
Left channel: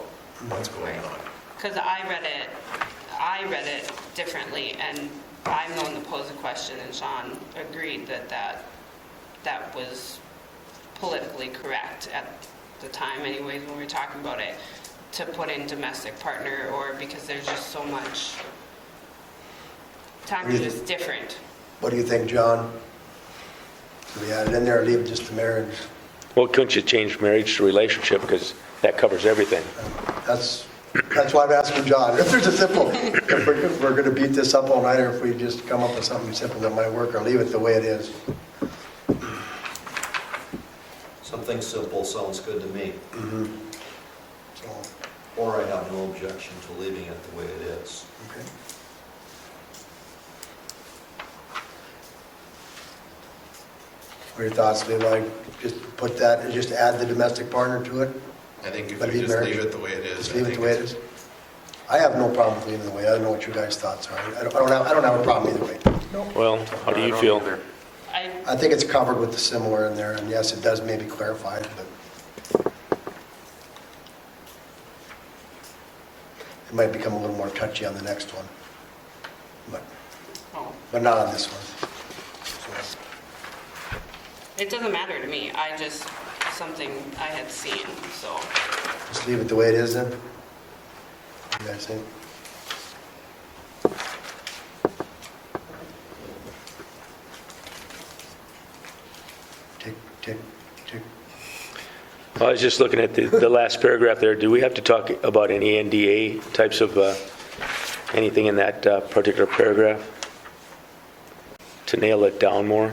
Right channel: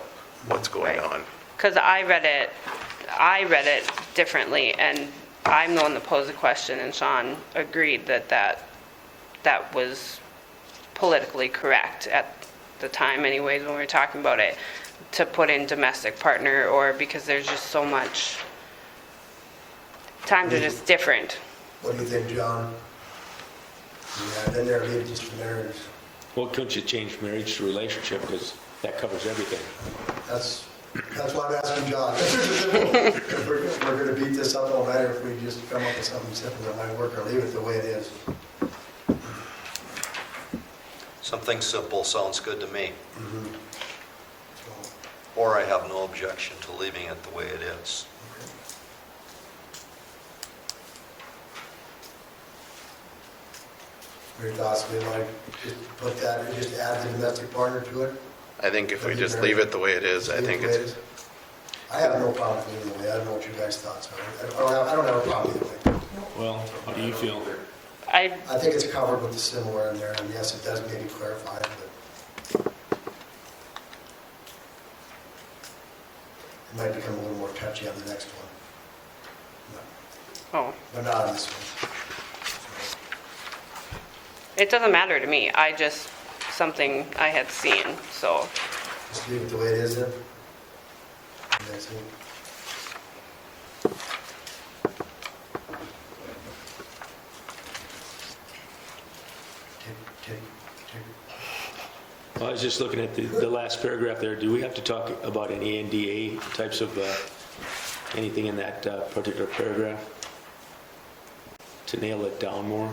what's going Right. on. Because I read it differently, and I'm the one that posed the question, and Sean agreed that was politically correct at the time anyways, when we were talking about it, to put in domestic partner, or because there's just so much, times are just different. What do you think, John? We add it in there, or leave it just to marriage? Well, couldn't you change marriage to relationship, because that covers everything? That's why I'm asking John. If there's a simple, if we're going to beat this up all night, or if we just come up with something simple that might work, or leave it the way it is. Something simple sounds good to me, So, or I have no objection to leaving it the way it is. okay. What are your thoughts, Lou? Like, just put that, just add the domestic partner to it? I think if But we be just married. leave it the way it is, Just I leave it think the way it it's, is? I have no problem with leaving it the way. I don't know what you guys' thoughts are. I don't have a problem either way. Well, how do you feel? I I think it's covered with the similar in there, and yes, it does maybe clarify it, but it might become a little more touchy on the next one, but not on this one. it doesn't matter to me, I just, something I had seen, so. Just leave it the way it is then? You guys think? Tick, tick, tick. I was just looking at the last paragraph there. Do we have to talk about any NDA types of, anything in that particular paragraph? To nail it down more?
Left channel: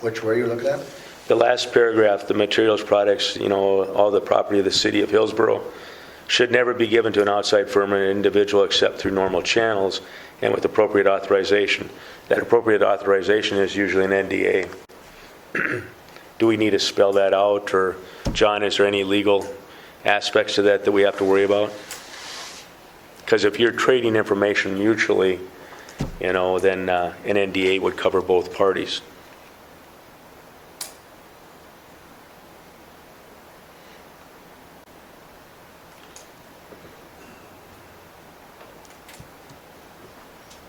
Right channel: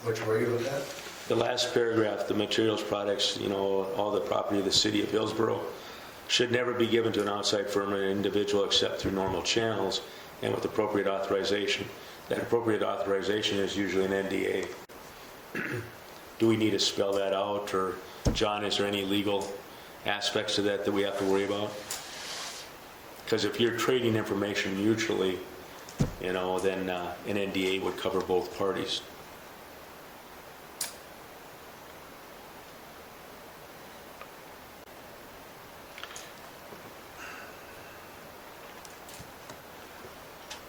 Which were you looking at? The last paragraph, the materials, products, all the property of the city of Hillsboro should never be given to an outside firm or an individual except through normal channels and with appropriate authorization. That appropriate authorization is usually an NDA. Do we need to spell that out, or, John, is there any legal aspects to that we have to worry about? Because if you're trading information mutually, then an NDA would cover both parties.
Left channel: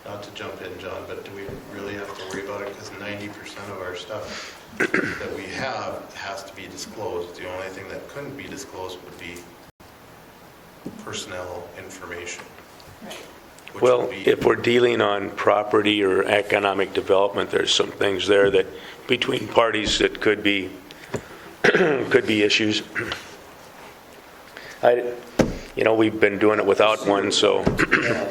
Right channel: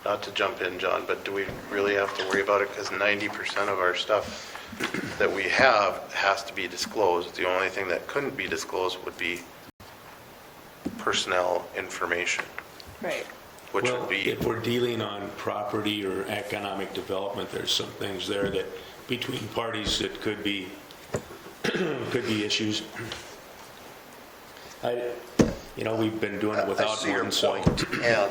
not to jump in, John, but do we really have to worry about it? Because 90% of our stuff that we have has to be disclosed. The only thing that couldn't be disclosed would be personnel information, Right. which Well, would be, if we're dealing on property or economic development, there's some things there that between parties that could be, could be issues. We've been doing it I without see your one, so. point, And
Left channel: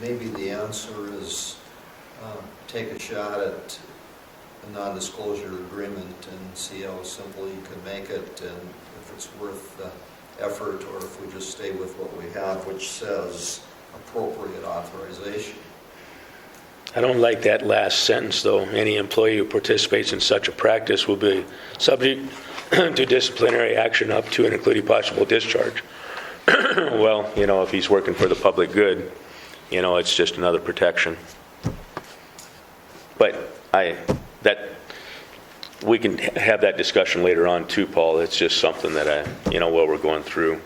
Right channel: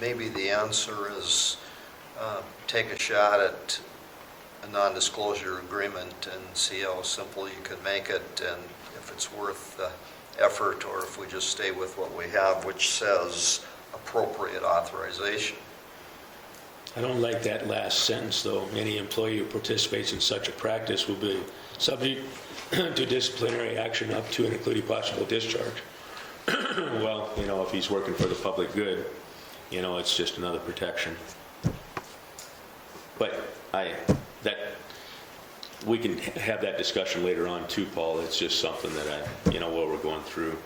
maybe the answer is take a shot at a non-disclosure agreement and see how simple you can make it, and if it's worth the effort, or if we just stay with what we have, which says appropriate authorization. I don't like that last sentence, though. Any employee who participates in such a practice will be subject to disciplinary action up to and including possible discharge. Well, if he's working for the public good, it's just another protection. But we can have that discussion later on too, Paul. It's just something that while we're going through.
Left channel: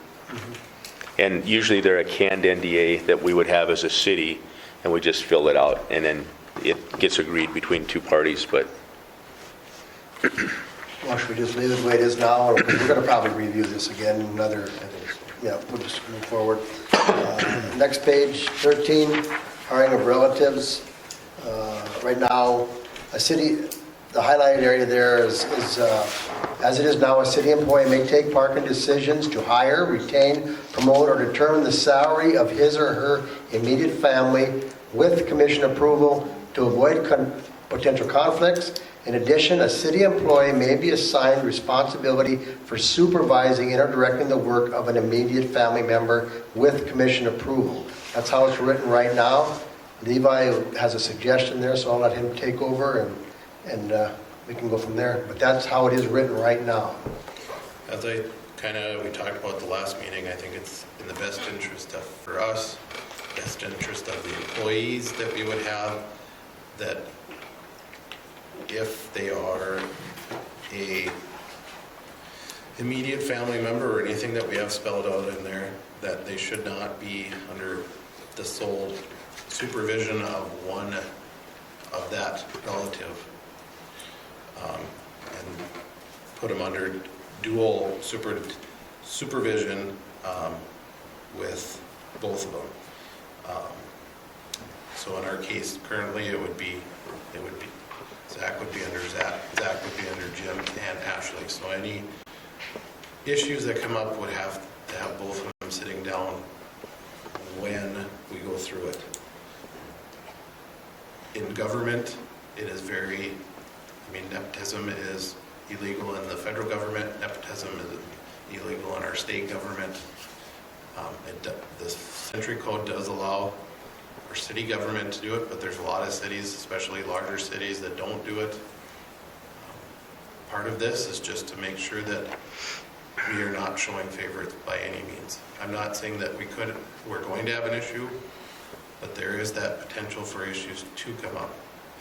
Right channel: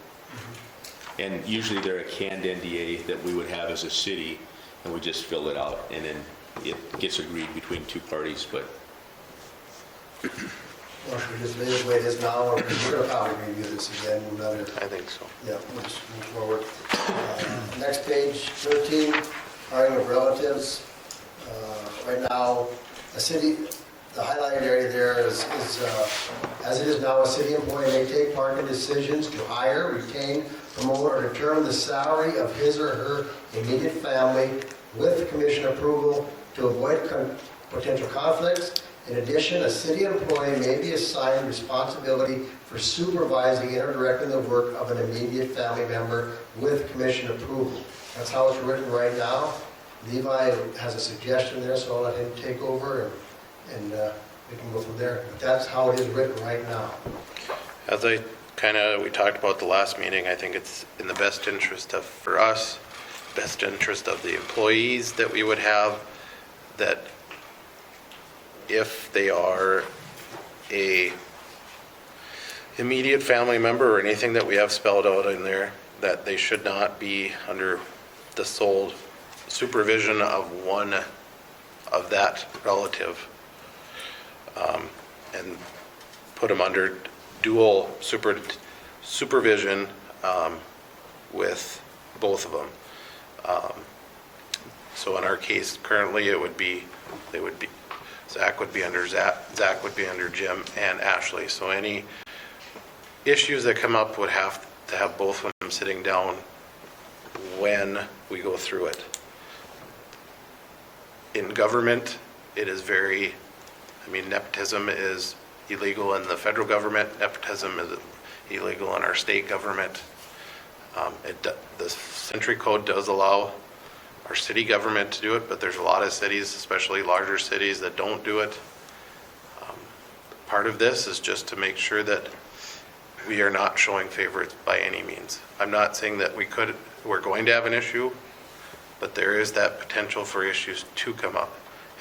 And usually they're a canned NDA that we would have as a city, and we just fill it out, and then it gets agreed between two parties, but Well, should we just leave it the way it is now, or, because we're going to probably review this again, another, I think so. yeah, we'll just move forward. Next page, 13, hiring of relatives. Right now, the highlighted area there is as it is now, a city employee may take part in decisions to hire, retain, promote, or determine the salary of his or her immediate family with commission approval to avoid potential conflicts. In addition, a city employee may be assigned responsibility for supervising and or directing the work of an immediate family member with commission approval. That's how it's written right now. Levi has a suggestion there, so I'll let him take over and we can go from there. But that's how it is written right now. As we talked about the last meeting, I think it's in the best interest for us, best interest of the employees that we would have, that if they are a immediate family member or anything that we have spelled out in there, that they should not be under the sole supervision of one of that relative, and put them under dual supervision with both of them. So in our case currently, Zach would be under Jim and Ashley. So any issues that come up would have to have both of them sitting down when we go through it. In government, it is nepotism is illegal in the federal government. Nepotism is illegal in our state government. The Century Code does allow our city government to do it, but there's a lot of cities, especially larger cities, that don't do it. Part of this is just to make sure that we are not showing favorites by any means. I'm not saying that we're going to have an issue, but there is that potential for issues to come up,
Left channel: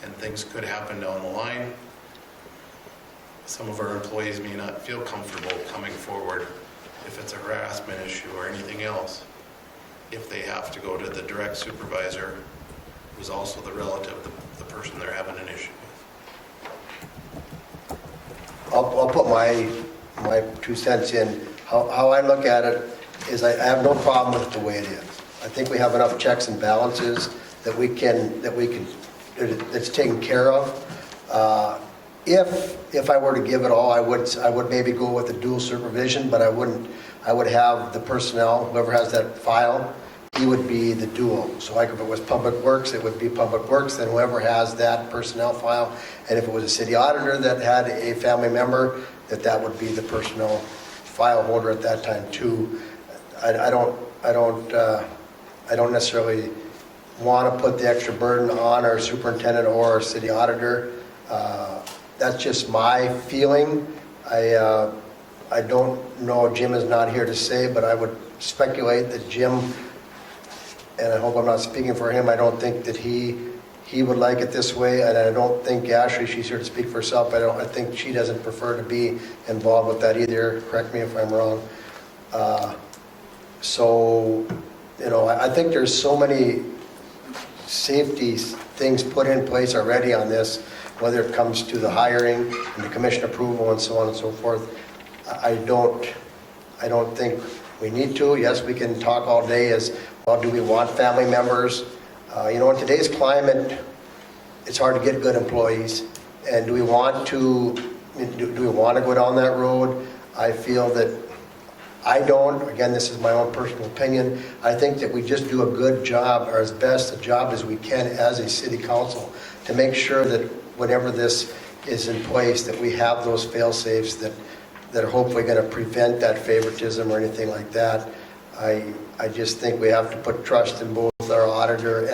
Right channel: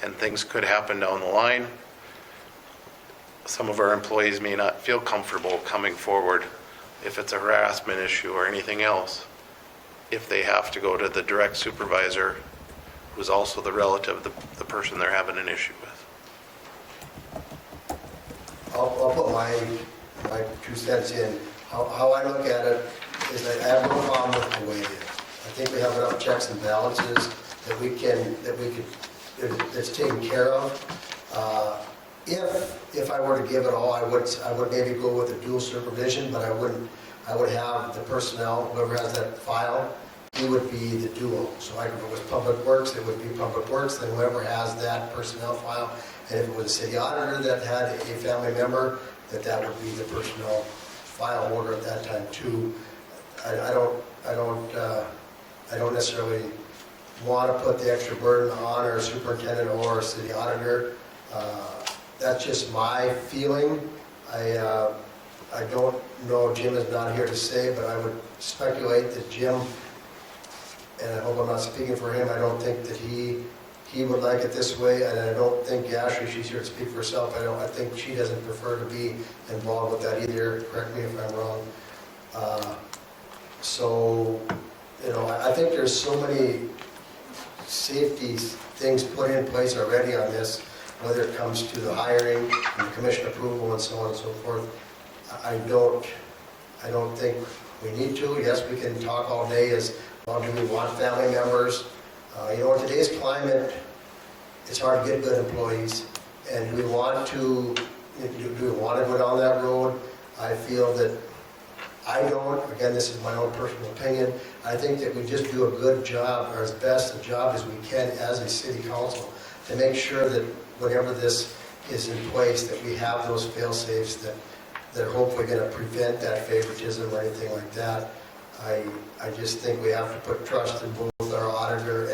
and things could happen down the line. Some of our employees may not feel comfortable coming forward if it's a harassment issue or anything else, if they have to go to the direct supervisor, who's also the relative, the person they're having an issue with. I'll put my 2 cents in. How I look at it is I have no problem with the way it is. I think we have enough checks and balances that's taken care of. If I were to give it all, I would maybe go with the dual supervision, but I would have the personnel, whoever has that file, he would be the dual. So like if it was Public Works, it would be Public Works, then whoever has that personnel file. And if it was a city auditor that had a family member, that would be the personnel file holder at that time too. I don't necessarily want to put the extra burden on our superintendent or our city auditor. That's just my feeling. I don't know, Jim is not here to say, but I would speculate that Jim, and I hope I'm not speaking for him, I don't think that he would like it this way, and I don't think Ashley, she's here to speak for herself, I think she doesn't prefer to be involved with that either. Correct me if I'm wrong. I think there's so many safety things put in place already on this, whether it comes to the hiring, and the commission approval, and so on and so forth. I don't think we need to. Yes, we can talk all day as, well, do we want family members? In today's climate, it's hard to get good employees. And do we want to go down that road? I feel that I don't. Again, this is my own personal opinion. I think that we just do a good job, or as best a job as we can as a city council, to make sure that whenever this is in place, that we have those fail-safes that are hopefully going to prevent that favoritism or anything like that. I just think we have to put trust in both our auditor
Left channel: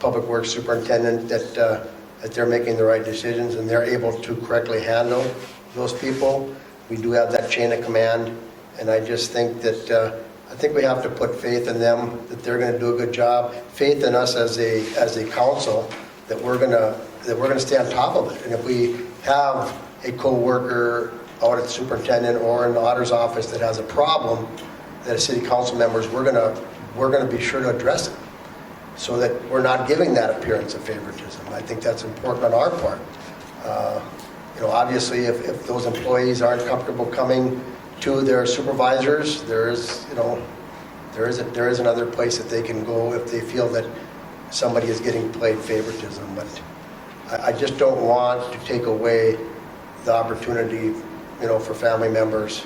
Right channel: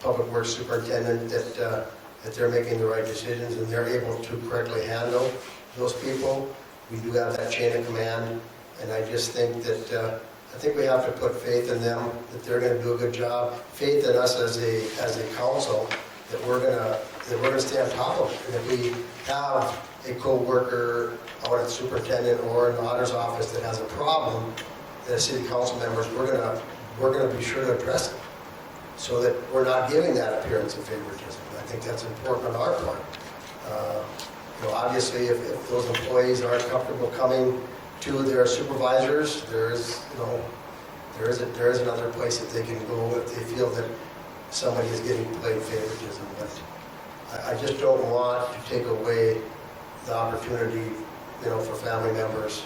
public works superintendent that they're making the right decisions and they're able to correctly handle those people. We do have that chain of command, and I just think that, I think we have to put faith in them, that they're gonna do a good job, faith in us as a council, that we're gonna stay on top of it. And if we have a co-worker out at the superintendent or in the auditor's office that has a problem, that as city council members, we're gonna be sure to address it, so that we're not giving that appearance of favoritism. I think that's important on our part. Obviously, if those employees aren't comfortable coming to their supervisors, there is another place that they can go if they feel that somebody is getting played favoritism. But I just don't want to take away the opportunity, for family members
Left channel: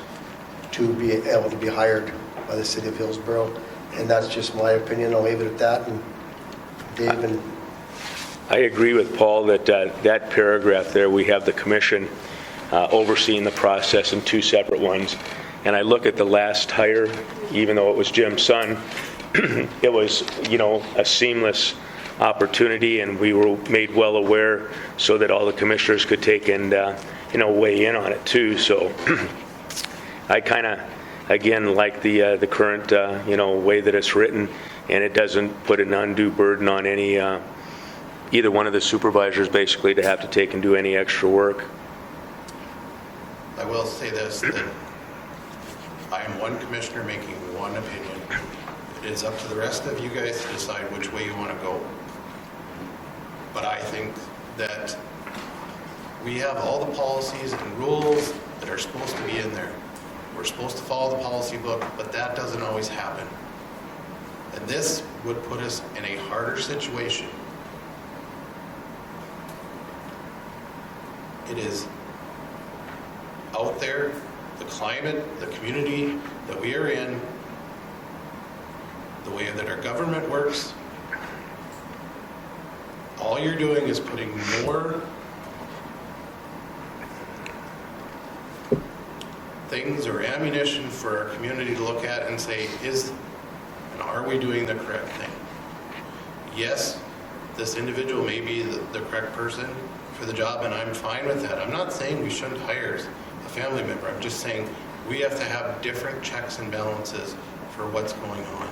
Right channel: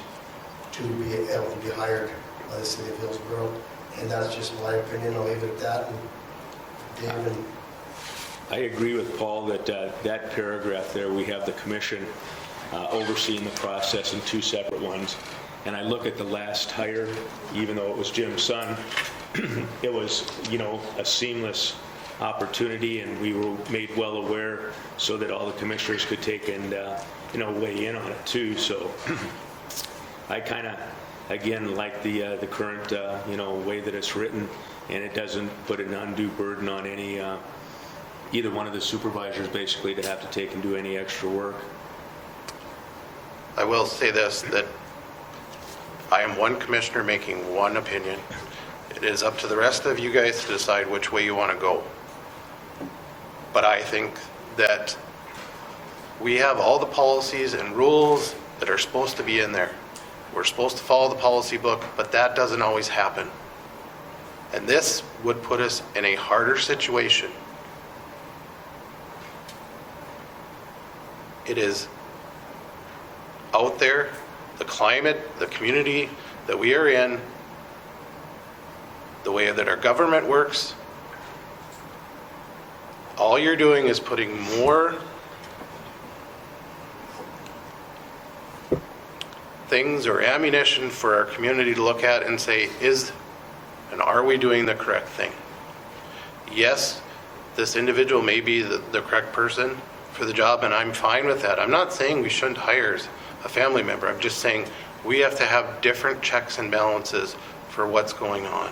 to be able to be hired by the city of Hillsboro. And that's just my opinion. I'll leave it at that. And Dave and I agree with Paul that that paragraph there, we have the commission overseeing the process in two separate ones. And I look at the last hire, even though it was Jim's son, it was, a seamless opportunity, and we were made well aware so that all the commissioners could take and, weigh in on it too. So I kind of, again, like the current, way that it's written, and it doesn't put an undue burden on any, either one of the supervisors basically to have to take and do any extra work. I will say this, that I am one commissioner making one opinion. It is up to the rest of you guys to decide which way you want to go. But I think that we have all the policies and rules that are supposed to be in there. We're supposed to follow the policy book, but that doesn't always happen. And this would put us in a harder situation. It is out there, the climate, the community that we are in, the way that our government works. All you're doing is putting more things or ammunition for our community to look at and say, are we doing the correct thing? Yes, this individual may be the correct person for the job, and I'm fine with that. I'm not saying we shouldn't hire a family member. I'm just saying we have to have different checks and balances for what's going on.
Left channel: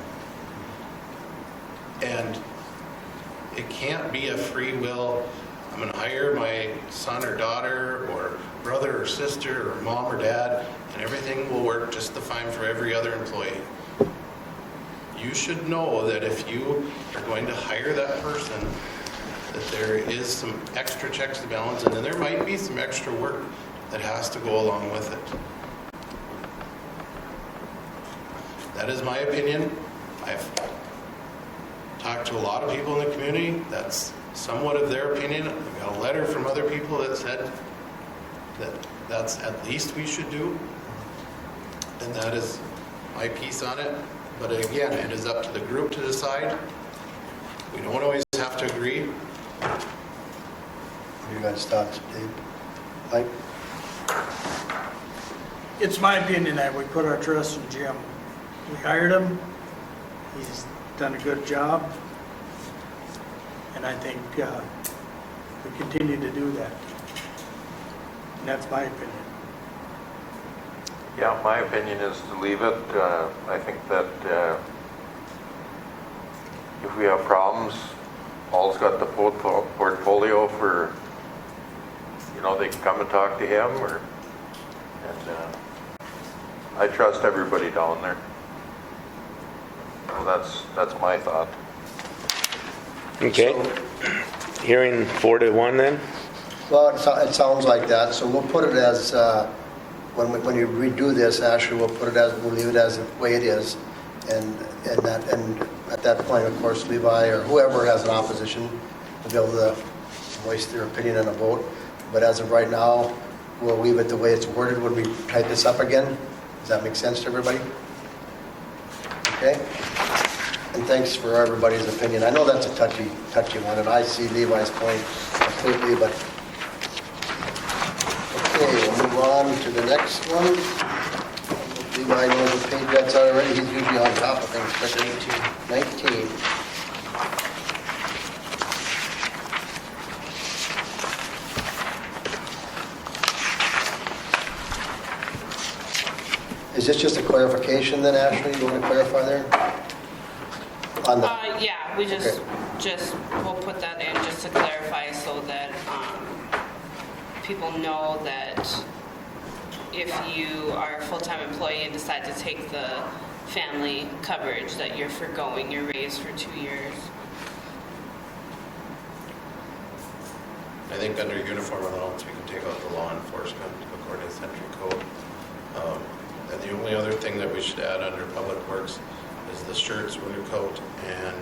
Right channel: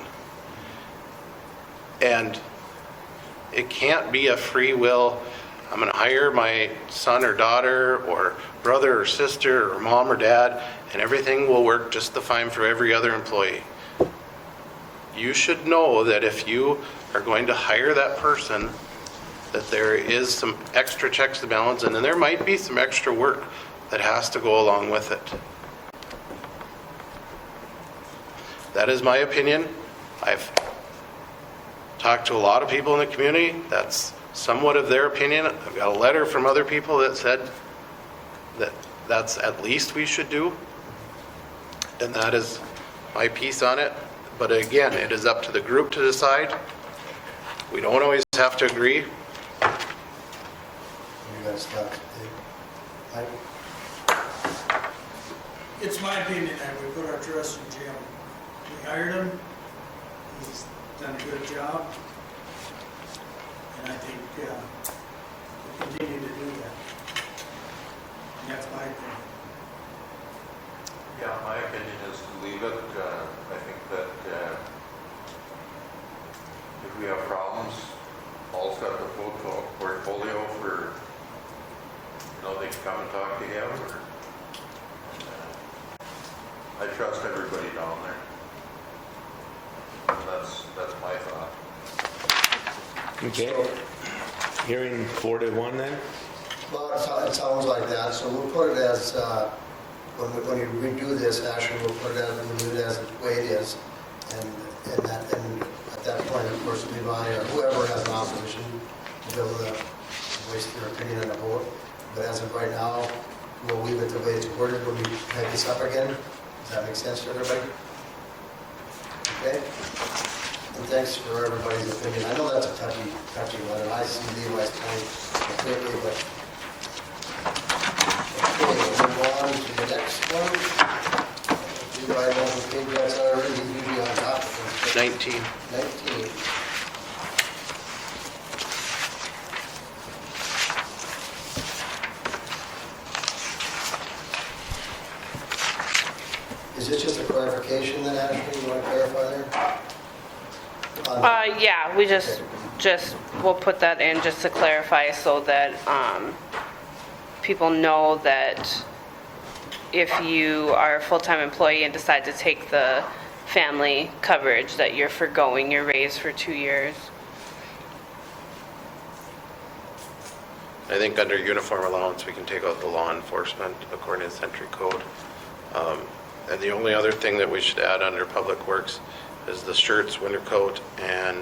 And it can't be a free will, I'm going to hire my son or daughter or brother or sister or mom or dad, and everything will work just the fine for every other employee. You should know that if you are going to hire that person, that there is some extra checks to balance, and then there might be some extra work that has to go along with it. That is my opinion. I've talked to a lot of people in the community. That's somewhat of their opinion. I've got a letter from other people that said that that's at least we should do. And that is my piece on it. But again, it is up to the group to decide. We don't always have to agree. you guys talk, Dave. Mike? It's my opinion that we put our trust in Jim. We hired him. He's done a good job. And I think we continue to do that. And that's my opinion. Yeah, my opinion is to leave it. I think that if we have problems, Paul's got the portfolio for, they can come and talk to him, and I trust everybody down there. So that's my thought. Okay. Hearing 4-1 then? Well, it sounds like that, so we'll put it as, when you redo this, Ashley, we'll leave it as the way it is, and at that point, of course, Levi or whoever has an opposition will be able to voice their opinion in a vote. But as of right now, we'll leave it the way it's worded when we type this up again. Does that make sense to everybody? Okay? And thanks for everybody's opinion. I know that's a touchy one, and I see Levi's point completely, but okay, we'll move on to the next one. Levi knows the page that's already, he's usually on top of things. 19. Is this just a clarification then, Ashley, you want to clarify there? On the- Yeah, we just, we'll put that in just to clarify so that people know that if you are a full-time employee and decide to take the family coverage, that you're forgoing your raise for 2 years. I think under uniform allowance, we can take out the law enforcement according to Century Code. And the only other thing that we should add under Public Works is the shirts, winter coat, and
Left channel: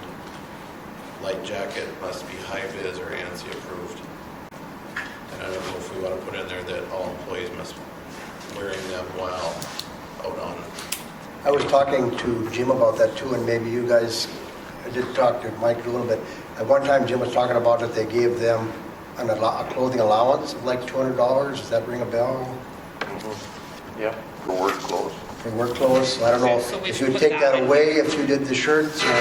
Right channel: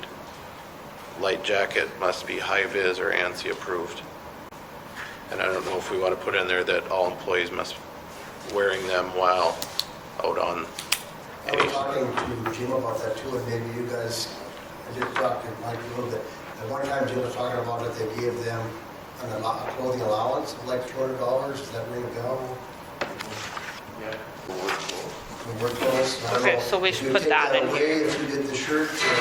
light jacket must be high-vis or ANSI approved. And I don't know if we want to put in there that all employees must be wearing them while out on. I was talking to Jim about that too, and maybe you guys, I did talk to Mike a little bit. At one time, Jim was talking about that they gave them a clothing allowance of like $200. Does that ring a bell? Yeah, for work clothes. For work clothes? I don't Okay, know. so we if should you put take that that in away here. if you did the shirts, or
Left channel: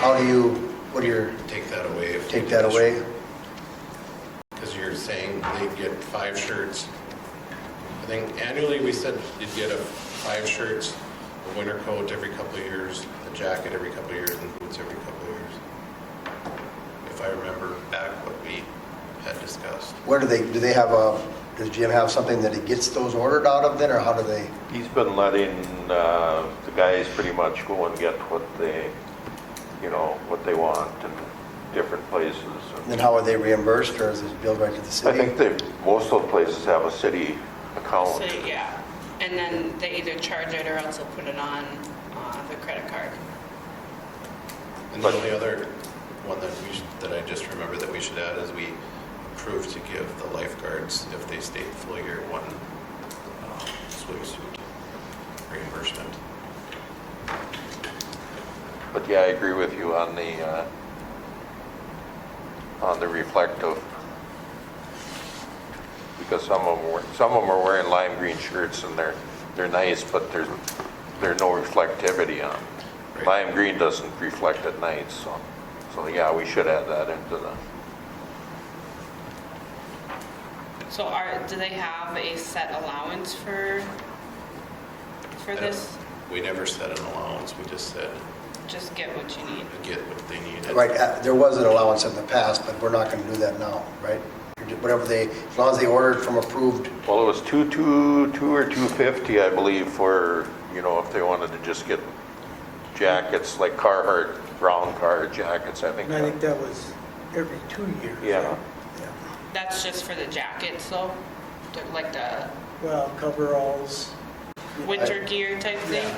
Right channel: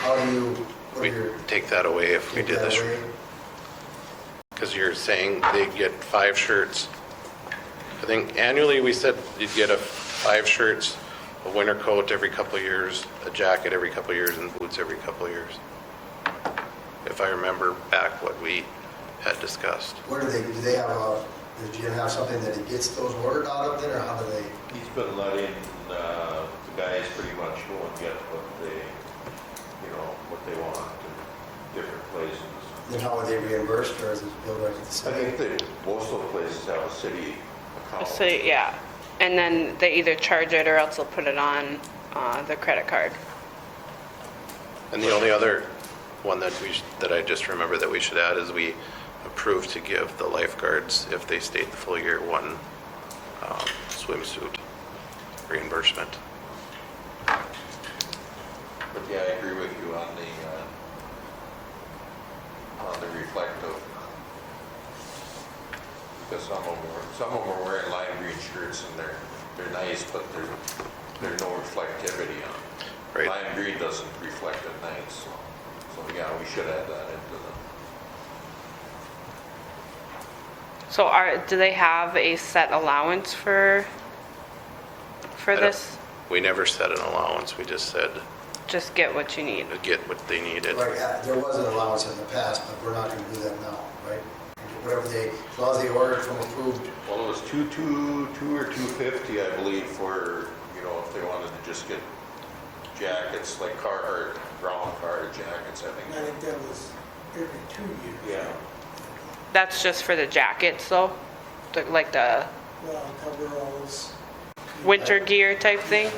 how do you, what do your, Take that away if we take did that this. away? Because you're saying they get 5 shirts. I think annually we said you'd get 5 shirts, a winter coat every couple of years, a jacket every couple of years, and boots every couple of years. If I remember back what we had discussed. Where do they have does Jim have something that he gets those ordered out of then, or how do they? He's been letting the guys pretty much go and get what they, what they want in different places. Then how are they reimbursed, or is it billed right to the I city? think most of the places have a city account. So, yeah, and then they either charge it or else they'll put it on the credit card. And the only other one that that I just remember that we should add is we approved to give the lifeguards, if they stayed the full year, one swimsuit reimbursement. But yeah, I agree with you on the reflective. Because some of them are wearing lime green shirts and they're nice, but there's no reflectivity on them. Right. Lime green doesn't reflect at night, so yeah, we should add that into the. So do they have a set allowance for this? We never set an allowance, we just said Just get what you need. get what they needed. Right, there was an allowance in the past, but we're not going to do that now, right? Whatever as long as they ordered from approved. Well, it was 2 or 250, I believe, for, if they wanted to just get jackets like Carhartt, brown Carhartt jackets, I think. And I think that was every 2 years. Yeah. That's just for the jackets though? Like the Well, coveralls. winter gear type thing?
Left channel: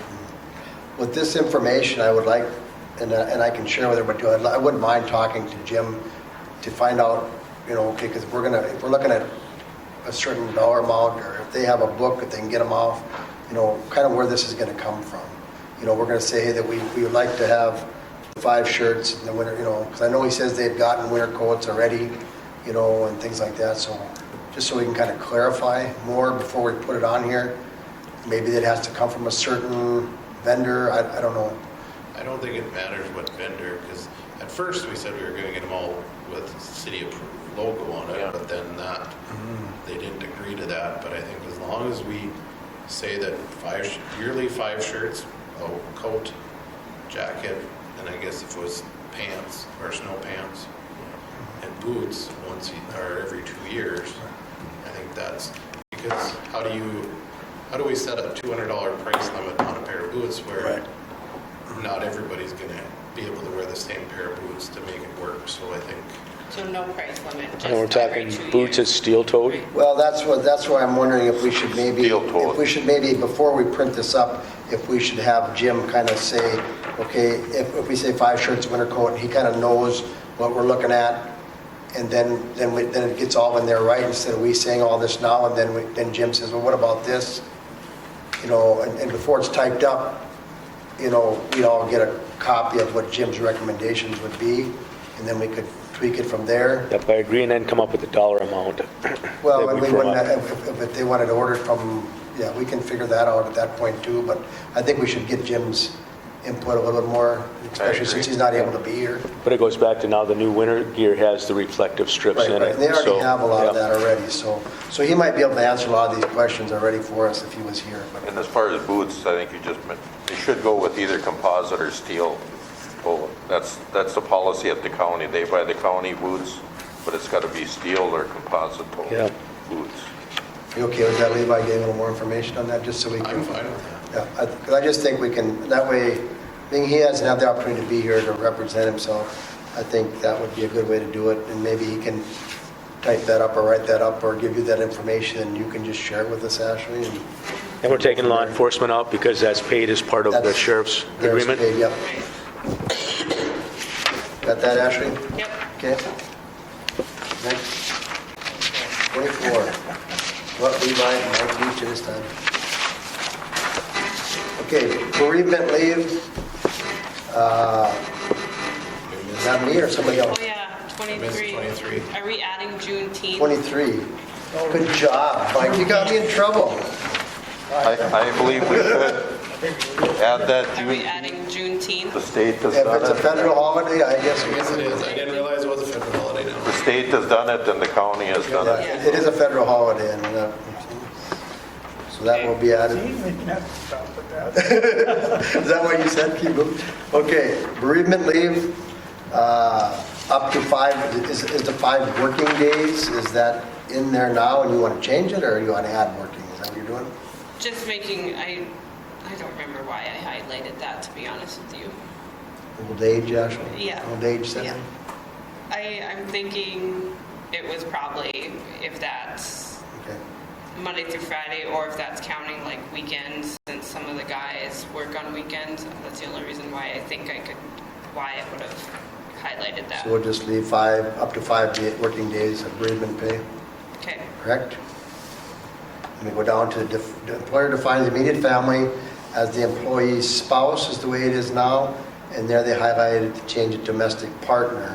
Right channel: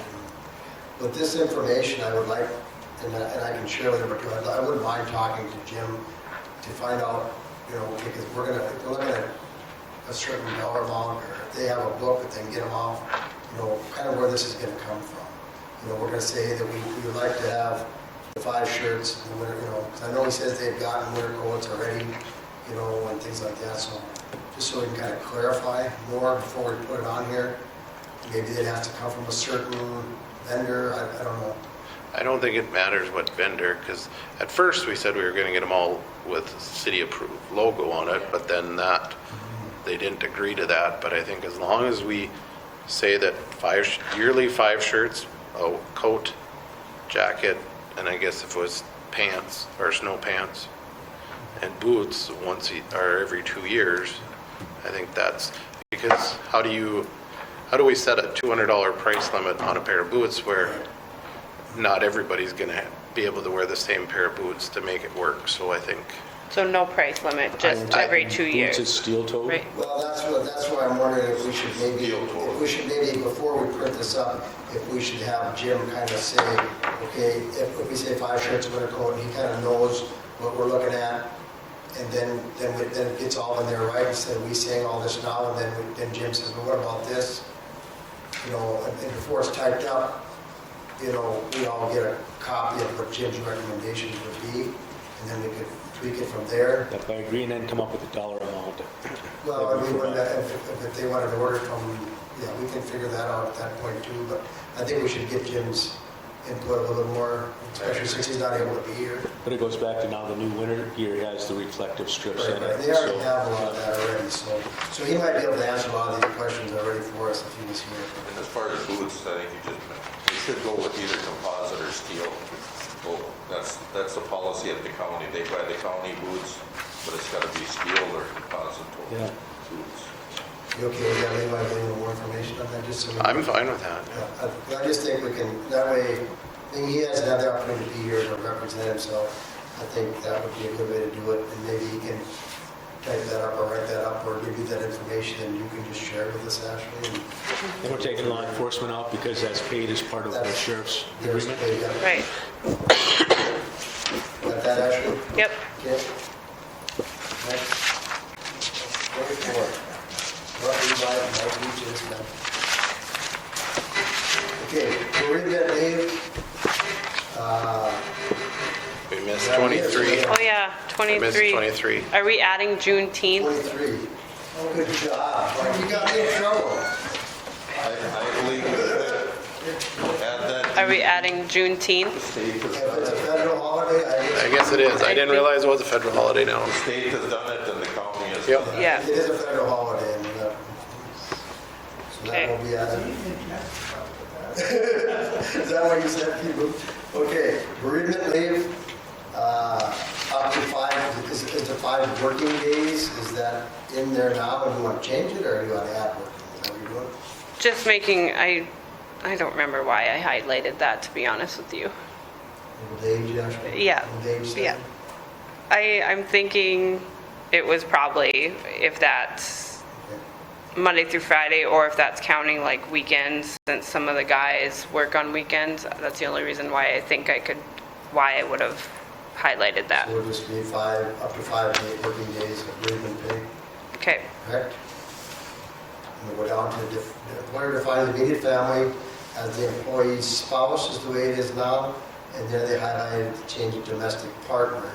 With this information, I would like, and I can share with everybody too, I wouldn't mind talking to Jim to find out, okay, because if we're looking at a certain dollar amount, or if they have a book that they can get them off, kind of where this is going to come from. We're going to say that we would like to have 5 shirts in the winter, because I know he says they've gotten winter coats already, and things like that, so just so we can kind of clarify more before we put it on here. Maybe it has to come from a certain vendor, I don't know. I don't think it matters what vendor, because at first we said we were going to get them all with city approved logo on it, but then they didn't agree to that. But I think as long as we say that yearly 5 shirts, a coat, jacket, and I guess if it was pants or snow pants, and boots every 2 years, I think that's because how do we set a $200 price limit on a pair of boots where not everybody's going to be able to wear the same pair of boots to make it work? So I think So no price limit, We're just talking every 2 years? Boots is steel-toed? Right. Well, that's why I'm wondering if we should maybe, before we print this up, if we should have Jim kind of say, okay, if we say 5 shirts, winter coat, he kind of knows what we're looking at, and then it gets all in there, right? Instead of we saying all this now, and then Jim says, well, what about this? And before it's typed up, we'd all get a copy of what Jim's recommendations would be, and then we could tweak it from there. If I agree, and then come up with a dollar amount. Well, That'd if be we wouldn't, fine. if they wanted to order from, yeah, we can figure that out at that point too, but I think we should get Jim's input a little bit more, especially since he's not able to be here. But it goes back to now the new winter gear has the reflective strips Right, in right, it. and they already so, have a lot of yeah. that already, so he might be able to answer a lot of these questions already for us if he was here. And as far as boots, I think you should go with either composite or steel. Well, that's the policy at the county. They buy the county boots, but it's got to be steel or composite Yeah. boots. You okay with that, Levi, getting a little more information on that, just so we can... I'm fine with that. Yeah, 'cause I just think we can, that way, being he hasn't had the opportunity to be here to represent himself, I think that would be a good way to do it, and maybe he can type that up or write that up or give you that information, and you can just share it with us, Ashley. And we're taking law enforcement out because that's paid as part of the That's- sheriff's There's agreement. paid, yep. Right, Got that, Ashley? yep. Okay. Next. 24. What, Levi, I'll beat you this time. Okay, bereavement leave. We missed Not me or 23. somebody Oh, else? yeah, We missed 23. 23. Are we adding Juneteenth? 23. Good job, Mike, you got me in trouble. I believe we should add that. Are we adding Juneteenth? The state has If it's a done it. federal holiday, I guess. I guess it is. I didn't realize it was a federal holiday now. The state has done it and the county has done it. Yeah. It is a federal holiday, and, so that will be added. Is that what you said, Keith? Okay, bereavement leave, up to 5, is the 5 working days, is that in there now, and you want to change it, or you want to add working? Is that what you're doing? Just making, I don't remember why I highlighted that, to be honest with you. Old age, Ashley? Yeah. Old age, says Yeah. I'm thinking it was probably, if that's Okay. Monday through Friday, or if that's counting like weekends, since some of the guys work on weekends. That's the only reason why I think why I would have highlighted that. So we'll just leave 5, up to 5 working days of bereavement pay, Okay, correct? And we go down to the employer defines immediate family as the employee's spouse is the way it is now, and there they highlighted to change it domestic partner.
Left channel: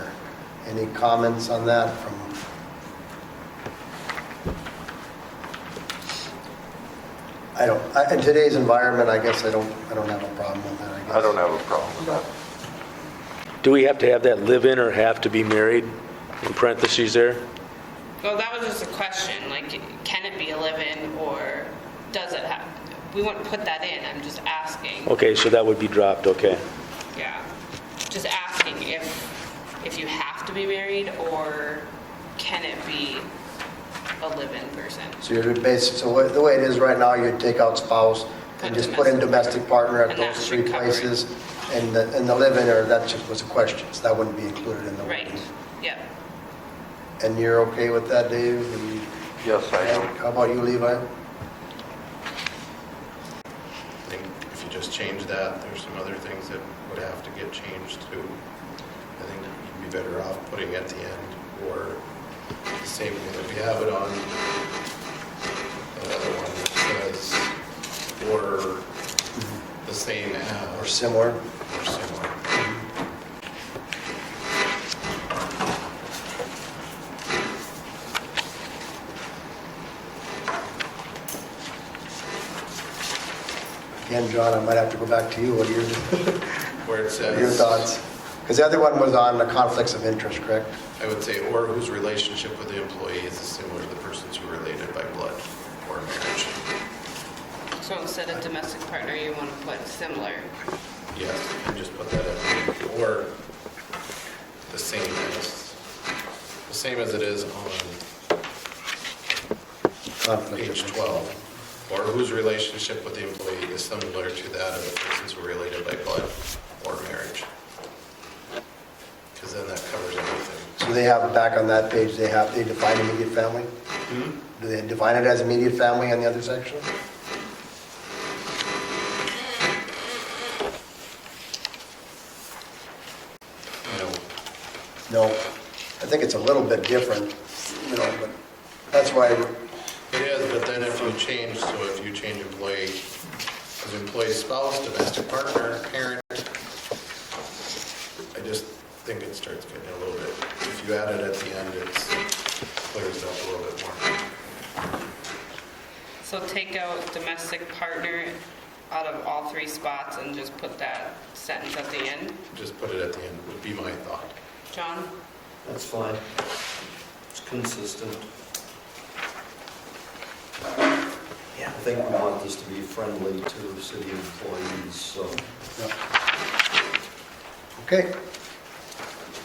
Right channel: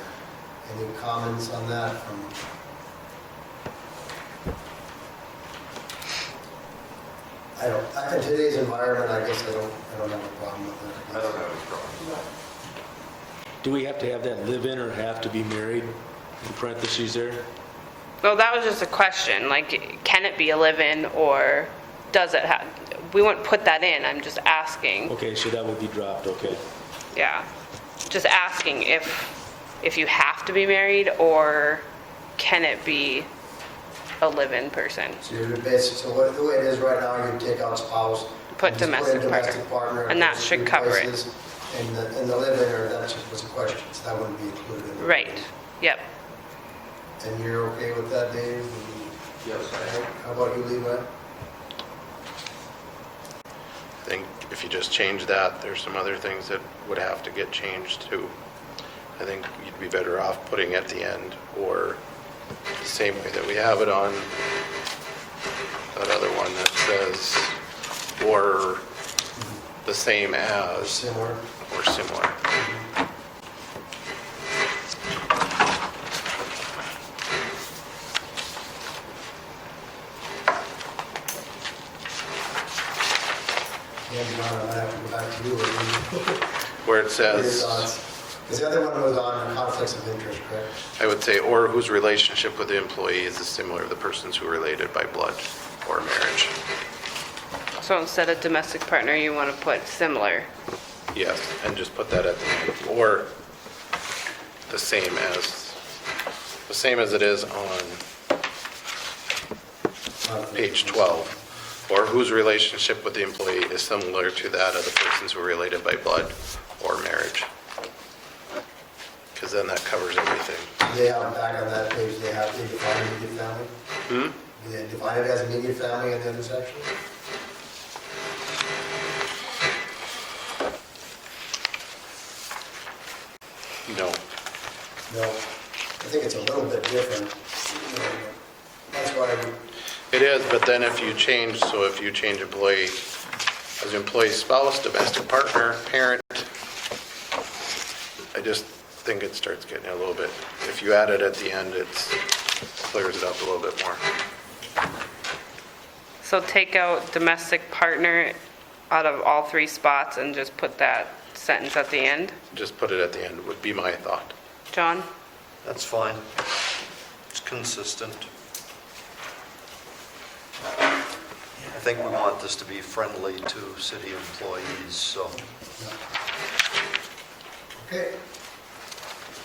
Any comments on that from? In today's environment, I guess I don't have a problem with that, I guess. I don't have a problem. Do we have to have that live in or have to be married in parentheses there? well, that was just a question, like, can it be a live-in, or does it have, we wouldn't put that in, I'm just asking. Okay, so that would be dropped, okay. Yeah, just asking if you have to be married, or can it be a live-in person? So you're basic, so the way it is right now, you take out spouse, Put and just put in domestic partner at And that those should 3 cover it. places. And the live-in, or that just was a question, so that wouldn't be included in the. Right, yep. And you're okay with that, Dave? And Yes, I am. how about you, Levi? I think if you just change that, there's some other things that would have to get changed too. I think you'd be better off putting at the end, or the same way that we have it on that other one that says, or the same Or as, similar? or similar. Again, John, I might have to go back to you, or Where it your says, thoughts. Because the other one was on the conflicts of interest, correct? I would say, or whose relationship with the employee is similar to the persons who are related by blood or marriage. So instead of domestic partner, you want to put similar. Yes, and just put that at the end, or the same as it is on page 12, or whose relationship with the employee is similar to that of the persons who are related by blood or marriage. Because then that covers everything. So they have, back on that page, they define immediate family? Do they define it as immediate family on the other section? No. No. I think it's a little bit different, but that's why, It is, but then if you change, so if you change employee, as employee spouse, domestic partner, parent, I just think it starts getting a little bit, if you add it at the end, it clears it up a little bit more. So take out domestic partner out of all 3 spots and just put that sentence at the end? Just put it at the end would be my thought. John? That's fine. It's consistent. I think we want this to be friendly to city employees, so. Okay.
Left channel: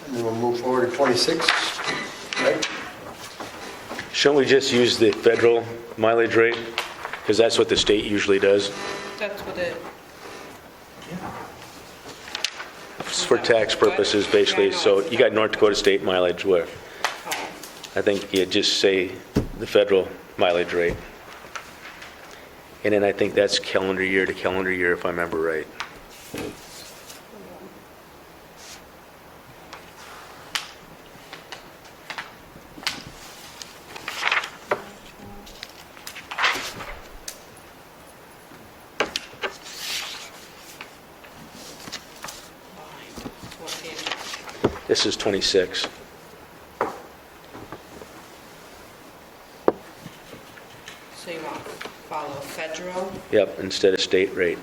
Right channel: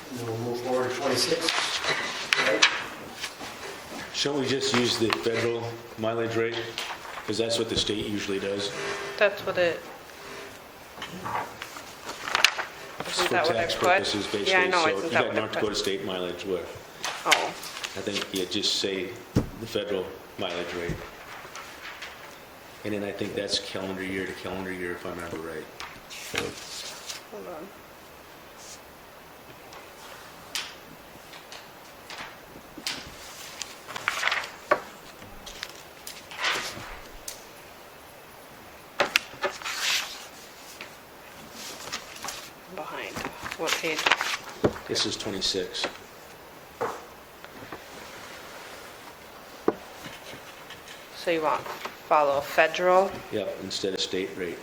And then we'll move forward to 26. Right? Shouldn't we just use the federal mileage rate? Because that's what the state usually does. That's what it... It's Isn't for that what tax it's what? purposes, Yeah, I basically. know, So isn't you that got what North it Dakota does? state mileage where Oh, I think you just say the federal mileage rate. And then I think that's calendar year to calendar year, if I remember right. hold on. Behind. What page? This is 26. So you want follow federal? Yep, instead of state rate.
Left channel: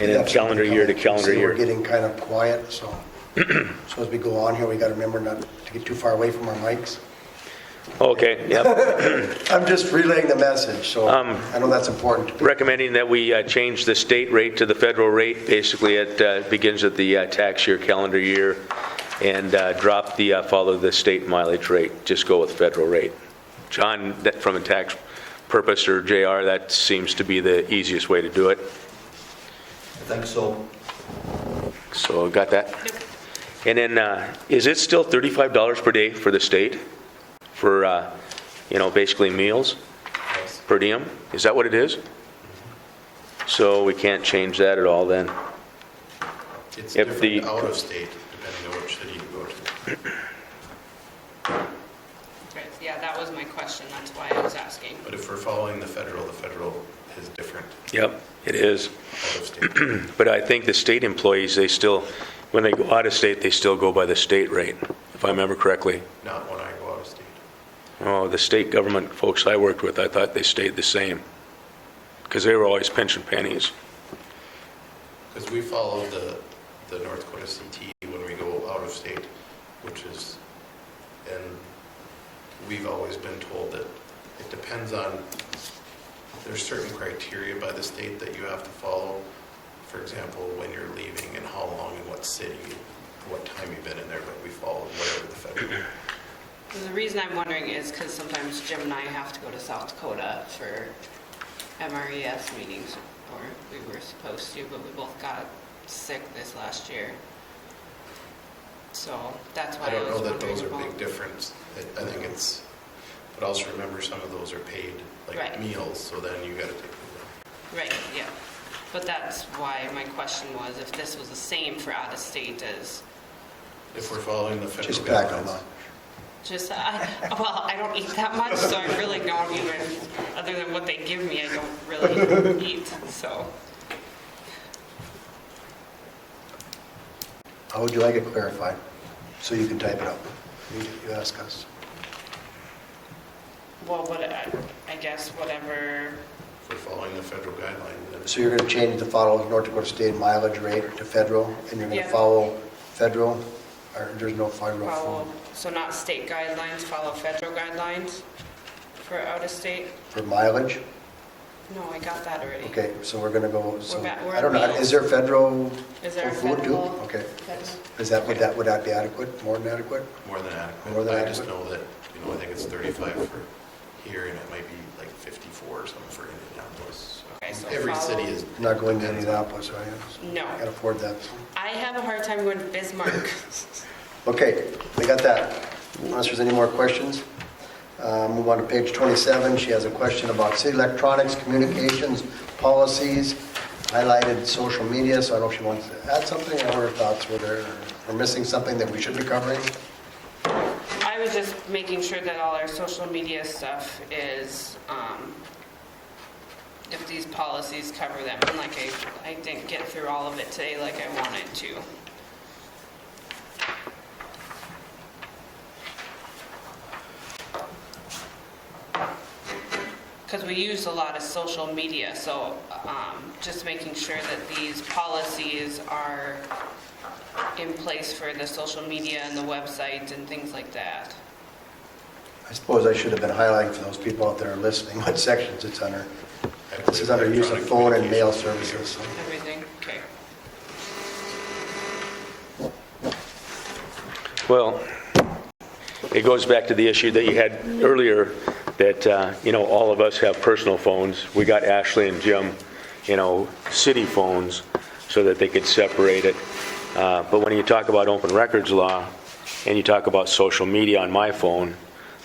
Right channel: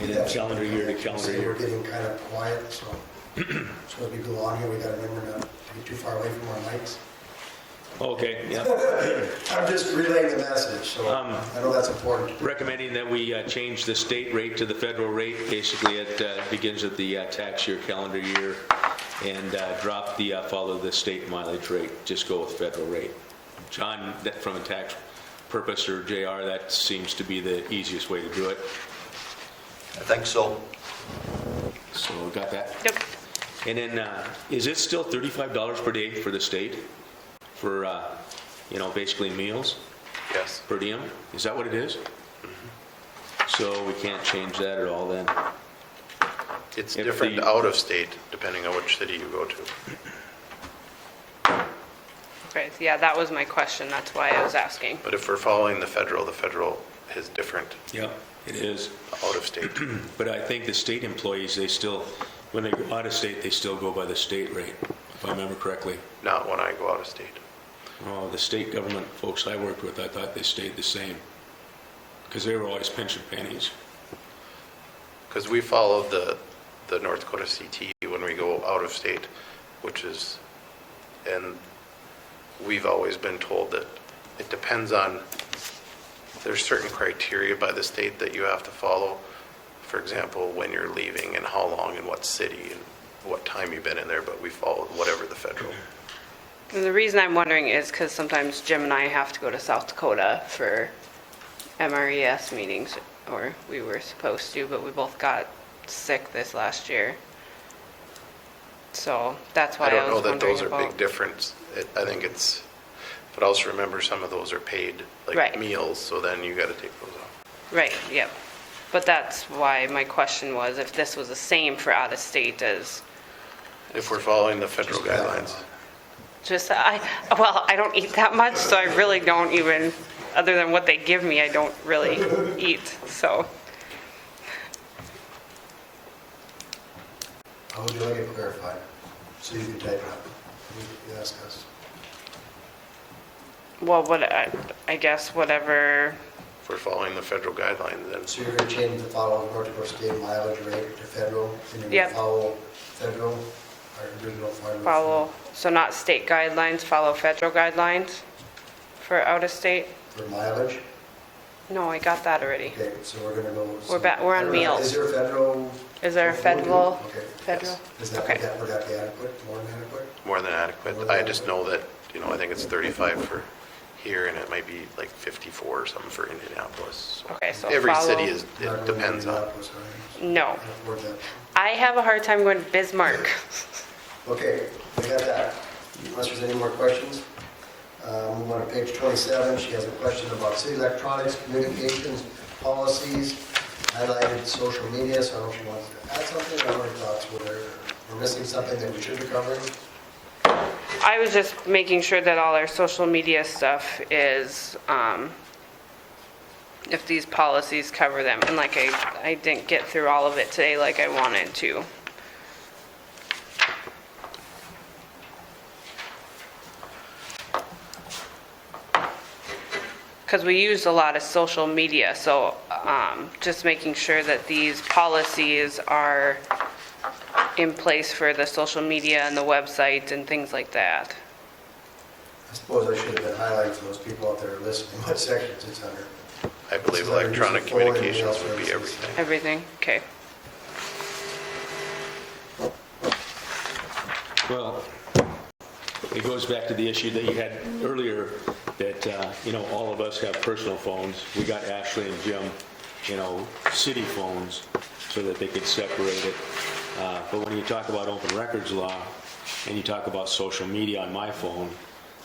And then That's calendar year to calendar See, We're year. getting kind of quiet, so as we go on here, we got to remember not to get too far away from our mics. Okay, yep. I'm just relaying the message, so I know that's important to people. Recommending that we change the state rate to the federal rate. Basically, it begins at the tax year, calendar year, and drop the follow the state mileage rate. Just go with federal rate. John, that from a tax purpose, or JR, that seems to be the easiest way to do it. I think so. So got that? Yep. And then, is it still $35 per day for the state for, basically meals Yes. per diem? Is that what it is? So we can't change that at all then? It's If different the- out of state, depending on which city you go to. Okay, so yeah, that was my question, that's why I was asking. But if we're following the federal is different Yep, it is. out of state. But I think the state employees, they still, when they go out of state, they still go by the state rate, if I remember correctly. Not when I go out of state. Oh, the state government folks I worked with, I thought they stayed the same, because they were always pension pennies. Because we follow the North Dakota CT when we go out of state, and we've always been told that it depends on, there's certain criteria by the state that you have to follow. For example, when you're leaving and how long and what city, what time you've been in there, but we followed whatever the federal. And the reason I'm wondering is because sometimes Jim and I have to go to South Dakota for MRES meetings, or we were supposed to, but we both got sick this last year. So that's why I I don't was know that wondering those are about. big difference. I think it's, but also remember some of those are paid, like Right. meals, so then you got to take those off. Right, yeah. But that's why my question was if this was the same for out of state as, If we're following the federal Just back on guidelines. just, I don't eat that much, so I really don't even, other than what they give me, I don't really eat, so. How would you like it clarified? So you can type it up. You ask us. Well, I guess whatever, If we're following the federal guidelines, then So you're going to change the follow North Dakota State mileage rate to federal, and you're going Yep. to follow federal, or there's no federal? follow, so not state guidelines, follow federal guidelines for out of state? For mileage? No, I got that already. Okay, so we're going to go. so- We're back- we're I on don't know, meals. Is there federal? Is there a for food too? federal? Okay. Federal? Is that, Okay. would that be adequate, more than adequate? more than adequate. More than I just adequate. know that, I think it's 35 for here, and it might be like 54 or something for Indianapolis. So Okay, so every follow- city is, Not it going to depends on. Indianapolis, are you? No. Can't afford that. I have a hard time going to Bismarck. Okay, we got that. Unless there's any more questions. Move on to page 27. She has a question about city electronics, communications, policies, highlighted social media, so I don't know if she wants to add something, or her thoughts were there. We're missing something that we should be covering. I was just making sure that all our social media stuff is, if these policies cover them. And like I didn't get through all of it today like I wanted to. because we use a lot of social media, so just making sure that these policies are in place for the social media and the website and things like that. I suppose I should have been highlighting for those people out there listening what sections it's under. I This believe is under use of electronic phone and mail communications. services. Everything, okay. Well, it goes back to the issue that you had earlier, that, all of us have personal phones. We got Ashley and Jim, city phones, so that they could separate it. But when you talk about open records law, and you talk about social media on my phone,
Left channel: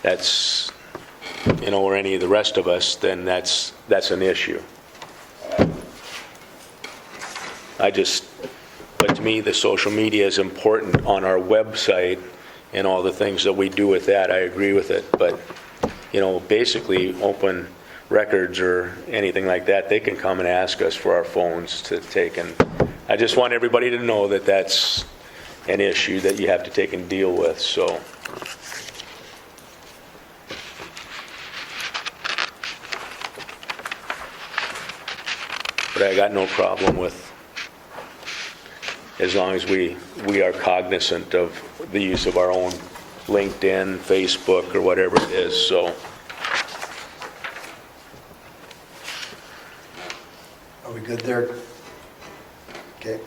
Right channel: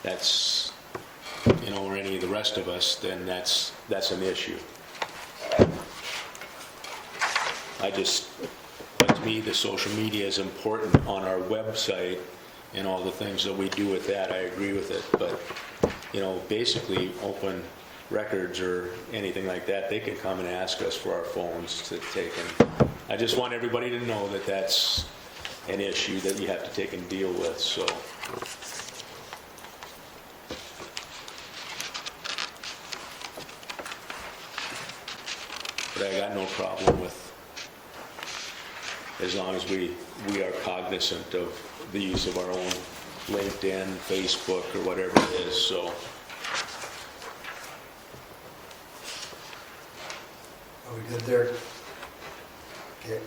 that's, or any of the rest of us, then that's an issue. But to me, the social media is important on our website and all the things that we do with that. I agree with it. But, basically, open records or anything like that, they can come and ask us for our phones to take. And I just want everybody to know that that's an issue that you have to take and deal with, so. But I got no problem with, as long as we are cognizant of the use of our own LinkedIn, Facebook, or whatever it is, so. Are we good there? Okay.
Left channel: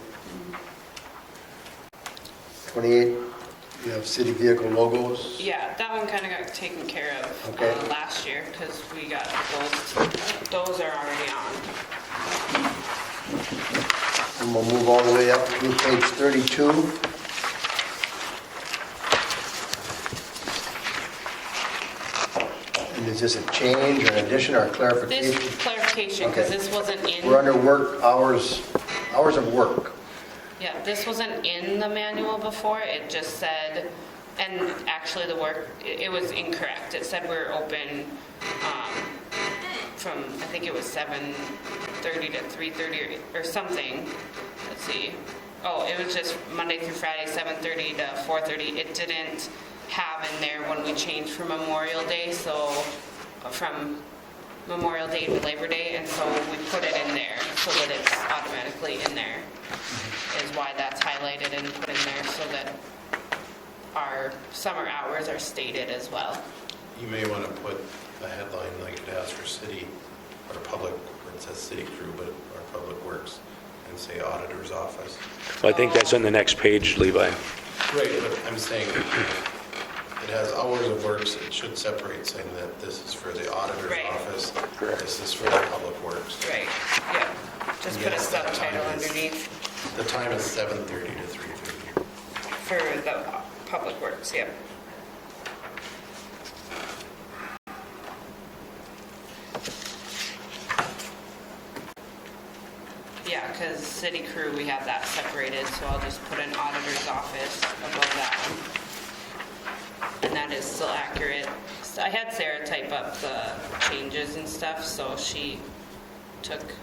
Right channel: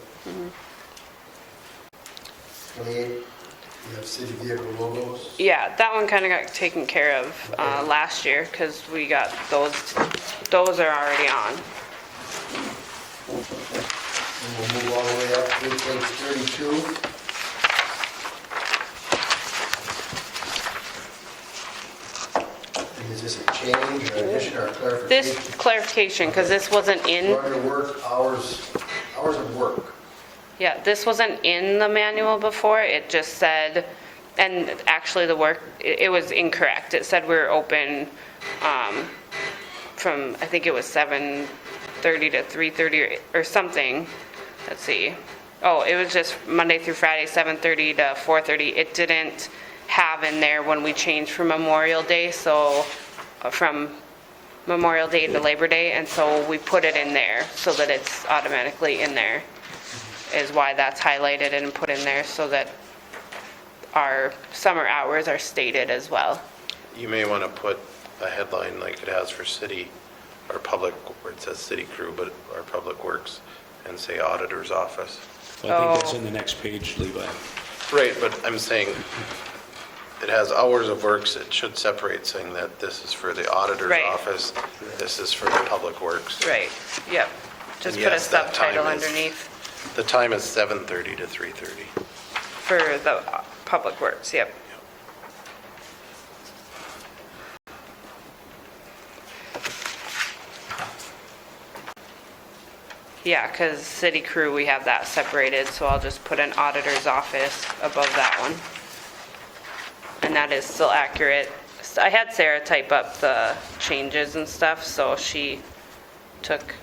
28, you have city vehicle logos. Yeah, that one kind of got taken care of Okay. last year, because we got those are already on. And we'll move all the way up to page 32. And is this a change or an addition or a This clarification? clarification, because this wasn't We're in, under work hours of work. yeah, this wasn't in the manual before, it just said, and actually the work, it was incorrect. It said we were open from, I think it was 7:30 to 3:30 or something. Let's see. Oh, it was just Monday through Friday, 7:30 to 4:30. It didn't have in there when we changed from Memorial Day, so from Memorial Day to Labor Day, and so we put it in there so that it's automatically in there, is why that's highlighted and put in there, so that our summer hours are stated as well. You may want to put a headline like it has for city or public, where it says city crew, but or public works, and say auditor's office. I think that's on the next page, Levi. Right, but I'm saying it has hours of works. It should separate, saying that this is for the auditor's Right. office, this is for the public works. Right, yep. Just And put a yes, that subtitle time is- underneath The time is 7:30 to 3:30. for the public works, yep. Yeah, because city crew, we have that separated, so I'll just put an auditor's office above that one. And that is still accurate. I had Sarah type up the changes and stuff, so she took,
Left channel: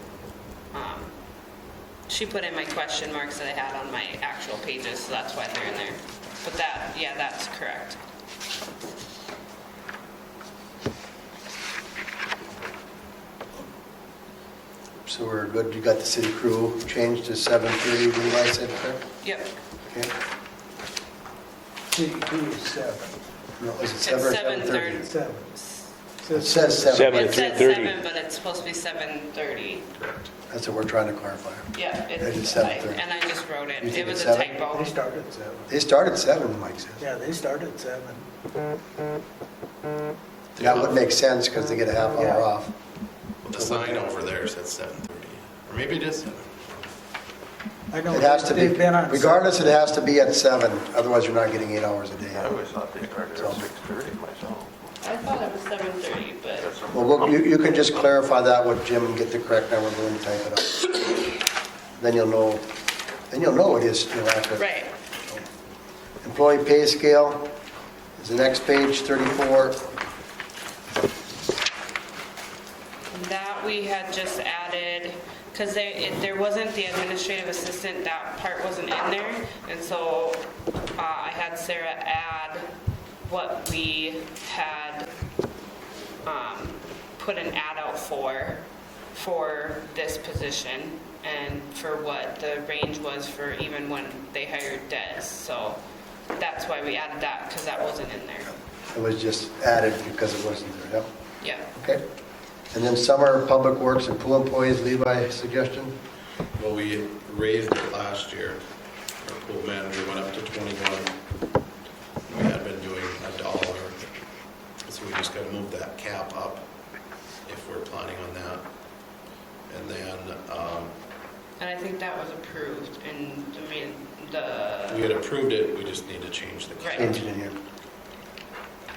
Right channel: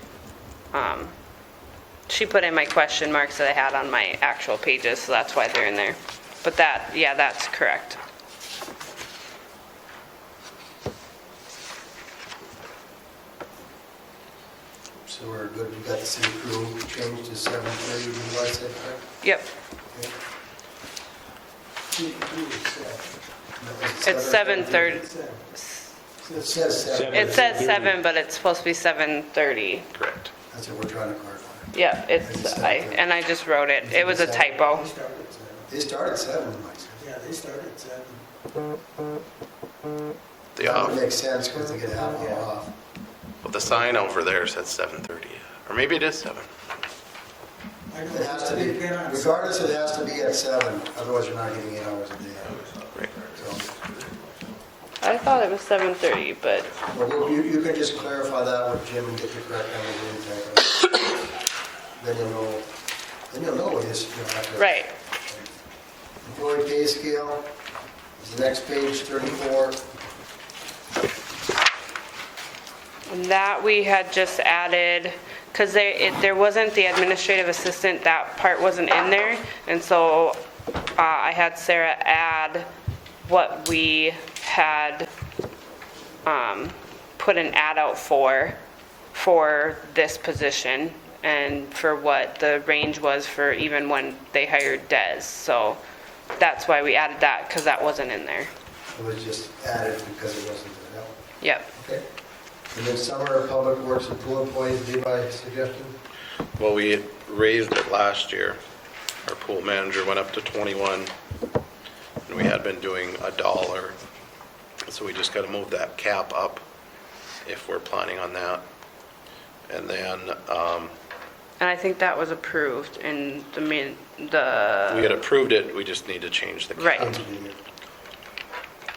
she put in my question marks that I had on my actual pages, so that's why they're in there. But that, yeah, that's correct. So we're good, you got the city crew changed to 7:30, Levi said, correct? Yep, Okay. City crew is 7. No, was it it's 7 or 7:30. 7. It says 7. Seven. It says 7:30. 7, but it's supposed to be 7:30. Correct. That's what we're trying to clarify. Yeah, Maybe it's, 7:30. and I just wrote it. You It think was it's a 7? typo. They started at 7. They started 7, Mike said. Yeah, they started at 7. That would make sense because they get a half hour off. Well, the sign over there says 7:30, or maybe it is 7. I know. It has to be, they've been on regardless, it has to be at 7, otherwise you're not getting 8 hours a day. I thought it was 7:30, but, Well, you can just clarify that with Jim and get the correct numbers and type it up. Then you'll know it is, accurate. right. Employee pay scale is the next page, 34. That we had just added, because there wasn't the administrative assistant, that part wasn't in there. And so I had Sarah add what we had put an ad out for this position and for what the range was for even when they hired Des. So that's why we added that, because that wasn't in there. It was just added because it wasn't there, yep. Yep. Okay. And then summer public works and pool employees, Levi, suggestion? Well, we raised it last year. Our pool manager went up to 21, and we had been doing $1. So we just got to move that cap up if we're planning on that. And then And I think that was approved in we had approved it, we just need to change the cap. right. Change it in here.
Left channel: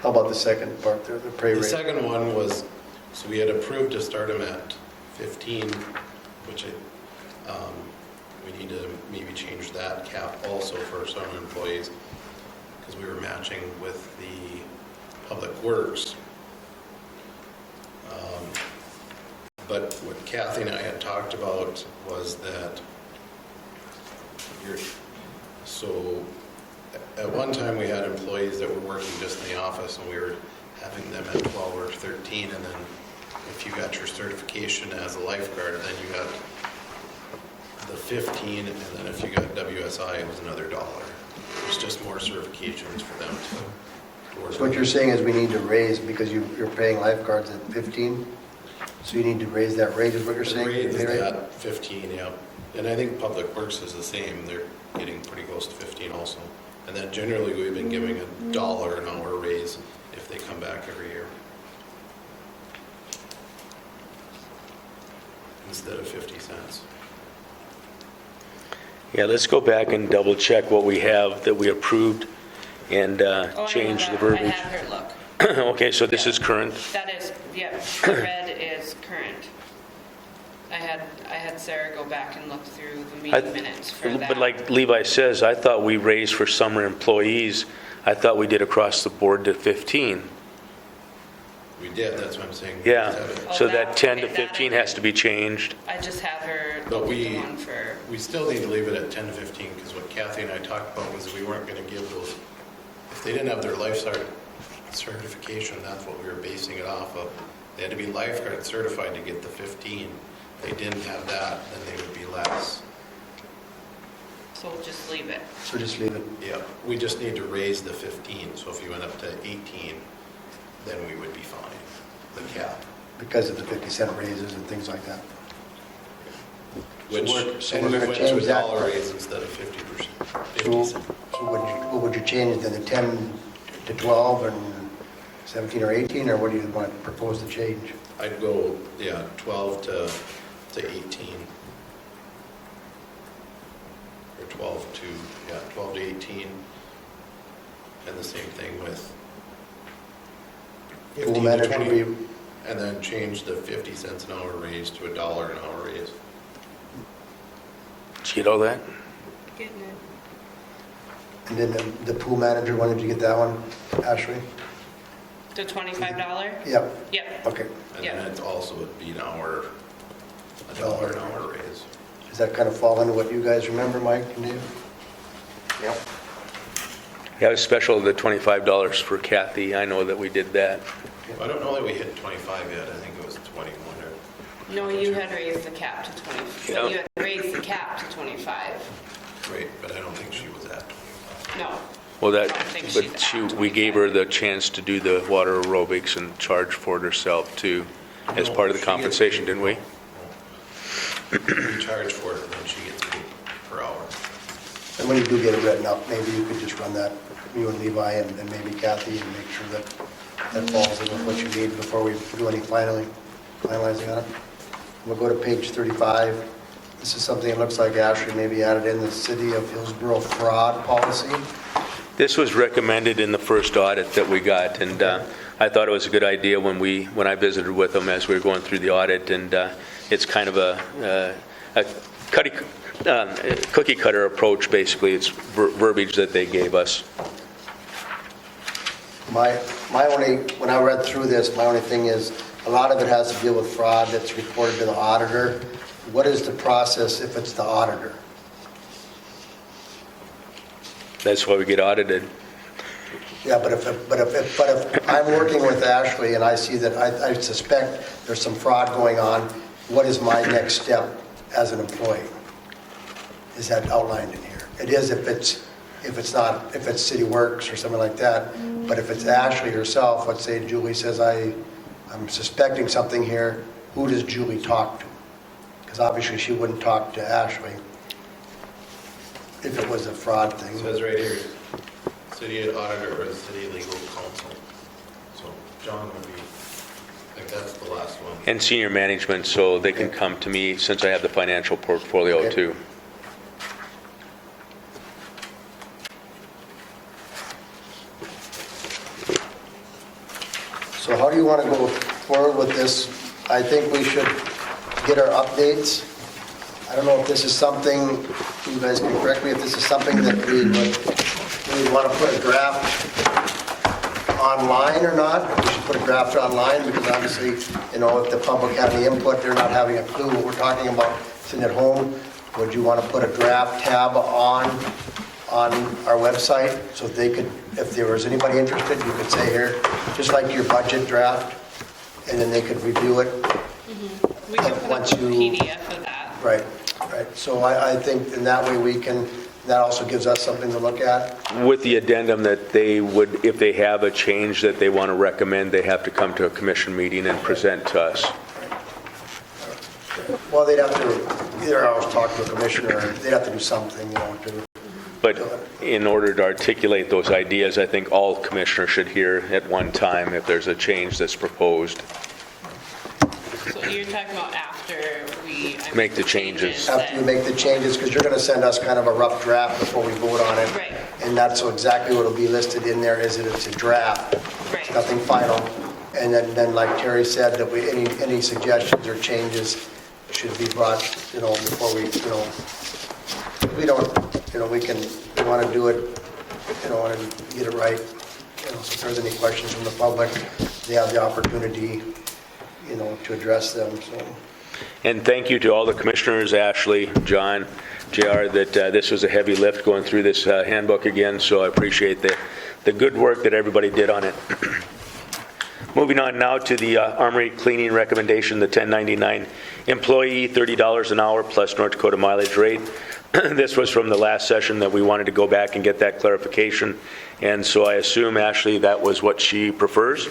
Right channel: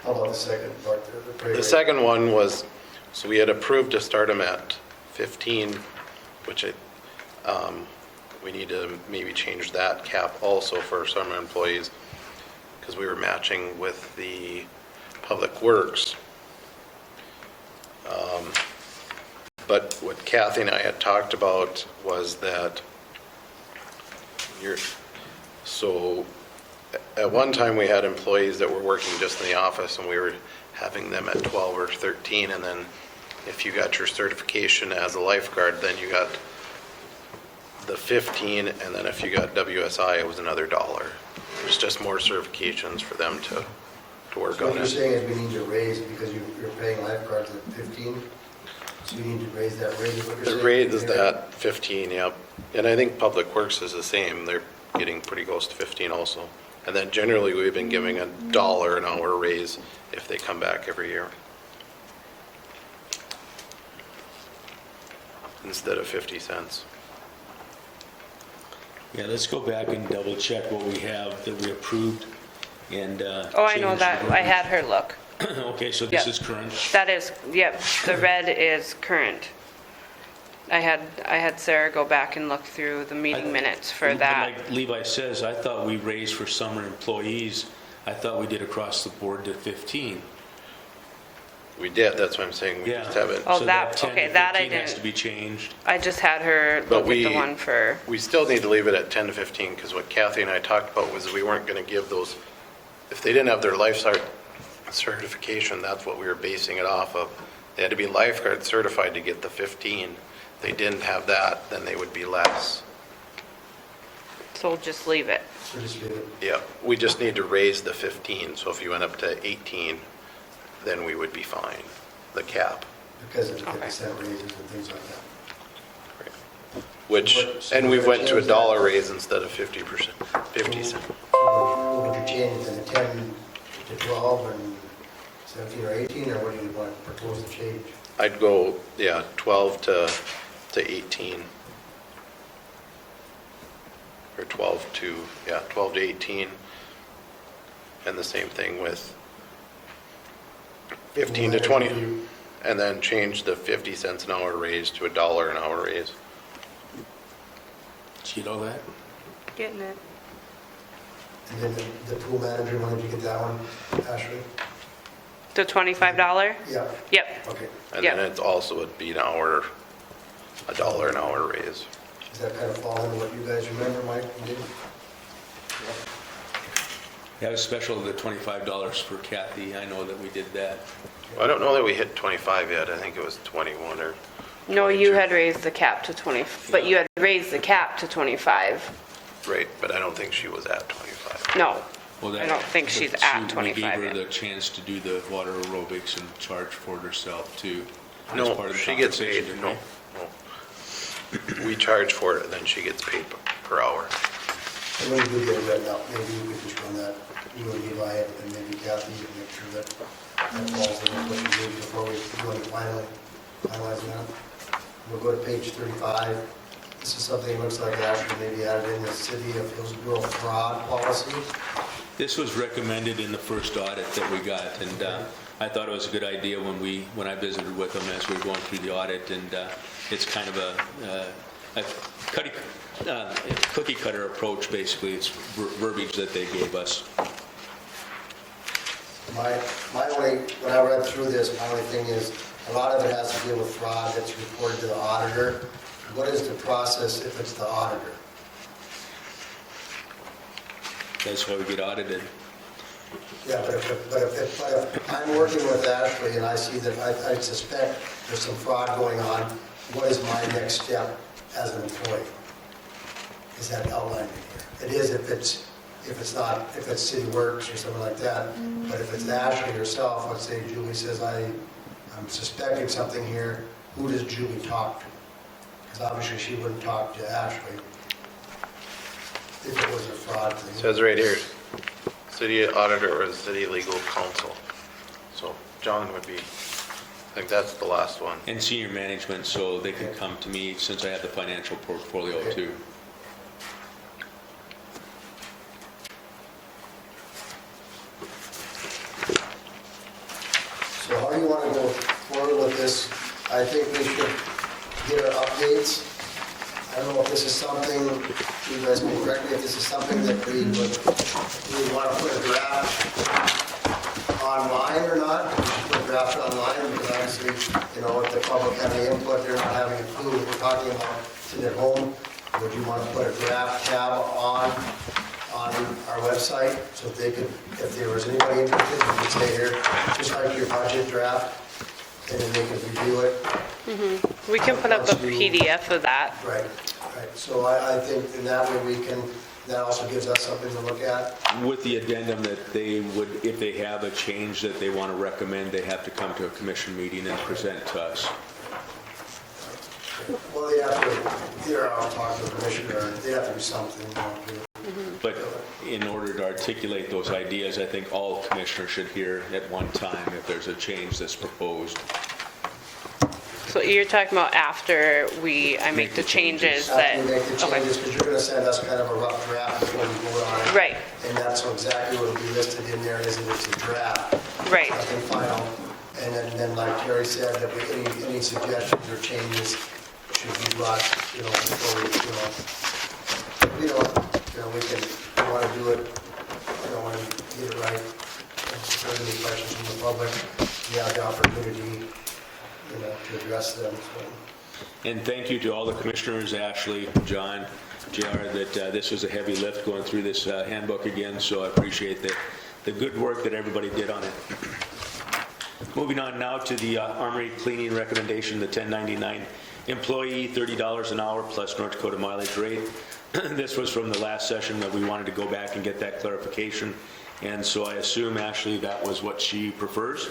How about the second part, the pay The rate? second one was, so we had approved to start them at 15, which we need to maybe change that cap also for summer employees, because we were matching with the Public Works. But what Kathy and I had talked about was that so at one time we had employees that were working just in the office and we were having them at 12 or 13, and then if you got your certification as a lifeguard, then you got the 15, and then if you got WSI, it was another $1. It's just more certifications for them to work So what on. you're saying is we need to raise, because you're paying lifeguards at 15, so you need to raise that rate, is what you're saying? The rate is at 15, yeah. And I think Public Works is the same. They're getting pretty close to 15 also. And then generally, we've been giving $1 an hour raise if they come back every year, instead of 50 cents. Yeah, let's go back and double check what we have that we approved and Oh, I know change that. the I verbiage. had her look. Okay, so this Yeah. is current. That is, yep, the red is current. I had Sarah go back and look through the meeting minutes for But that. like Levi says, I thought we raised for summer employees, I thought we did across the board to 15. We did, that's what I'm saying. We Yeah, just have it. Oh, so that that- 10 to okay, that I 15 has did. to be changed. I just had her But look at the we- one for, We still need to leave it at 10 to 15, because what Kathy and I talked about was we weren't going to give those, if they didn't have their lifeguard certification, that's what we were basing it off of. They had to be lifeguard certified to get the 15. If they didn't have that, then they would be less. so we'll just leave it. So just leave it. Yeah, we just need to raise the 15, so if you went up to 18, then we would be fine, the cap. Because of the 50-cent raises and things like that. Which, So and we're we gonna went to change that. $1 raise instead of 50%, 50 So cents. what would you change it then, the 10 to 12 and 17 or 18, or what do you want to propose to change? I'd go, yeah, 12 to 18. Or 12 to 18. And the same thing with 15 to manager 20. review. And then change the 50 cents an hour raise to $1 an hour raise. Did you get all that? Getting it. And then the pool manager, when did you get that one, Ashley? The $25? Yep, Yep. okay. And Yeah. then it also would be $1 an hour raise. Does that kind of fall into what you guys remember, Mike and Dave? Yeah, it was special, the $25 for Kathy, I know that we did that. I don't know that we hit 25 yet. I think it was 21 or. No, you had raised the cap to 20, but Yeah. you had raised the cap to 25. Right, but I don't think she was at 25. No. Well, I don't think she's but at We gave her 25. the chance to do the water aerobics and charge for it herself too, as No, part of the she gets compensation, paid. didn't we? No. We charge for it and then she gets paid per hour. And when you do get it written up, maybe you could just run that, you and Levi and maybe Kathy, and make sure that that falls in with what you need before we do any finalizing on it. We'll go to page 35. This is something that looks like Ashley maybe added in, the City of Hillsboro fraud policy. This was recommended in the first audit that we got, and I thought it was a good idea when I visited with them as we were going through the audit, and it's kind of a cookie cutter approach, basically. It's verbiage that they gave us. My only, when I read through this, my only thing is, a lot of it has to deal with fraud that's reported to the auditor. What is the process if it's the auditor? That's why we get audited. Yeah, but if I'm working with Ashley and I see that I suspect there's some fraud going on, what is my next step as an employee? Is that outlined in here? It is if it's City Works or something like that, but if it's Ashley herself, let's say Julie says, I'm suspecting something here, who does Julie talk to? Because obviously she wouldn't talk to Ashley if it was a fraud It thing. says right here, city auditor or city legal counsel. So John would be, I think that's the last one. And senior management, so they can come to me since I have the financial portfolio Okay. too. So how do you want to go forward with this? I think we should get our updates. I don't know if this is something, you guys can correct me, if this is something that we want to put a draft online or not. We should put a draft online because obviously, if the public have the input, they're not having a clue what we're talking about sitting at home. Would you want to put a draft tab on our website so they could, if there was anybody interested, you could say here, just like your budget draft, and then they could review it. We can put up a Once you- PDF of that. Right. So I think in that way we can, that also gives us something to look at. With the addendum that they would, if they have a change that they want to recommend, they have to come to a commission meeting and present to us. Well, they'd have to, either I'll talk to a commissioner, or they'd have to do something, to, But in order to articulate those ideas, I think all commissioners should hear at one time if there's a change that's proposed. So you're talking about after I make the changes that... after we make the changes, because you're going to send us kind of a rough draft before we vote on it. Right. And that's exactly what will be listed in there, is that it's a draft. Right. Nothing final. And then like Terry said, that any suggestions or changes should be brought, before we don't, we want to do it, and get it right. If there's any questions from the public, they have the opportunity, to address them, so. And thank you to all the commissioners, Ashley, John, JR, that this was a heavy lift going through this handbook again, so I appreciate the good work that everybody did on it. Moving on now to the Armory cleaning recommendation, the 1099 employee, $30 an hour plus North Dakota mileage rate. This was from the last session that we wanted to go back and get that clarification, and so I assume, Ashley, that was what she prefers?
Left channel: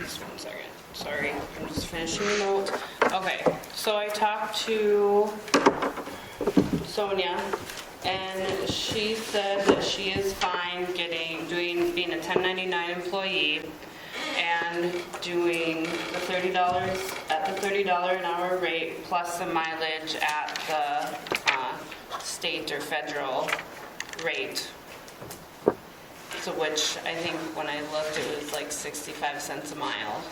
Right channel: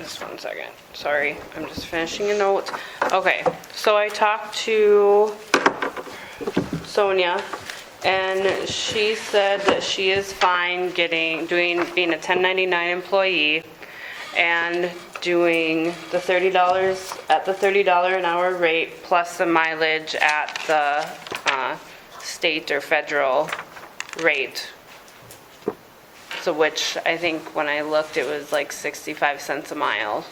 Just one second. Sorry, I'm just finishing the notes. Okay, so I talked to Sonia, and she said that she is fine being a 1099 employee and doing the $30 at the $30 an hour rate plus the mileage at the state or federal rate. So which I think when I looked, it was like 65 cents a mile.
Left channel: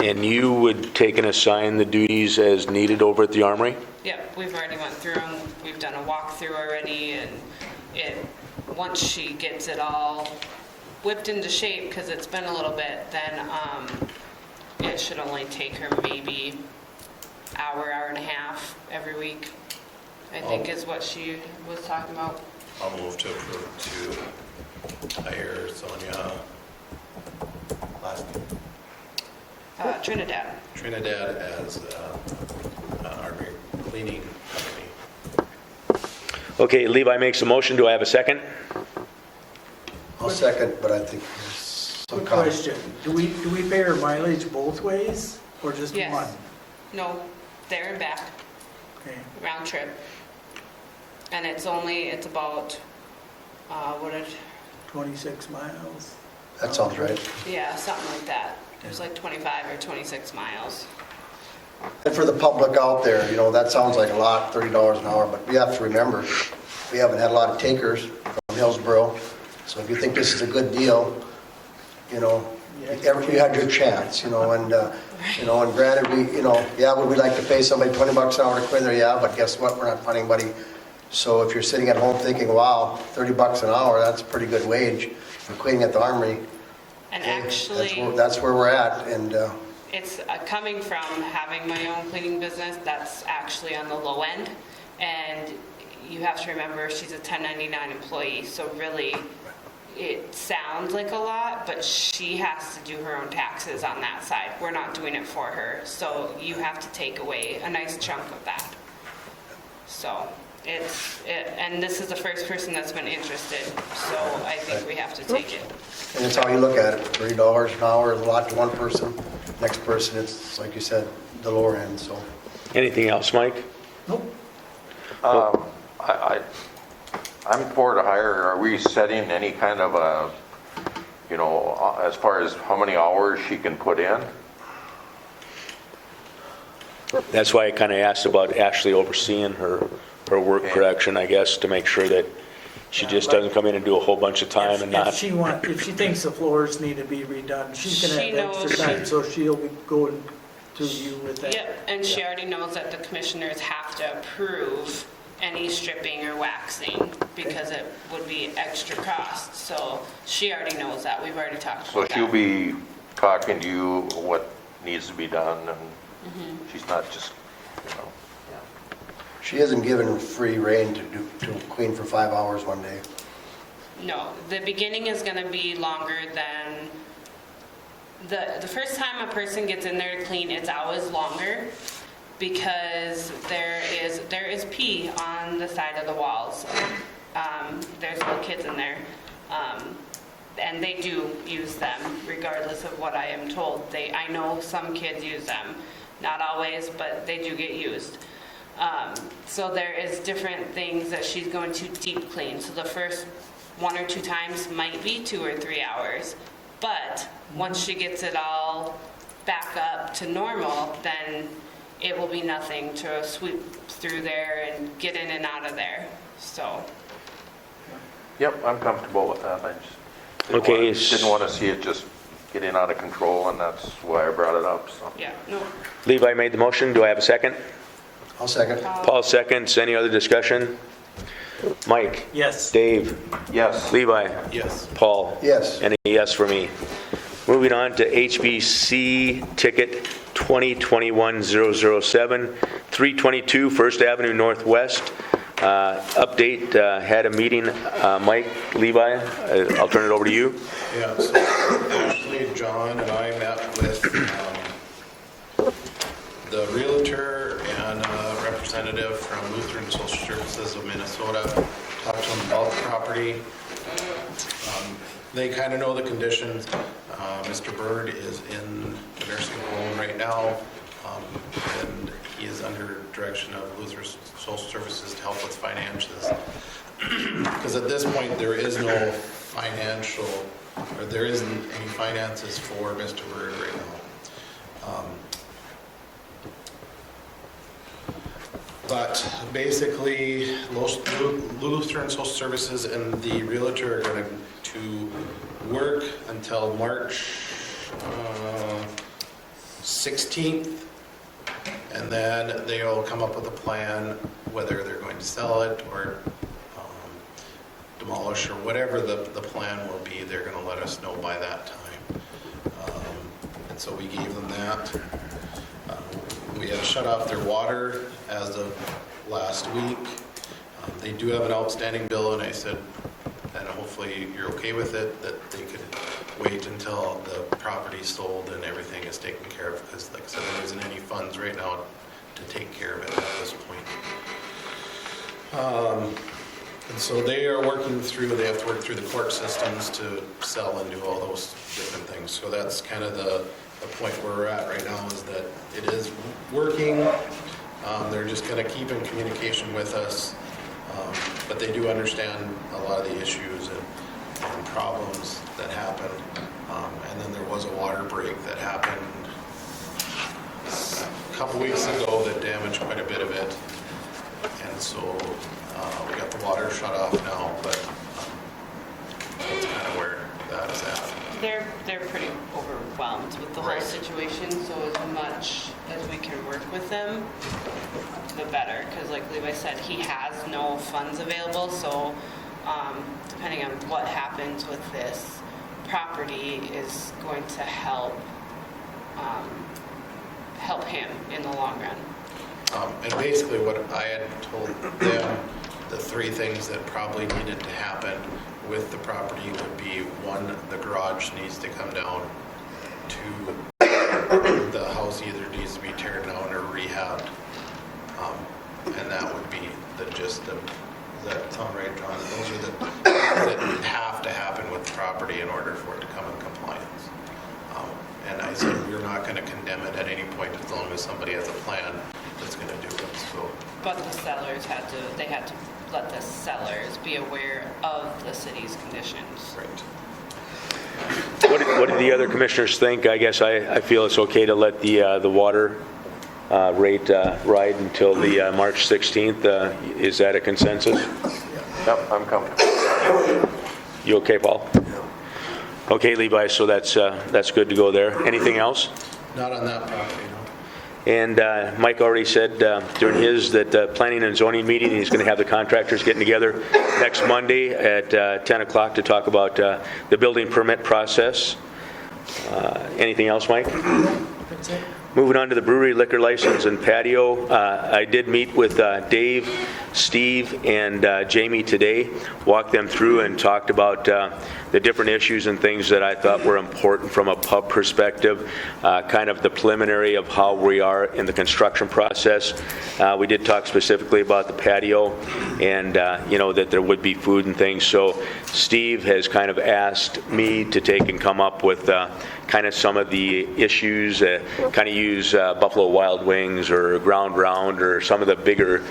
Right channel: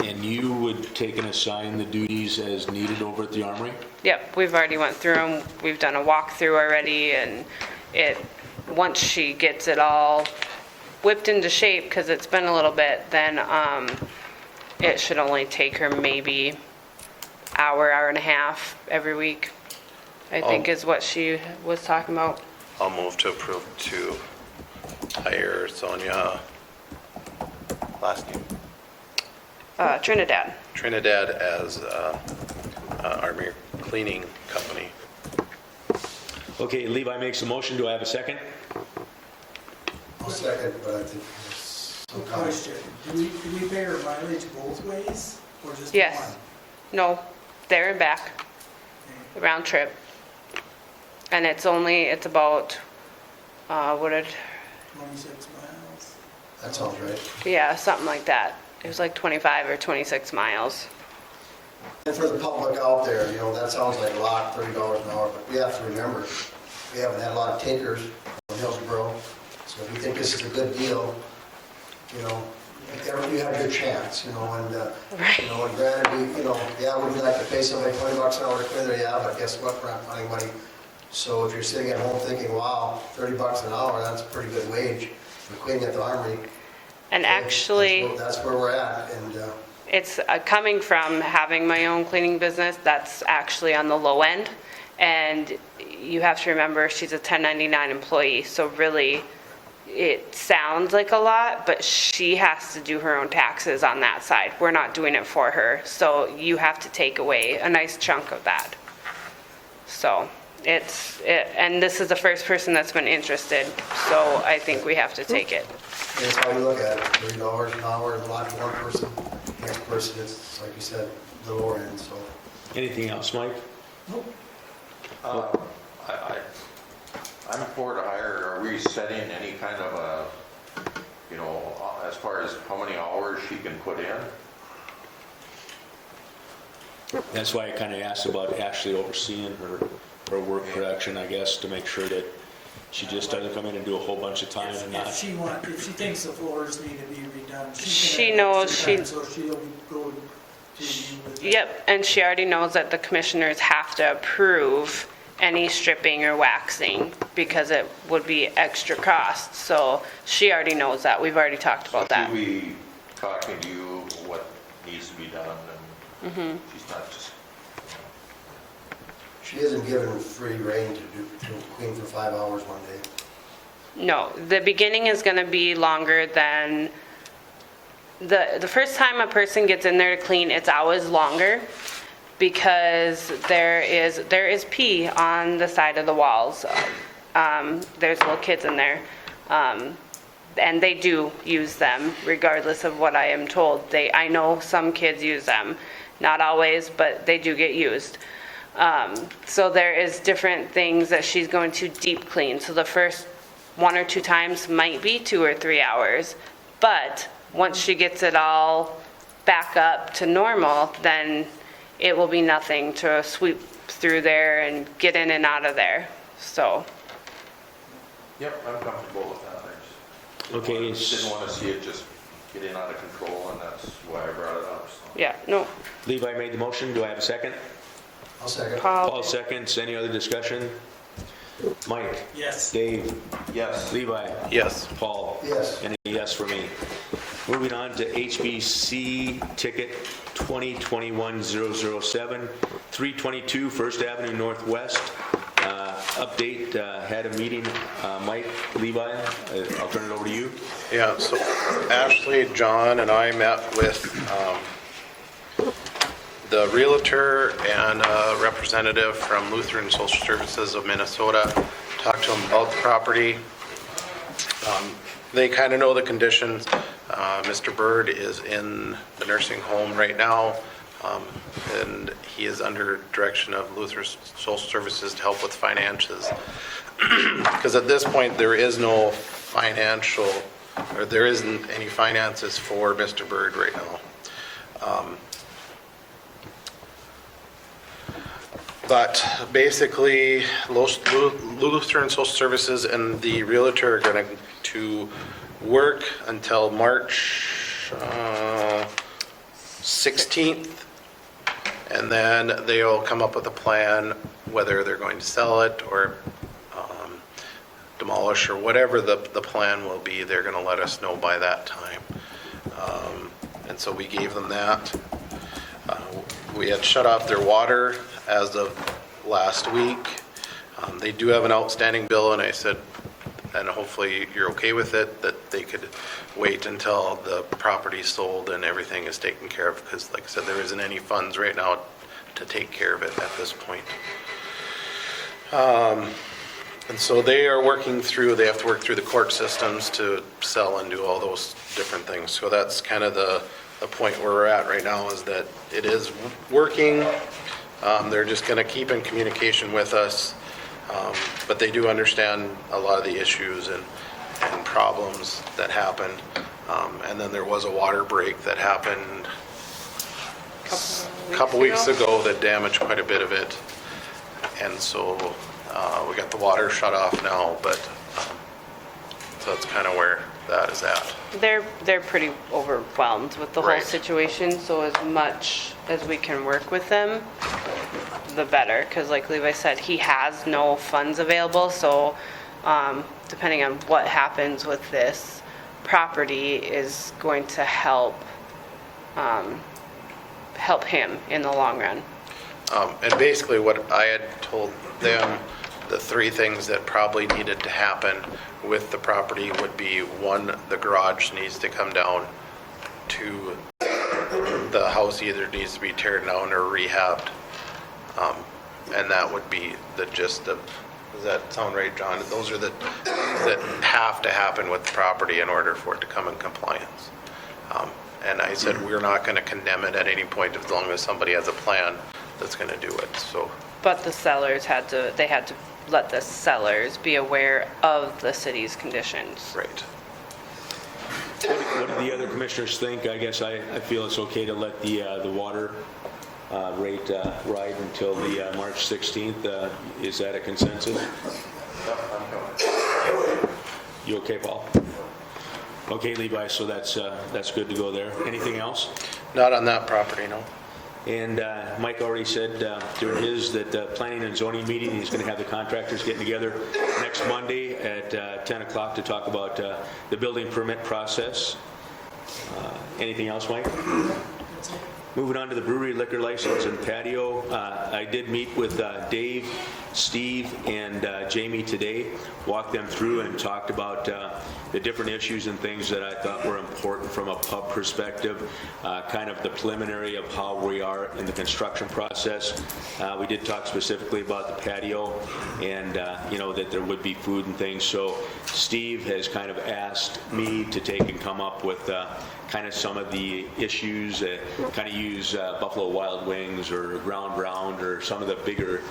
And you would take and assign the duties as needed over at the Armory? Yep, we've already went through them. We've done a walkthrough already, and once she gets it all whipped into shape, because it's been a little bit, then it should only take her maybe hour and a half every week, I think is what she was talking about. I'll move to approve to hire Sonia, last name, Trinidad. as Army cleaning company. Okay, Levi makes a motion. Do I have a second? I'll second, but I think there's some Quick comments. question, do we pay our mileage both ways, or just one? Yes. No, there and back, Okay. the round trip. And it's about, 26 miles? That sounds right. yeah, something like that. It was like 25 or 26 miles. And for the public out there, that sounds like a lot, $30 an hour, but we have to remember, we haven't had a lot of takers from Hillsboro. So if you think this is a good deal, you had your chance, and granted, would we like to pay somebody $20 an hour to clean there? Yeah, but guess what? We're not finding anybody. So if you're sitting at home thinking, wow, $30 an hour, that's a pretty good wage for cleaning at the Armory. And actually, That's where we're at, and, it's coming from having my own cleaning business, that's actually on the low end. And you have to remember, she's a 1099 employee, so really, it sounds like a lot, but she has to do her own taxes on that side. We're not doing it for her, so you have to take away a nice chunk of that. So and this is the first person that's been interested, so I think we have to take it. And that's how you look at it, $30 an hour is a lot to one person. Next person, it's, like you said, the lower end, so. Anything else, Mike? I'm for to hire. Are we setting any kind of a, as far as how many hours she can put in? That's why I kind of asked about Ashley overseeing her work production, I guess, to make sure that she just doesn't come in and do a whole bunch of time and not. If she thinks the floors need to be redone, She she can knows have extra time, so she'll be going to you with it. Yep, and she already knows that the commissioners have to approve any stripping or waxing because it would be extra cost. So she already knows that. We've already talked So about she'll that. be talking to you what needs to be done, and she's not just, She isn't given free rein to clean for 5 hours one day. No, the beginning is going to be longer than, the first time a person gets in there to clean, it's always longer because there is pee on the side of the walls. There's little kids in there. And they do use them regardless of what I am told. I know some kids use them, not always, but they do get used. So there is different things that she's going to deep clean. So the first 1 or 2 times might be 2 or 3 hours. But once she gets it all back up to normal, then it will be nothing to sweep through there and get in and out of there. So, yep, I'm comfortable with that. I Okay, just didn't want to see it just getting out of control, and that's why I brought it up, so. yeah, no. Levi made the motion. Do I have a second? I'll second. Paul seconds. Any other discussion? Mike? Yes. Dave? Yes. Levi? Yes. Paul? Yes. And a yes for me. Moving on to HBC ticket 2021-007, 322 First Avenue Northwest. Update, had a meeting. Mike, Levi, I'll turn it over to you. Yeah, so Ashley, John, and I met with the realtor and a representative from Lutheran Social Services of Minnesota. Talked to them about the property. They kind of know the conditions. Mr. Bird is in a nursing home right now, and he is under direction of Lutheran Social Services to help with finances. Because at this point, there is no financial, or there isn't any finances for Mr. Bird right now. But basically, Lutheran Social Services and the realtor are going to work until March 16th, and then they'll come up with a plan whether they're going to sell it or demolish or whatever the plan will be. They're going to let us know by that time. And so we gave them that. We had shut off their water as of last week. They do have an outstanding bill, and I said, and hopefully you're okay with it, that they could wait until the property's sold and everything is taken care of, because like I said, there isn't any funds right now to take care of it at this point. And so they are working through, they have to work through the court systems to sell and do all those different things. So that's kind of the point where we're at right now, is that it is working. They're just going to keep in communication with us, but they do understand a lot of the issues and problems that happen. And then there was a water break that happened a couple weeks ago that damaged quite a bit of it. And so we got the water shut off now, but that's kind of where that is at. They're pretty overwhelmed with the whole Right. situation, so as much as we can work with them, the better, because like Levi said, he has no funds available, so depending on what happens with this property is going to help him in the long run. And basically what I had told them, the three things that probably needed to happen with the property would be, one, the garage needs to come down. Two, the house either needs to be teared down or rehabbed. And that would be the gist of, does that sound right, John? Those are the that have to happen with the property in order for it to come in compliance. And I said, we're not going to condemn it at any point as long as somebody has a plan that's going to do it, so. But the sellers had to let the sellers be aware of the city's conditions. Right. What do the other commissioners think? I guess I feel it's okay to let the water rate ride until the March 16th. Is that a consensus? Yep, I'm coming. You okay, Paul? Okay, Levi, so that's good to go there. Anything else? Not on that property, no. And Mike already said during his that planning and zoning meeting, he's going to have the contractors getting together next Monday at 10 o'clock to talk about the building permit process. Anything else, Mike? That's it. Moving on to the brewery liquor license and patio, I did meet with Dave, Steve, and Jamie today, walked them through and talked about the different issues and things that I thought were important from a pub perspective, kind of the preliminary of how we are in the construction process. We did talk specifically about the patio and, that there would be food and things. So Steve has kind of asked me to take and come up with kind of some of the issues, kind of use Buffalo Wild Wings or Ground Round or some of the bigger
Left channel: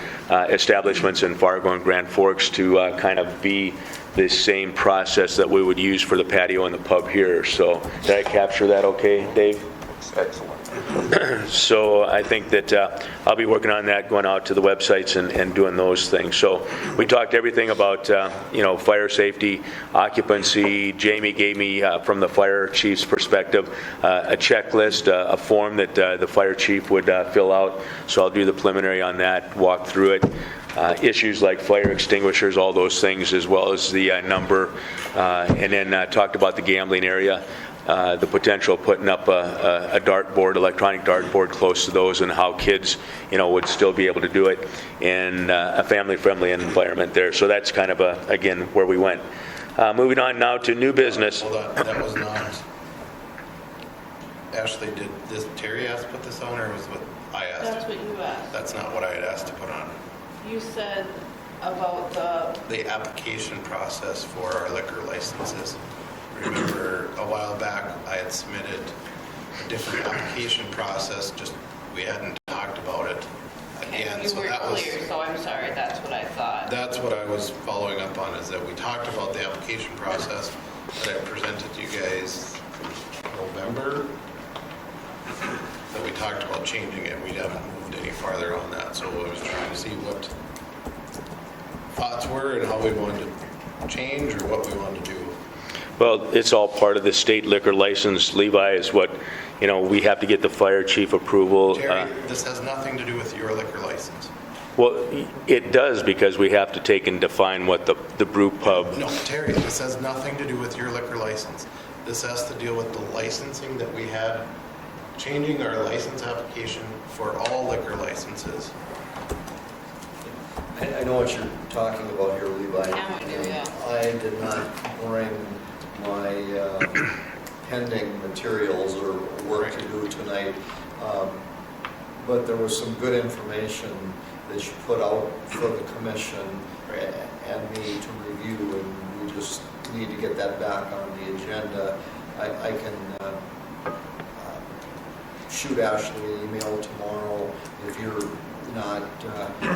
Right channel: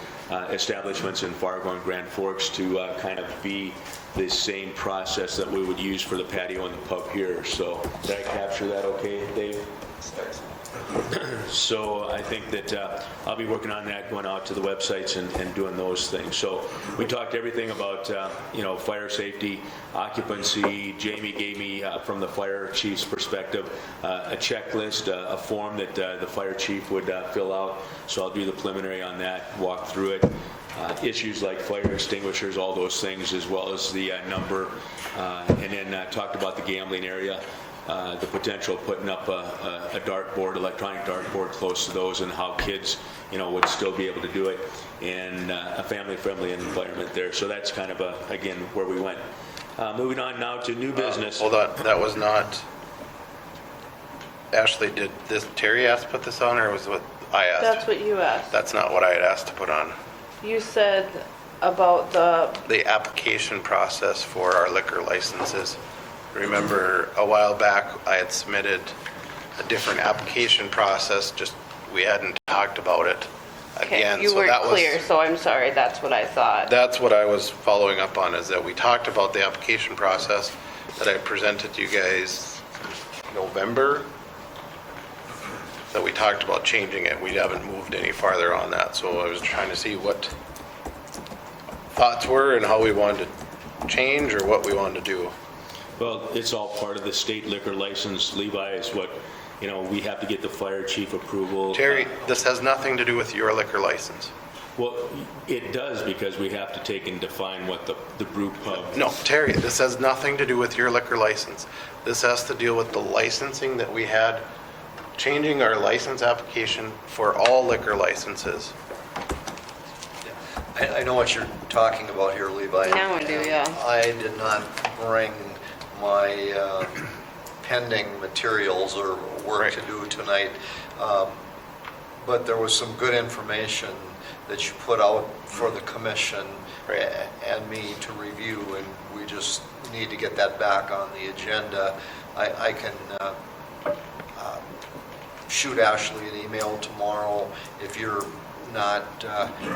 establishments in Fargo and Grand Forks to kind of be the same process that we would use for the patio and the pub here. So did I capture that okay, Dave? So I think that I'll be working on that, going out to the websites and doing those things. So we talked everything about, fire safety, occupancy. Jamie gave me, from the fire chief's perspective, a checklist, a form that the fire chief would fill out. So I'll do the preliminary on that, walk through it. Issues like fire extinguishers, all those things, as well as the number. And then talked about the gambling area. The potential of putting up a dartboard, electronic dartboard close to those, and how kids, would still be able to do it, and a family-friendly environment there. So that's kind of, again, where we went. Moving on now to new business. Hold on, that was not, Ashley, did Terry ask to put this on, or was what I asked? That's what you asked. That's not what I had asked to put on. You said about The application process for our liquor licenses. Remember, a while back, I had submitted a different application process, just we hadn't talked about it again. You so weren't that was- clear, so I'm sorry, that's what I thought. That's what I was following up on, is that we talked about the application process that I presented to you guys November, that we talked about changing it. We haven't moved any farther on that, so I was trying to see what thoughts were and how we wanted to change or what we wanted to do. Well, it's all part of the state liquor license. Levi is what, we have to get the fire chief approval. Terry, this has nothing to do with your liquor license. Well, it does, because we have to take and define what the brew pub. No, Terry, this has nothing to do with your liquor license. This has to deal with the licensing that we had, changing our license application for all liquor licenses. I know what you're talking about here, Levi. Now we do, yeah. I did not bring my pending materials or work to do tonight, but there was some good information that you put out for the commission and me to review, and we just need to get that back on the agenda. I can shoot Ashley an email tomorrow if you're not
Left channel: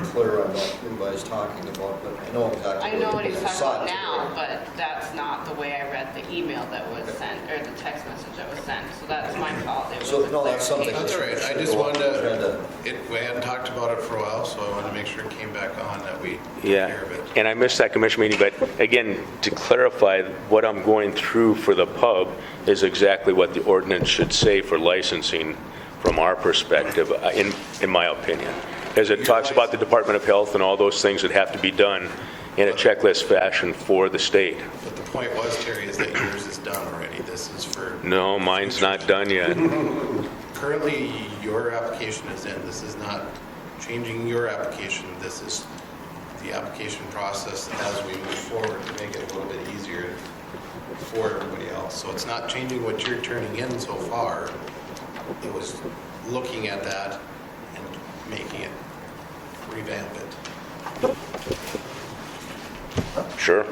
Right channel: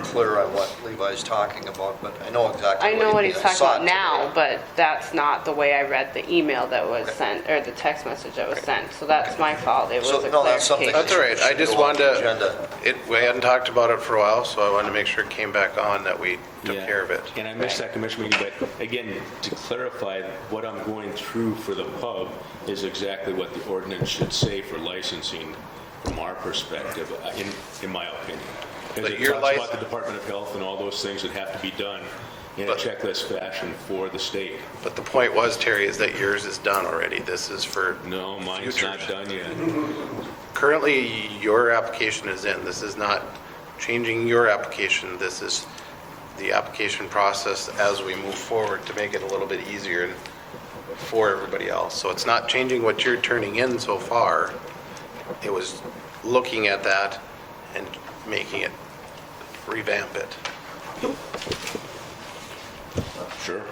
clear on what Levi's talking about, but I know exactly I what know you what mean. he's I talking saw about it now, today. but that's not the way I read the email that was sent, or the text message that was sent, so that's my fault. It was So, a no, that's something clarification. That's all right. I just Should go on wanted the agenda. we hadn't talked about it for a while, so I wanted to make sure it came back on, that we took care of it. And I missed that commission meeting, but again, to clarify, what I'm going through for the pub is exactly what the ordinance should say for licensing from our perspective, in my opinion. As it But your talks about the license- Department of Health and all those things that have to be done in a checklist fashion for the state. But the point was, Terry, is that yours is done already. This is for, No, mine's not done yet. currently, your application is in. This is not changing your application. This is the application process as we move forward to make it a little bit easier for everybody else. So it's not changing what you're turning in so far. It was looking at that and making it, revamp it. Sure.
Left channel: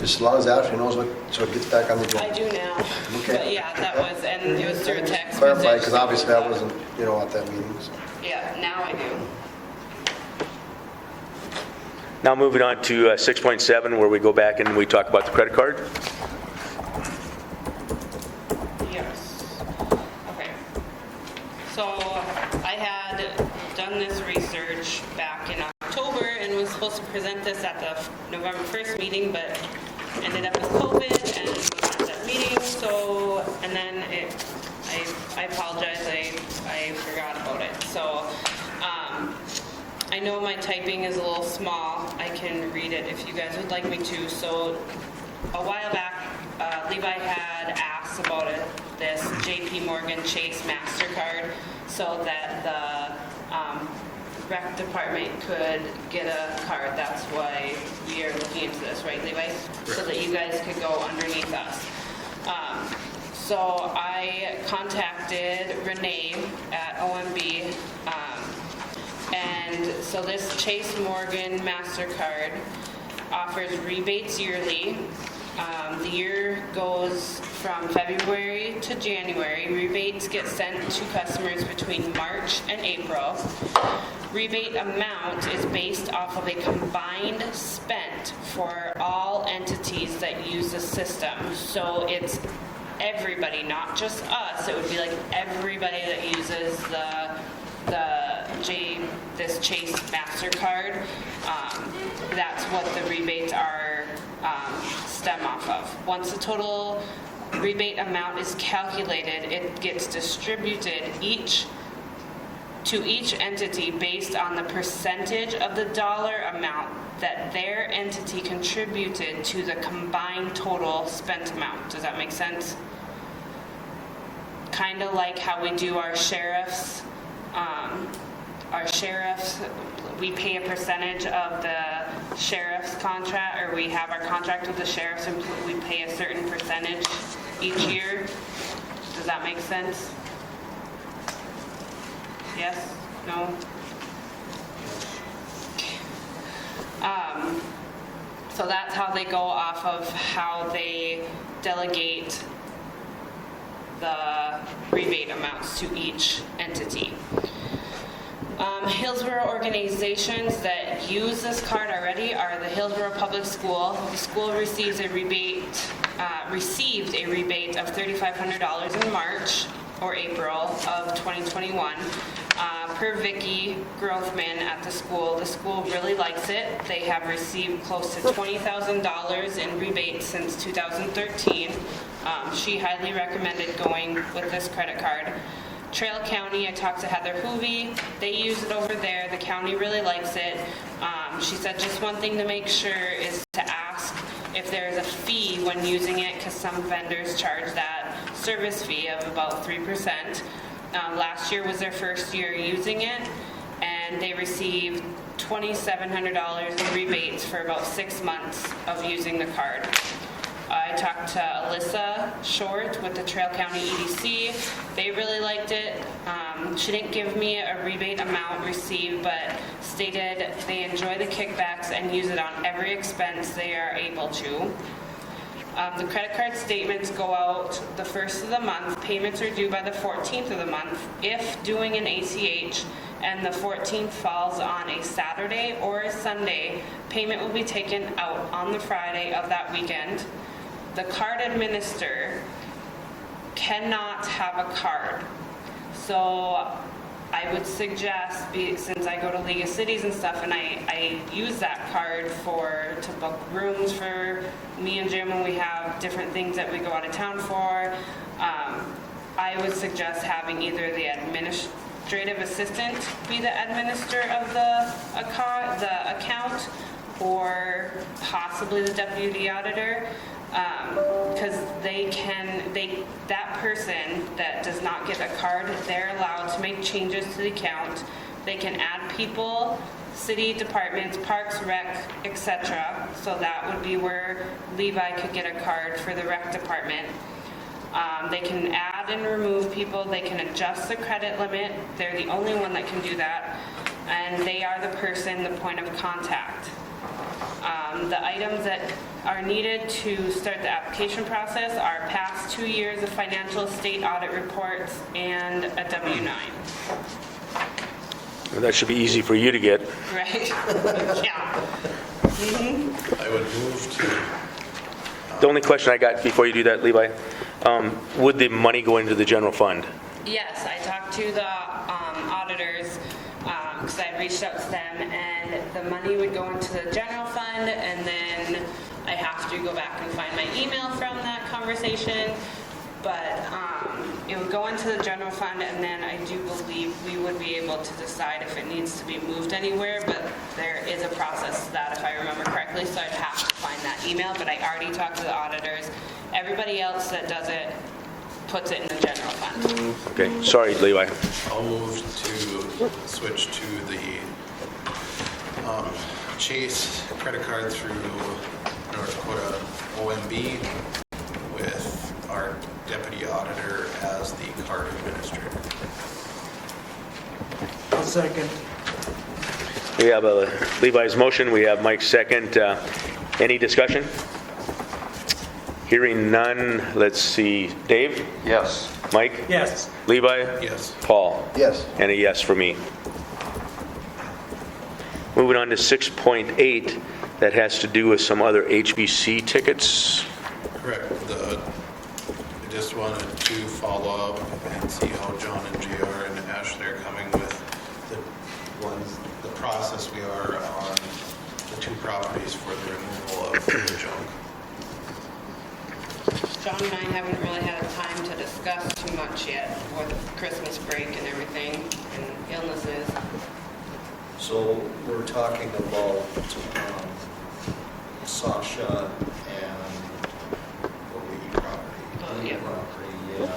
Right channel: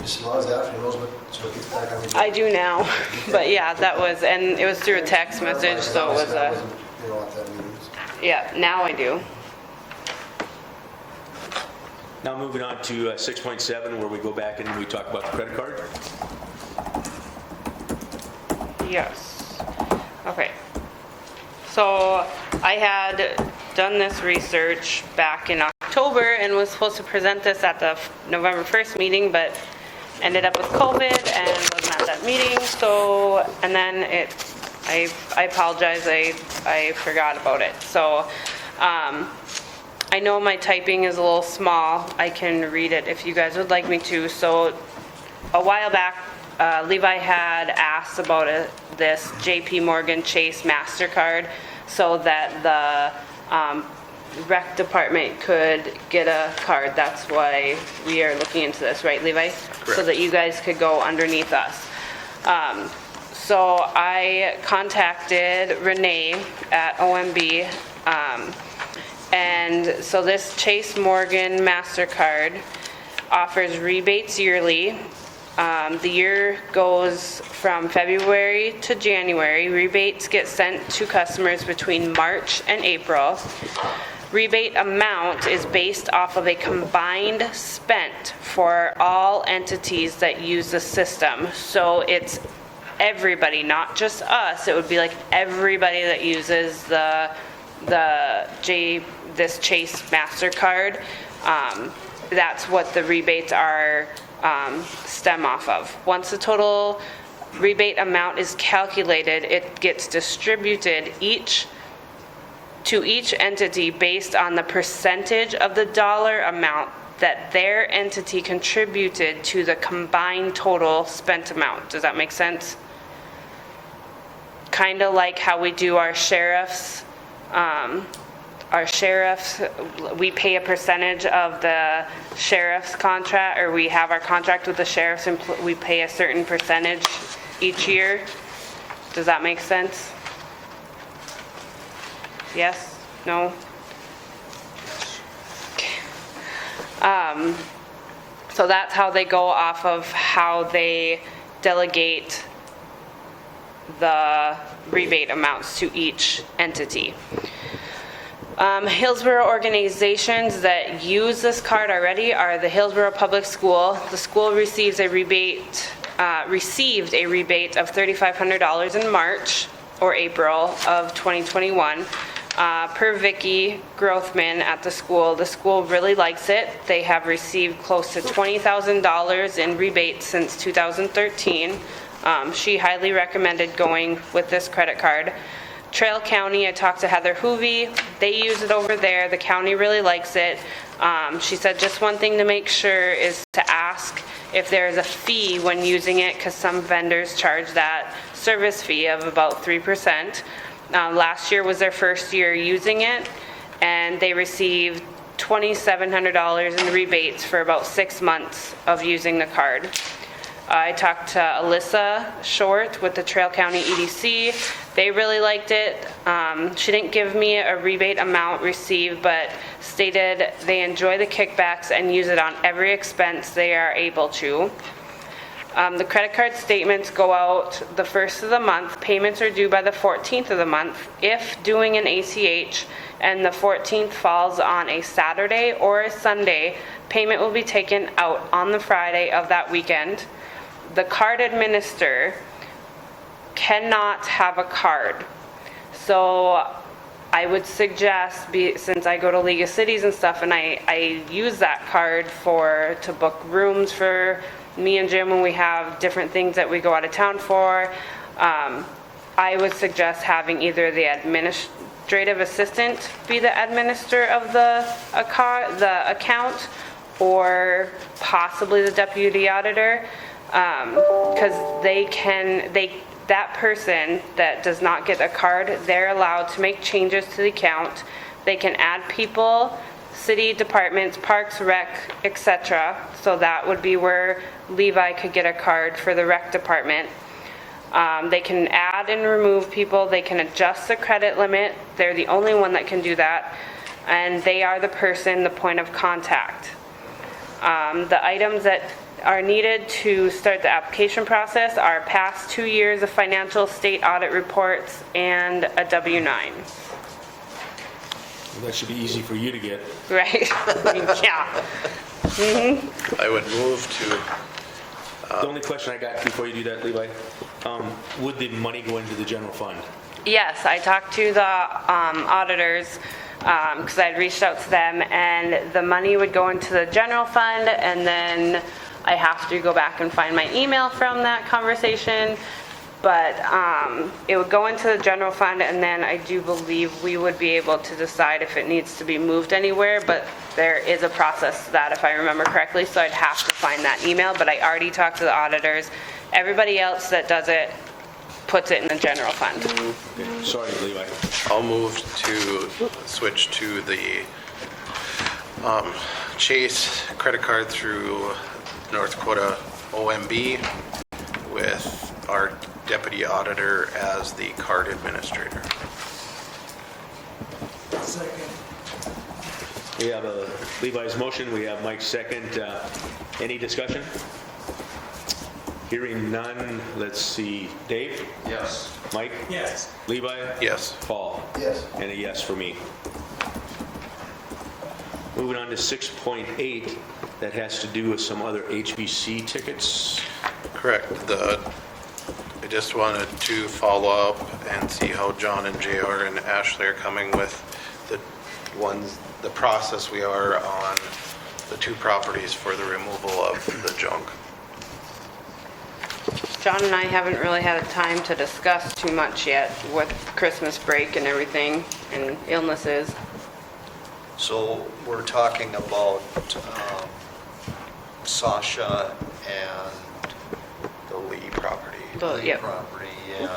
Just as long as Ashley knows what, so it gets back on the agenda. I do now, but yeah, that was, and it was through a text message. Because so it was obviously I a- wasn't, at that meeting. So. Yeah, now I do. Now moving on to 6.7, where we go back and we talk about the credit card. Yes. Okay. So I had done this research back in October and was supposed to present this at the November 1st meeting, but ended up with COVID and wasn't at that meeting. So, and then I apologize, I forgot about it. So, I know my typing is a little small. I can read it if you guys would like me to. So a while back, Levi had asked about this JP Morgan Chase MasterCard so that the rec department could get a card. That's why we are looking into this, right, Levi? So that you guys could go underneath us. So I contacted Renee at OMB, and so this Chase Morgan MasterCard offers rebates yearly. The year goes from February to January. Rebates get sent to customers between March and April. Rebate amount is based off of a combined spent for all entities that use the system. So it's everybody, not just us. It would be like everybody that uses this Chase MasterCard. That's what the rebates are stem off of. Once the total rebate amount is calculated, it gets distributed to each entity based on the percentage of the dollar amount that their entity contributed to the combined total spent amount. Does that make sense? Kind of like how we do our sheriffs. We pay a percentage of the sheriff's contract, or we have our contract with the sheriffs and we pay a certain percentage each year. Does that make sense? Yes? No? So that's how they go off of how they delegate the rebate amounts to each entity. Hillsboro organizations that use this card already are the Hillsboro Public School. The school received a rebate of $3,500 in March or April of 2021. Per Vicki Grothman at the school really likes it. They have received close to $20,000 in rebates since 2013. She highly recommended going with this credit card. Trail County, I talked to Heather Hoovey. They use it over there. The county really likes it. She said just one thing to make sure is to ask if there's a fee when using it, because some vendors charge that service fee of about 3%. Last year was their first year using it, and they received $2,700 in rebates for about 6 months of using the card. I talked to Alyssa Short with the Trail County EDC. They really liked it. She didn't give me a rebate amount received, but stated they enjoy the kickbacks and use it on every expense they are able to. The credit card statements go out the first of the month. Payments are due by the 14th of the month. If doing an ACH and the 14th falls on a Saturday or a Sunday, payment will be taken out on the Friday of that weekend. The card administrator cannot have a card. So I would suggest, since I go to League of Cities and stuff, and I use that card to book rooms for me and Jim when we have different things that we go out of town for, I would suggest having either the administrative assistant be the administrator of the account, or possibly the deputy auditor, because that person that does not get a card, they're allowed to make changes to the account. They can add people, city departments, parks, rec, etc. So that would be where Levi could get a card for the rec department. They can add and remove people, they can adjust the credit limit, they're the only one that can do that, and they are the person, the point of contact. The items that are needed to start the application process are past 2 years of financial state audit reports and a W-9. Well, that should be easy for you to get. Right? Yeah. I would move to, The only question I got before you do that, Levi, would the money go into the general fund? Yes, I talked to the auditors, because I'd reached out to them, and the money would go into the general fund, and then I have to go back and find my email from that conversation, but it would go into the general fund, and then I do believe we would be able to decide if it needs to be moved anywhere, but there is a process to that, if I remember correctly, so I'd have to find that email, but I already talked to the auditors. Everybody else that does it puts it in the general fund. Okay, sorry, Levi. I'll move to switch to the Chase credit card through North Dakota OMB with our deputy auditor as the card administrator. I'll second. We have Levi's motion, we have Mike's second. Any discussion? Hearing none, let's see. Dave? Yes. Mike? Yes. Levi? Yes. Paul? Yes. And a yes for me. Moving on to 6.8, that has to do with some other HBC tickets. Correct. I just wanted to follow up and see how John and JR and Ashley are coming with the process we are on the 2 properties for the removal of the junk. John and I haven't really had a time to discuss too much yet with Christmas break and everything and illnesses. So we're talking about Sasha and The Lee property. the Yep. property, yeah.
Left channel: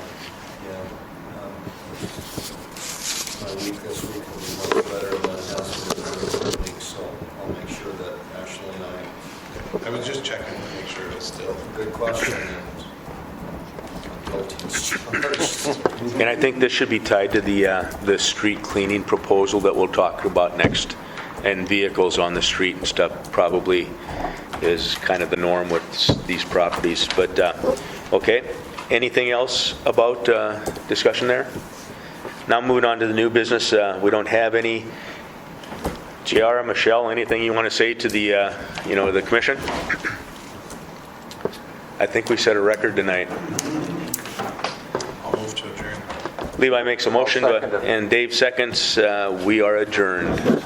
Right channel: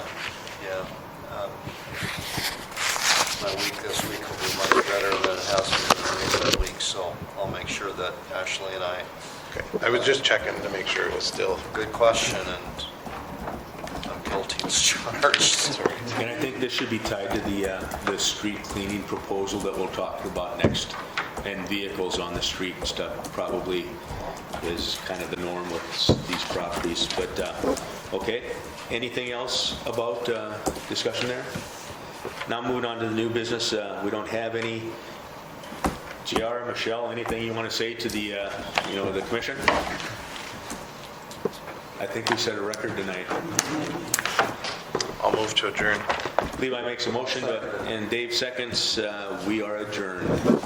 My week this week will be much better than it has been in recent weeks, so I'll make sure that Ashley and I, Okay. I was just checking to make sure it was still. good question, and I'm guilty as charged. And I think this should be tied to the street cleaning proposal that we'll talk about next. And vehicles on the street and stuff probably is kind of the norm with these properties. But, okay, anything else about discussion there? Now moving on to the new business, we don't have any. JR, Michelle, anything you want to say to the, the commission? I think we set a record tonight. I'll move to adjourn. Levi makes a motion, I'll second it. and Dave seconds. We are adjourned.